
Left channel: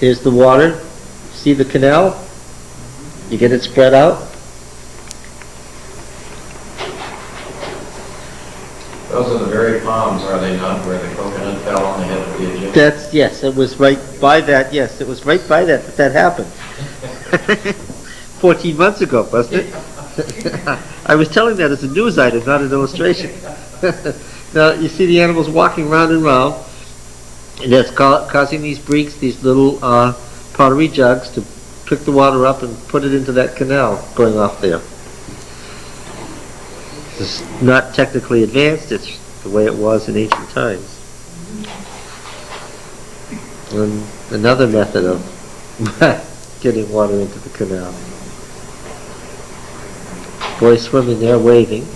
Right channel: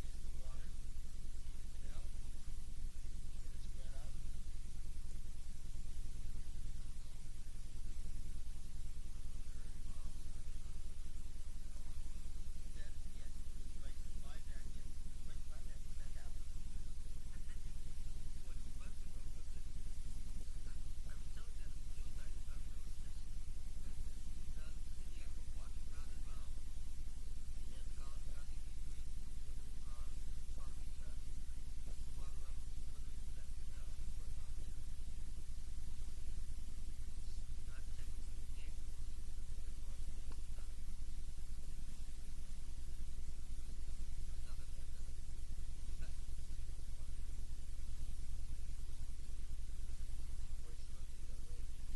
here's the water. See the canal? You get it spread out? Those are the very palms, are they not, where the coconut fell on the head of the Egyptian? Yes, it was right by that, yes, it was right by that happened. 14 months ago, wasn't it? I was telling that as a news item, not an illustration. Now, you see the animals walking round and round, and that's causing these breaks, these little pottery jugs to pick the water up and put it into that canal going off there. It's not technically advanced, it's the way it was in ancient times. And another method of getting water into the canal. Boys swimming there, waving.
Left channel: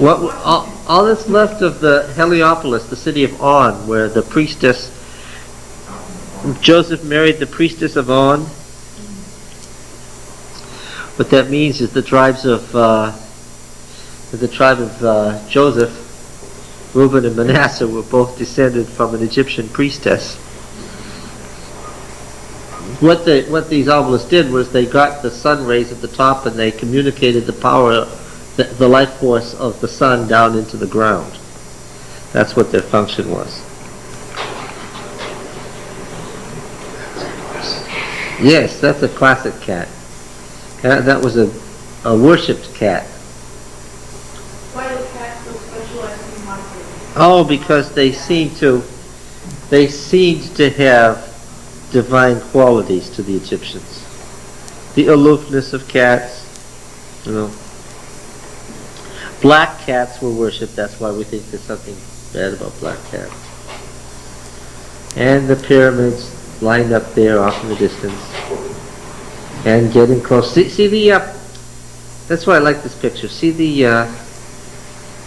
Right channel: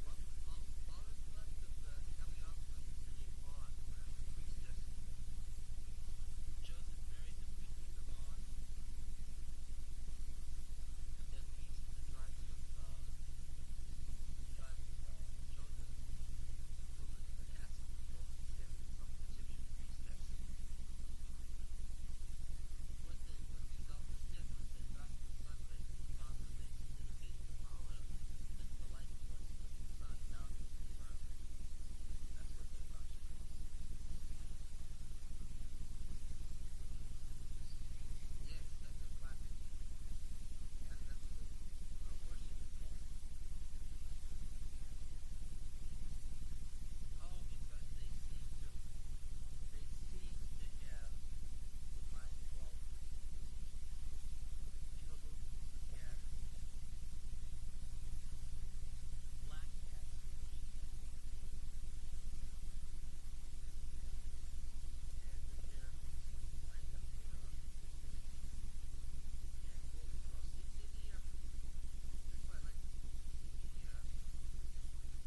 All that's left of the Heliopolis, the city of On, where the priestess, Joseph married the priestess of On. What that means is the tribe of Joseph, Reuben and Manasseh, were both descended from an Egyptian priestess. What these obelisks did was they got the sun rays at the top and they communicated the power, the life force of the sun down into the ground. That's what their function was. Yes, that's a classic cat. That was a worshipped cat. Why do cats so specialized in monsters? Oh, because they seemed to have divine qualities to the Egyptians. The aloofness of cats, you know. Black cats were worshipped. That's why we think there's something bad about black cats. And the pyramids lined up there off in the distance, and getting close. See the. That's why I like this picture. See the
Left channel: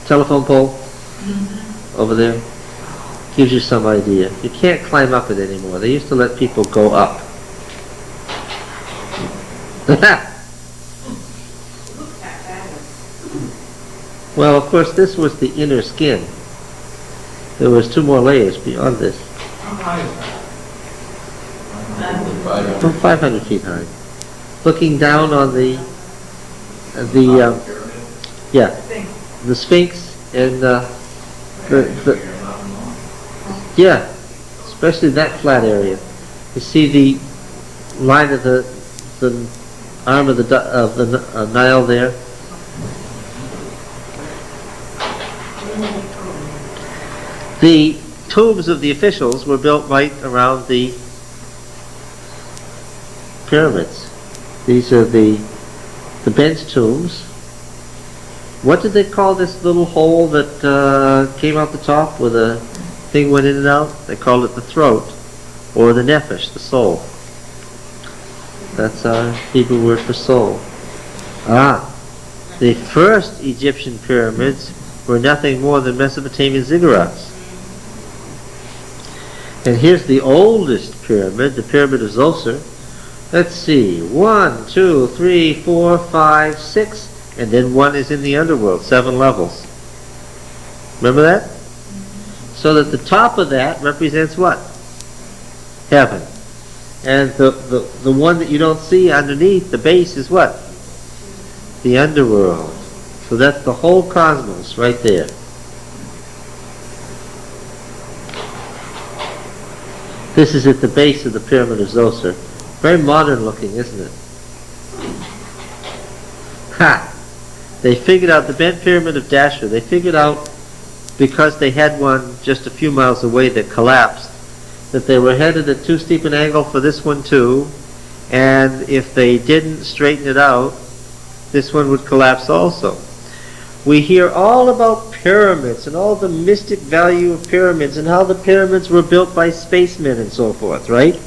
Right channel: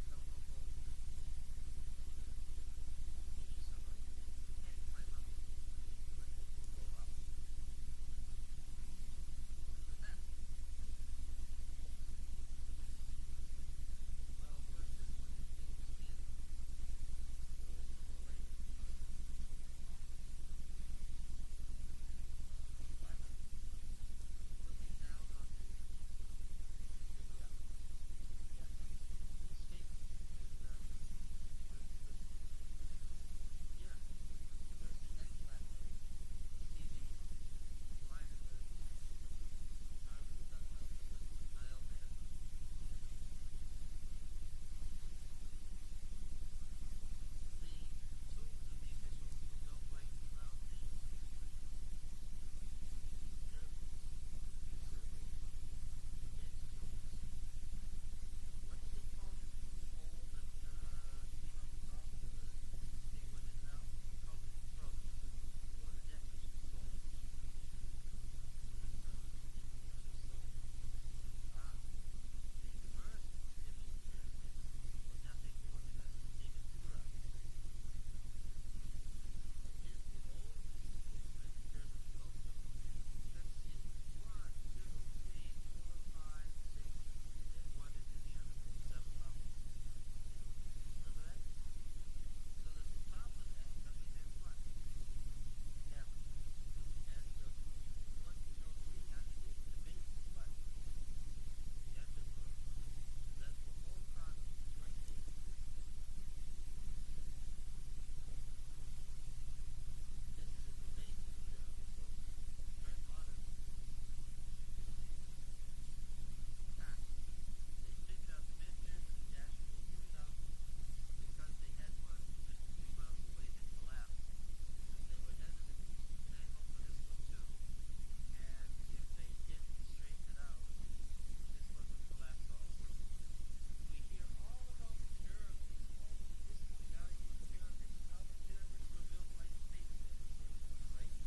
telephone pole over there. Gives you some idea. You can't climb up it anymore. They used to let people go up. Well, of course, this was the inner skin. There was 2 more layers beyond this. How high is that? From 500 feet high. Looking down on the Sphinx and yeah, especially that flat area. You see the line of the arm of the Nile there. The tombs of the officials were built right around the pyramids. These are the bench tombs. What did they call this little hole that came out the top where the thing went in and out? They called it the throat, or the nephesh, the soul. That's our Hebrew word for soul. The first Egyptian pyramids were nothing more than Mesopotamian ziggurats. And here's the oldest pyramid, the Pyramid of Zoser. Let's see, 1, 2, 3, 4, 5, 6, and then 1 is in the underworld, 7 levels. Remember that? So that the top of that represents what? Heaven. And the one that you don't see underneath, the base, is what? The underworld. So that's the whole cosmos right there. This is at the base of the Pyramid of Zoser. Very modern looking, isn't it? Ha! They figured out the bent pyramid of Dashur. They figured out, because they had one just a few miles away that collapsed, that they were headed at too steep an angle for this one too, and if they didn't straighten it out, this one would collapse also. We hear all about pyramids and all the mystic value of pyramids and how the pyramids were built by spacemen and so forth, right?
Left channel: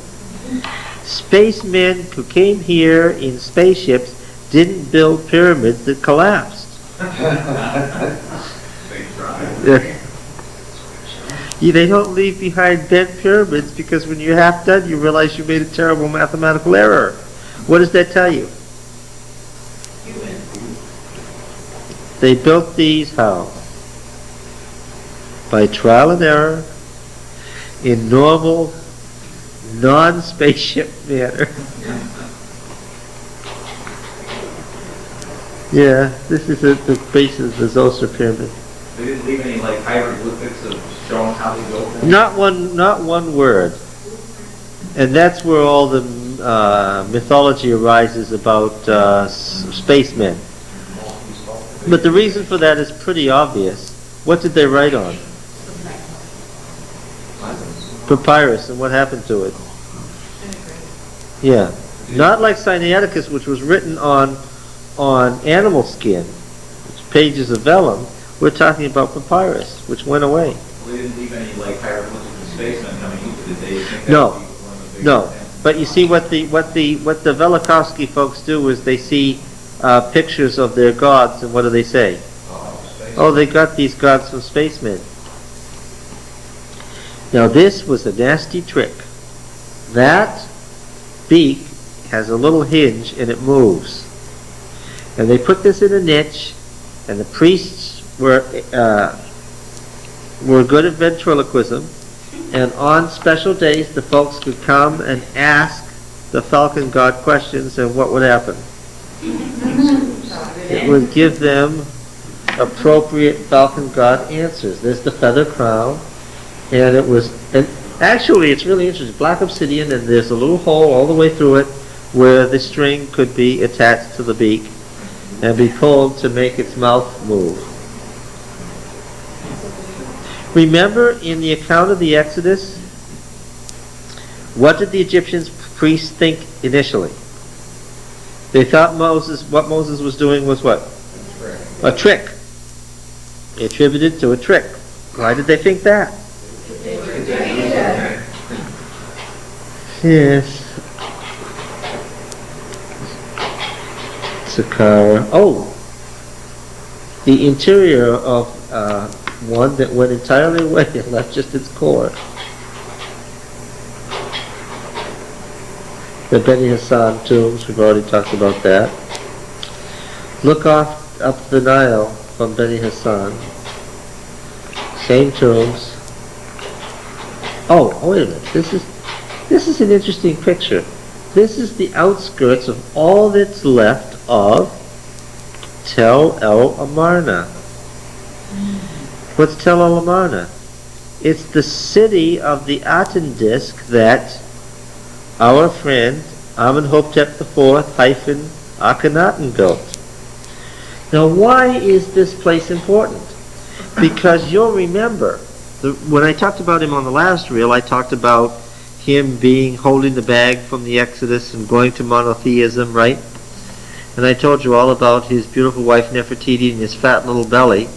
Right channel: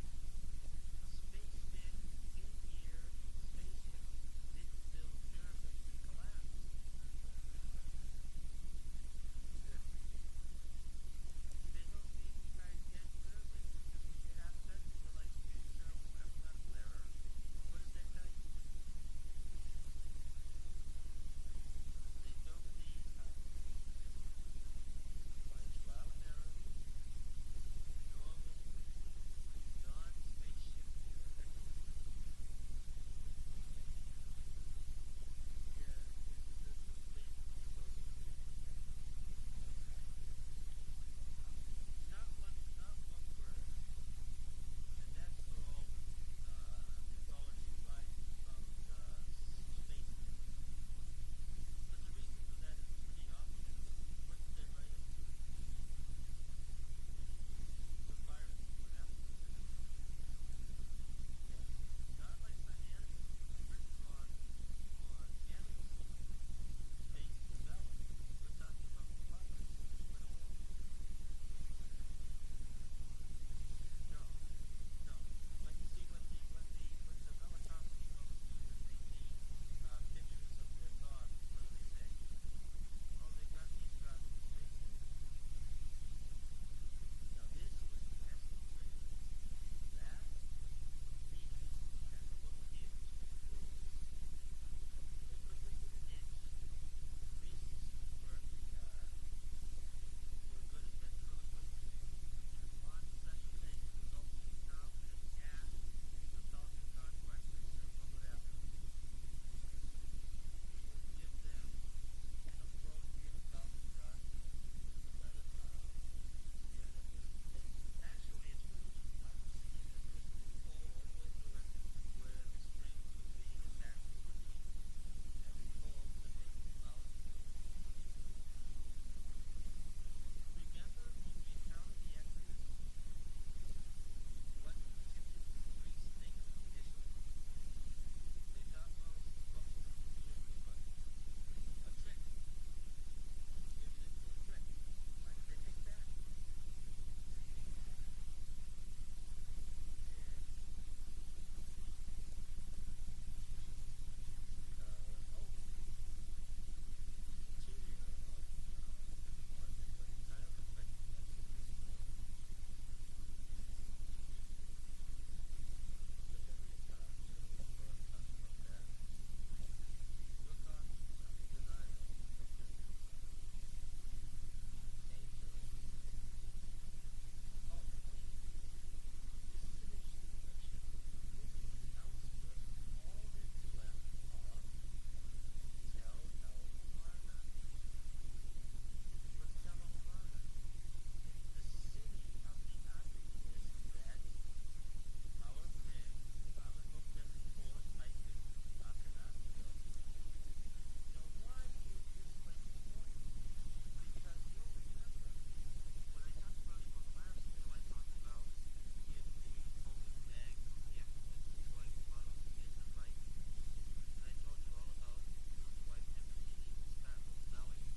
Spacemen who came here in spaceships didn't build pyramids that collapsed. They don't leave behind bent pyramids because when you're half done you realize you made a terrible mathematical error. What does that tell you? They built these how? By trial and error, in normal, non-spaceship manner. Yeah, this is at the base of the Zoser pyramid. They didn't leave any like hieroglyphics of showing how they built them? Not one word. And that's where all the mythology arises about spacemen. But the reason for that is pretty obvious. What did they write on? Papyrus, and what happened to it? Yeah. Not like Sinaiticus, which was written on animal skin, pages of vellum. We're talking about papyrus, which went away. Well, they didn't leave any like hieroglyphics of spacemen coming into it. Did they think that No. would be one of the big No. events? But you see what the Velikovsky folks do is they see pictures of their gods, and what do they say? Oh, they got these gods from spacemen. Now this was a nasty trick. That beak has a little hinge and it moves. And they put this in a niche, and the priests were good at ventriloquism, and on special days the folks could come and ask the falcon god questions, and what would happen? It would give them appropriate falcon god answers. There's the feather crown, and it was, and Actually, it's really interesting. Black obsidian, and there's a little hole all the way through it where the string could be attached to the beak and be pulled to make its mouth move. Remember in the account of the Exodus, what did the Egyptian priests think initially? They thought what Moses was doing was what? A trick. They attributed to a trick. Why did they think that? Yes. Saqqara. Oh, the interior of one that went entirely away and left just its core. The Beni Hassan tombs, we've already talked about that. Look up the Nile from Beni Hassan. Same tombs. Oh, wait a minute. This is an interesting picture. This is the outskirts of all that's left of Tel El Amarna. What's Tel El Amarna? It's the city of the Aten disk that our friend Amenhotep IV - Akhenaten built. Now, why is this place important? Because you'll remember, when I talked about him on the last reel, I talked about him holding the bag from the Exodus and going to monotheism, right? And I told you all about his beautiful wife Nefertiti and his fat little belly.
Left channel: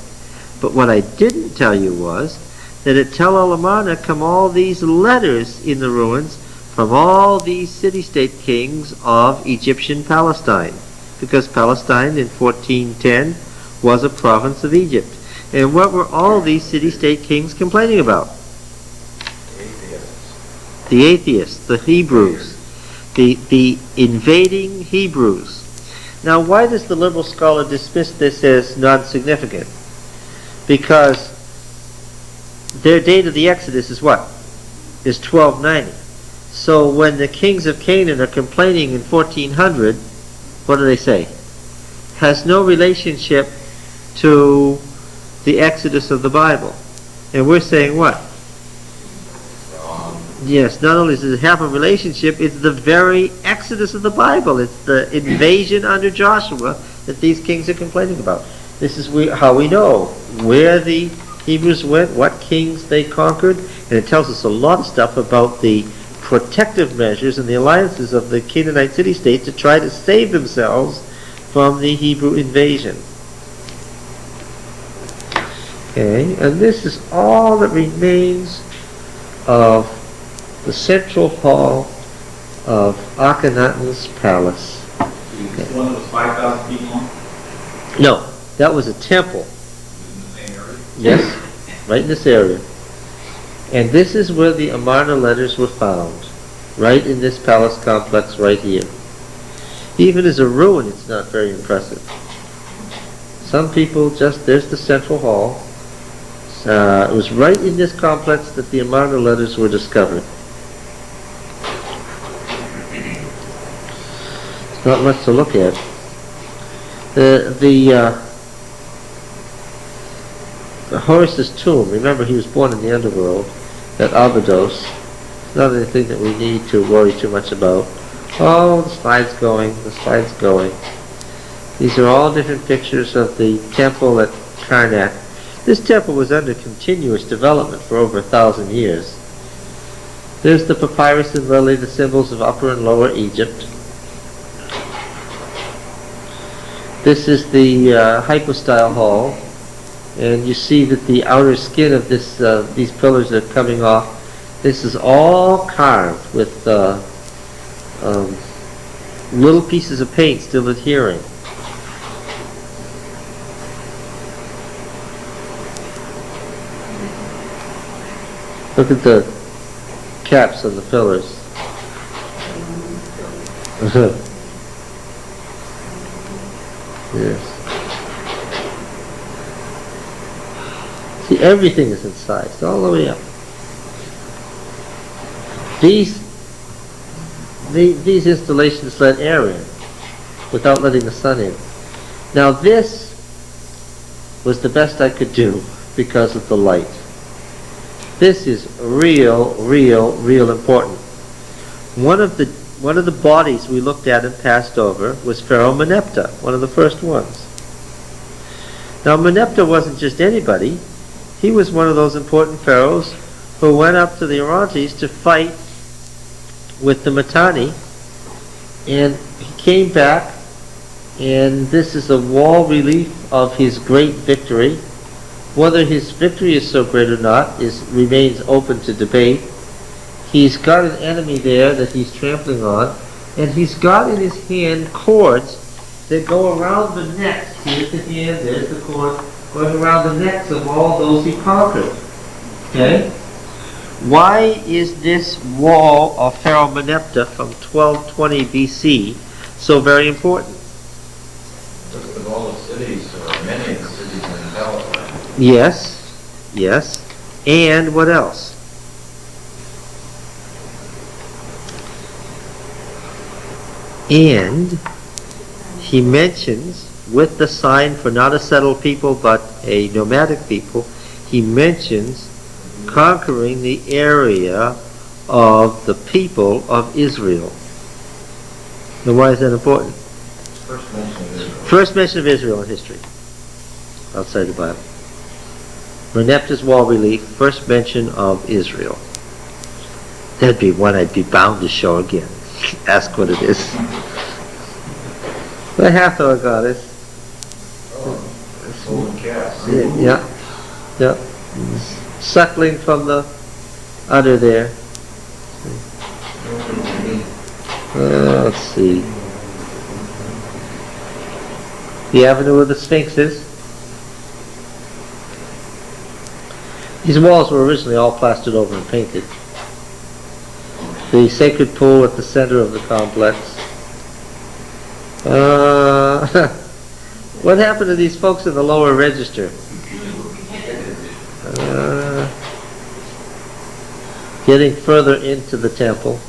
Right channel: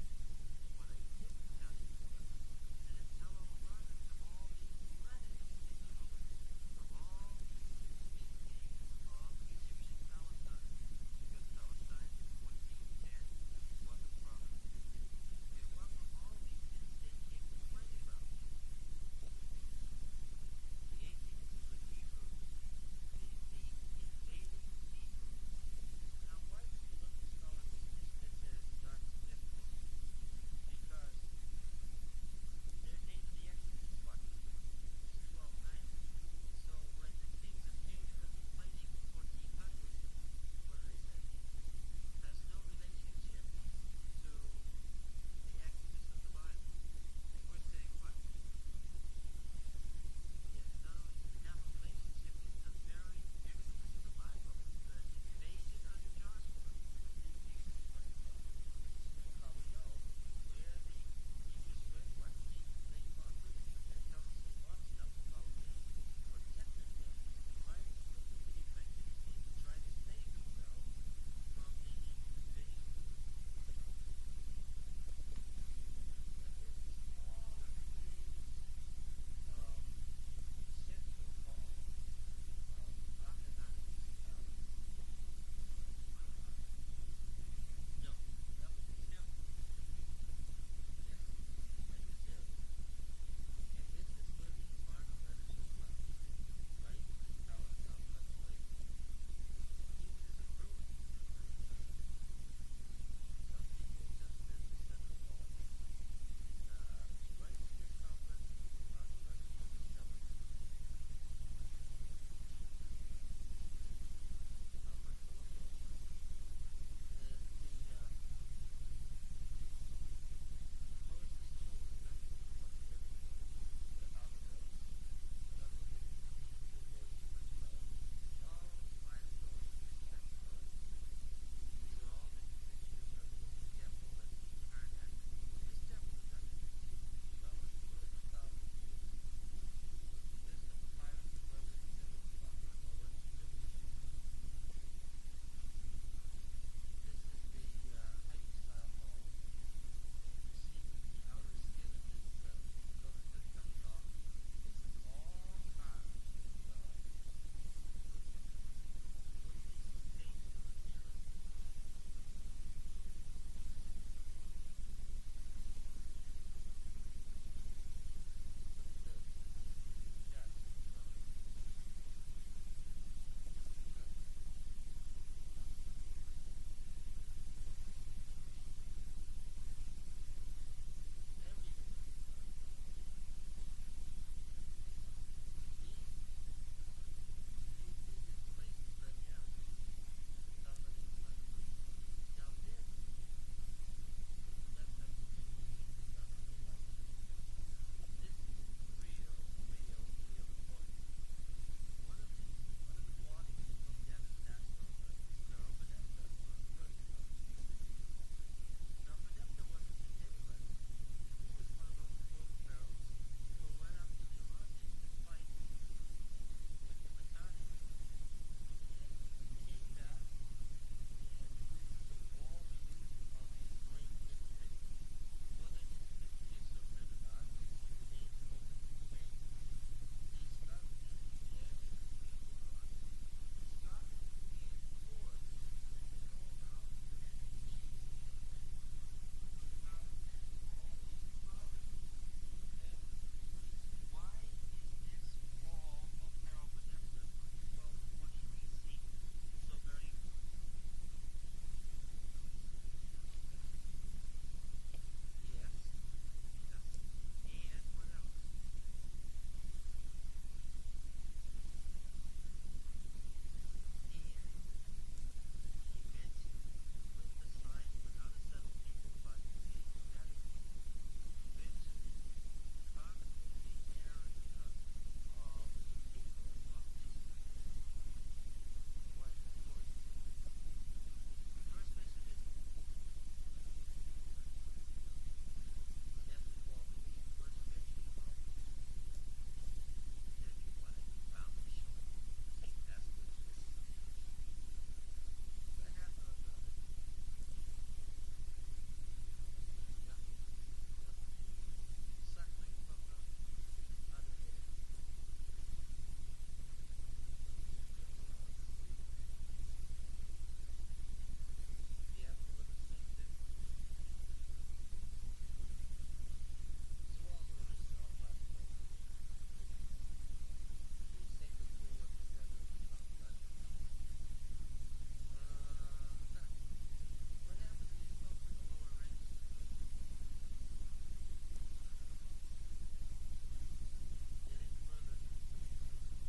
But what I didn't tell you was that at Tel El Amarna come all these letters in the ruins from all these city-state kings of Egyptian Palestine, because Palestine in 1410 was a province of Egypt. And what were all these city-state kings complaining about? The atheists, the Hebrews, the invading Hebrews. Now, why does the liberal scholar dismiss this as non-significant? Because their date of the Exodus is what? Is 1290. So when the kings of Canaan are complaining in 1400, what do they say? Has no relationship to the Exodus of the Bible. And we're saying what? Yes, not only does it have a relationship, it's the very Exodus of the Bible. It's the invasion under Joshua that these kings are complaining about. This is how we know where the Hebrews went, what kings they conquered, and it tells us a lot of stuff about the protective measures and the alliances of the Canaanite city-states to try to save themselves from the Hebrew invasion. Okay, and this is all that remains of the central hall of Akhenaten's palace. The one that was 5,000 feet long? No, that was a temple. In the same area? Yes, right in this area. And this is where the Amarna letters were found, right in this palace complex right here. Even as a ruin, it's not very impressive. Some people there's the central hall. It was right in this complex that the Amarna letters were discovered. It's not much to look at. The Horus's tomb, remember he was born in the underworld at Abydos. It's not anything that we need to worry too much about. Oh, the slide's going. These are all different pictures of the temple at Karnak. This temple was under continuous development for over 1,000 years. There's the papyrus and lily, the symbols of Upper and Lower Egypt. This is the hypostyle hall, and you see that the outer skin of these pillars are coming off. This is all carved with little pieces of paint still adhering. Look at the caps on the pillars. Yes. See, everything is incised all the way up. These installations let air in without letting the sun in. Now this was the best I could do because of the light. This is real important. One of the bodies we looked at and passed over was Pharaoh Meneptah, one of the first ones. Now Meneptah wasn't just anybody. He was one of those important pharaohs who went up to the Orontes to fight with the Mitanni, and he came back, and this is a wall relief of his great victory. Whether his victory is so great or not remains open to debate. He's got an enemy there that he's trampling on, and he's got in his hand cords that go around the necks. Here's the hand, there's the cord, going around the necks of all those he conquered. Okay? Why is this wall of Pharaoh Meneptah from 1220 BC so very important? Because of all the cities, or many of the cities in the Palestine. Yes. And what else? And he mentions, with the sign for not a settled people but a nomadic people, he mentions conquering the area of the people of Israel. Now why is that important? First mention of Israel. First mention of Israel in history, outside the Bible. Meneptah's wall relief, first mention of Israel. That'd be one I'd be bound to show again. Ask what it is. The Hathor goddess. Oh, golden calf. Yeah. Suckling from the udder there. Let's see. The Avenue of the Sphinxes. These walls were originally all plastered over and painted. The sacred pool at the center of the complex. What happened to these folks in the lower register? Getting further into the temple.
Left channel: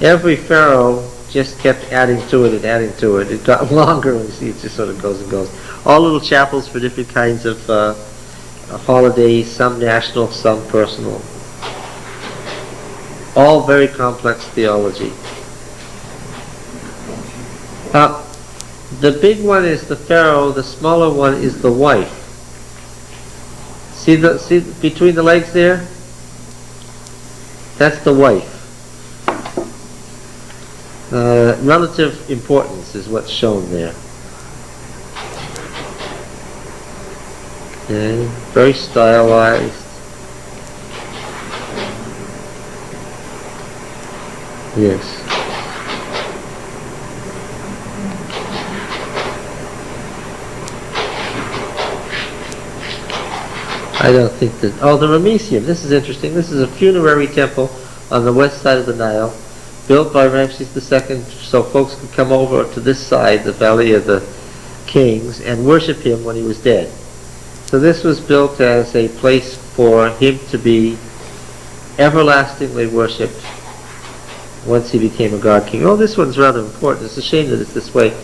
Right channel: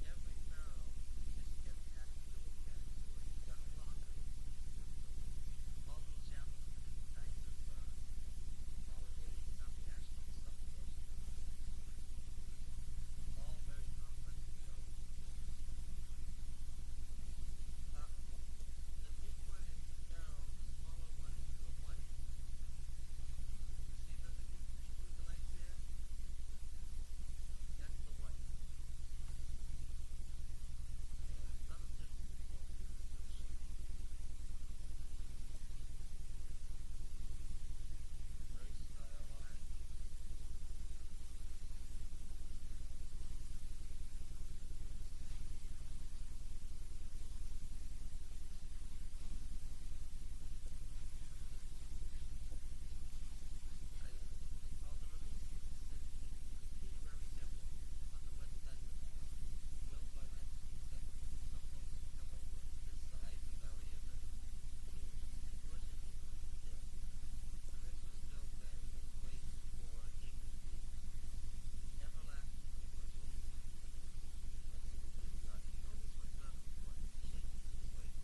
Every pharaoh just kept adding to it and adding to it. It got longer, and you see it just sort of goes and goes. All little chapels for different kinds of holidays, some national, some personal. All very complex theology. The big one is the pharaoh, the smaller one is the wife. See between the legs there? That's the wife. Relative importance is what's shown there. Okay, very stylized. Yes. I don't think that... Oh, the Ramesseum. This is interesting. This is a funerary temple on the west side of the Nile, built by Ramses II so folks could come over to this side, the Valley of the Kings, and worship him when he was dead. So this was built as a place for him to be everlastingly worshipped once he became a god king. Oh, this one's rather important. It's a shame that it's this way.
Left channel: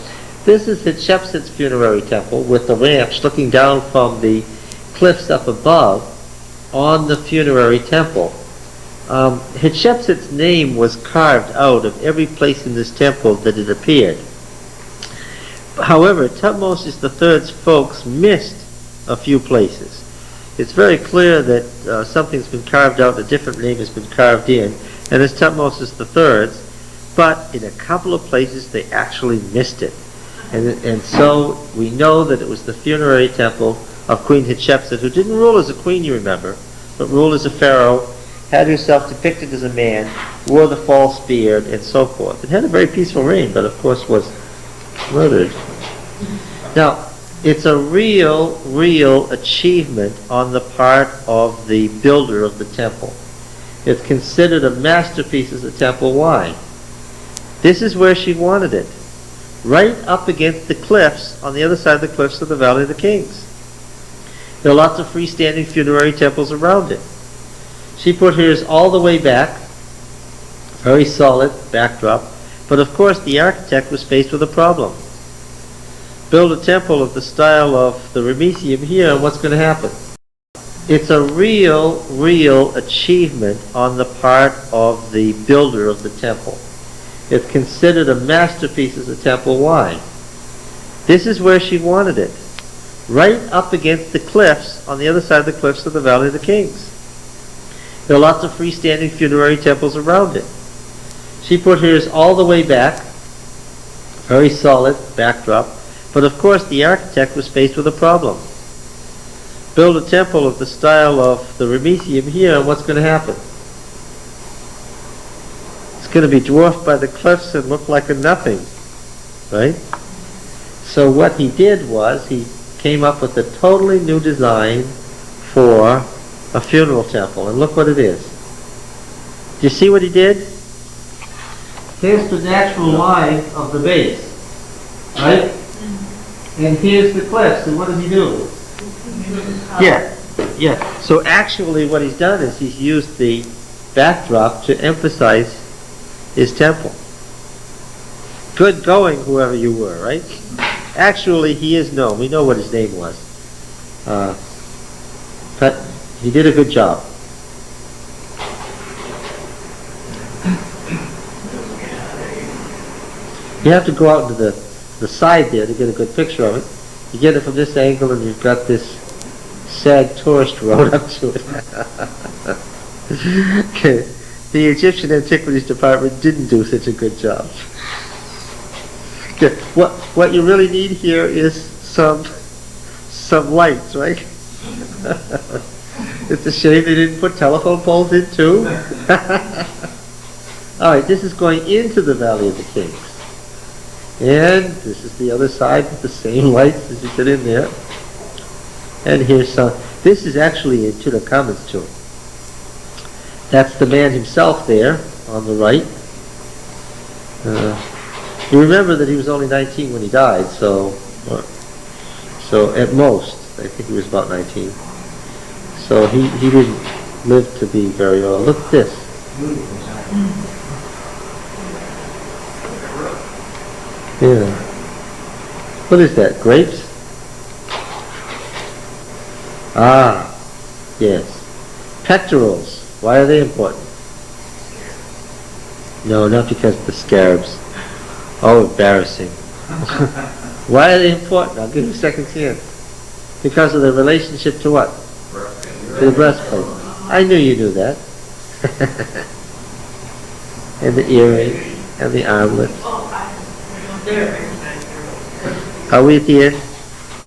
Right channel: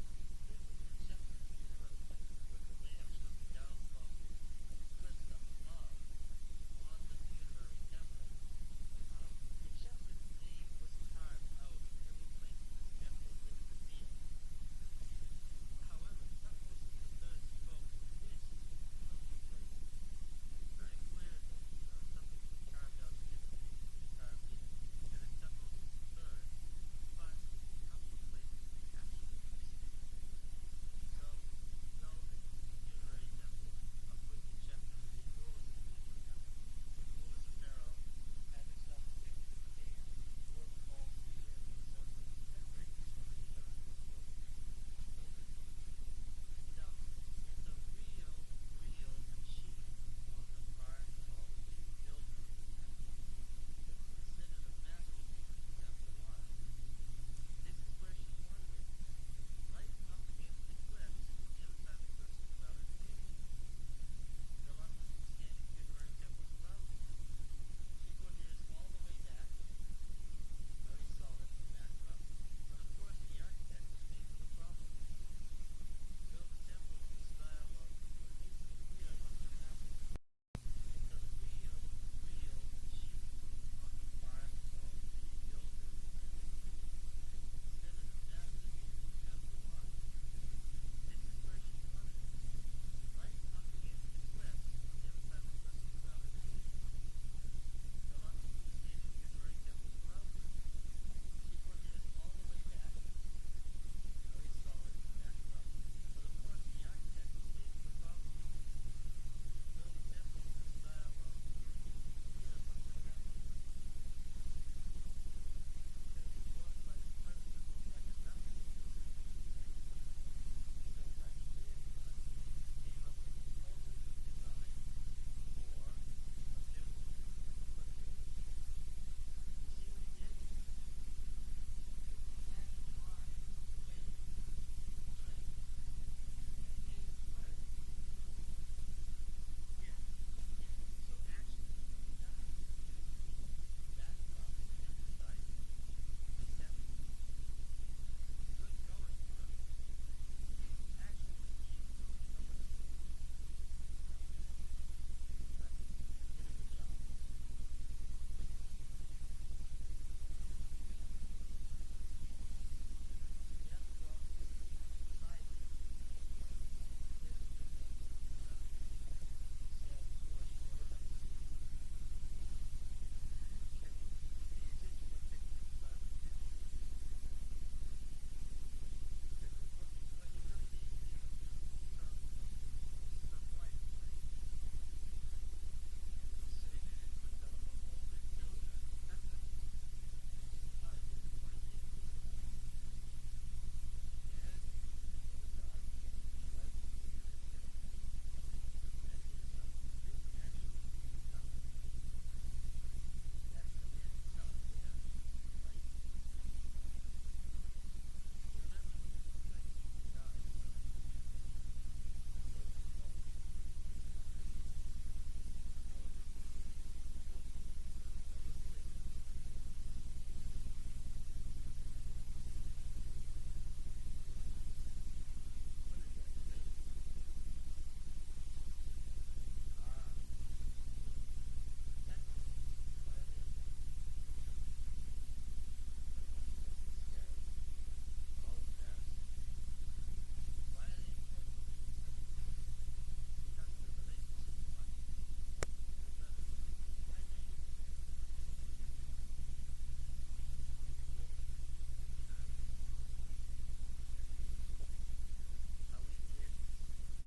This is Hatshepsut's funerary temple with the ramps looking down from the cliffs up above on the funerary temple. Hatshepsut's name was carved out of every place in this temple that it appeared. However, Tutmosis III's folks missed a few places. It's very clear that something's been carved out, a different name has been carved in, and it's Tutmosis III's, but in a couple of places they actually missed it. And so we know that it was the funerary temple of Queen Hatshepsut, who didn't rule as a queen, you remember, but ruled as a pharaoh, had herself depicted as a man, wore the false beard, and so forth. It had a very peaceful reign, but of course was murdered. Now, it's a real achievement on the part of the builder of the temple. It's considered a masterpiece as a temple. Why? This is where she wanted it. Right up against the cliffs, on the other side of the cliffs of the Valley of the Kings. There are lots of freestanding funerary temples around it. She put hers all the way back, very solid backdrop, but of course the architect was faced with a problem. Build a temple of the style of the Ramesseum here, and what's going to happen? It's a real achievement on the part of the builder of the temple. It's considered a masterpiece as a temple. Why? This is where she wanted it. Right up against the cliffs, on the other side of the cliffs of the Valley of the Kings. There are lots of freestanding funerary temples around it. She put hers all the way back, very solid backdrop, but of course the architect was faced with a problem. Build a temple of the style of the Ramesseum here, and what's going to happen? It's going to be dwarfed by the cliffs and look like a nothing, right? So what he did was he came up with a totally new design for a funeral temple, and look what it is. Do you see what he did? Here's the natural line of the base, right? And here's the cliffs, and what does he do? Yeah. So actually what he's done is he's used the backdrop to emphasize his temple. Good going, whoever you were, right? Actually, he is known. We know what his name was. But he did a good job. You have to go out to the side there to get a good picture of it. You get it from this angle and you've got this sad tourist road up to it. Okay. The Egyptian Antiquities Department didn't do such a good job. Okay. What you really need here is some lights, right? It's a shame they didn't put telephone poles in too. Alright, this is going into the Valley of the Kings. And this is the other side with the same lights as you put in there. And here's some. This is actually in Tutankhamun's tomb. That's the man himself there on the right. You remember that he was only 19 when he died, so at most, I think he was about 19. So he didn't live to be very old. Look at this. Yeah. What is that? Grapes? Ah, yes. Pectorals. Why are they important? No, not because of the scarabs. Oh, embarrassing. Why are they important? I'll give you a second chance. Because of the relationship to what? To the breastplate. I knew you knew that. And the earring, and the armlet. Are we at the end?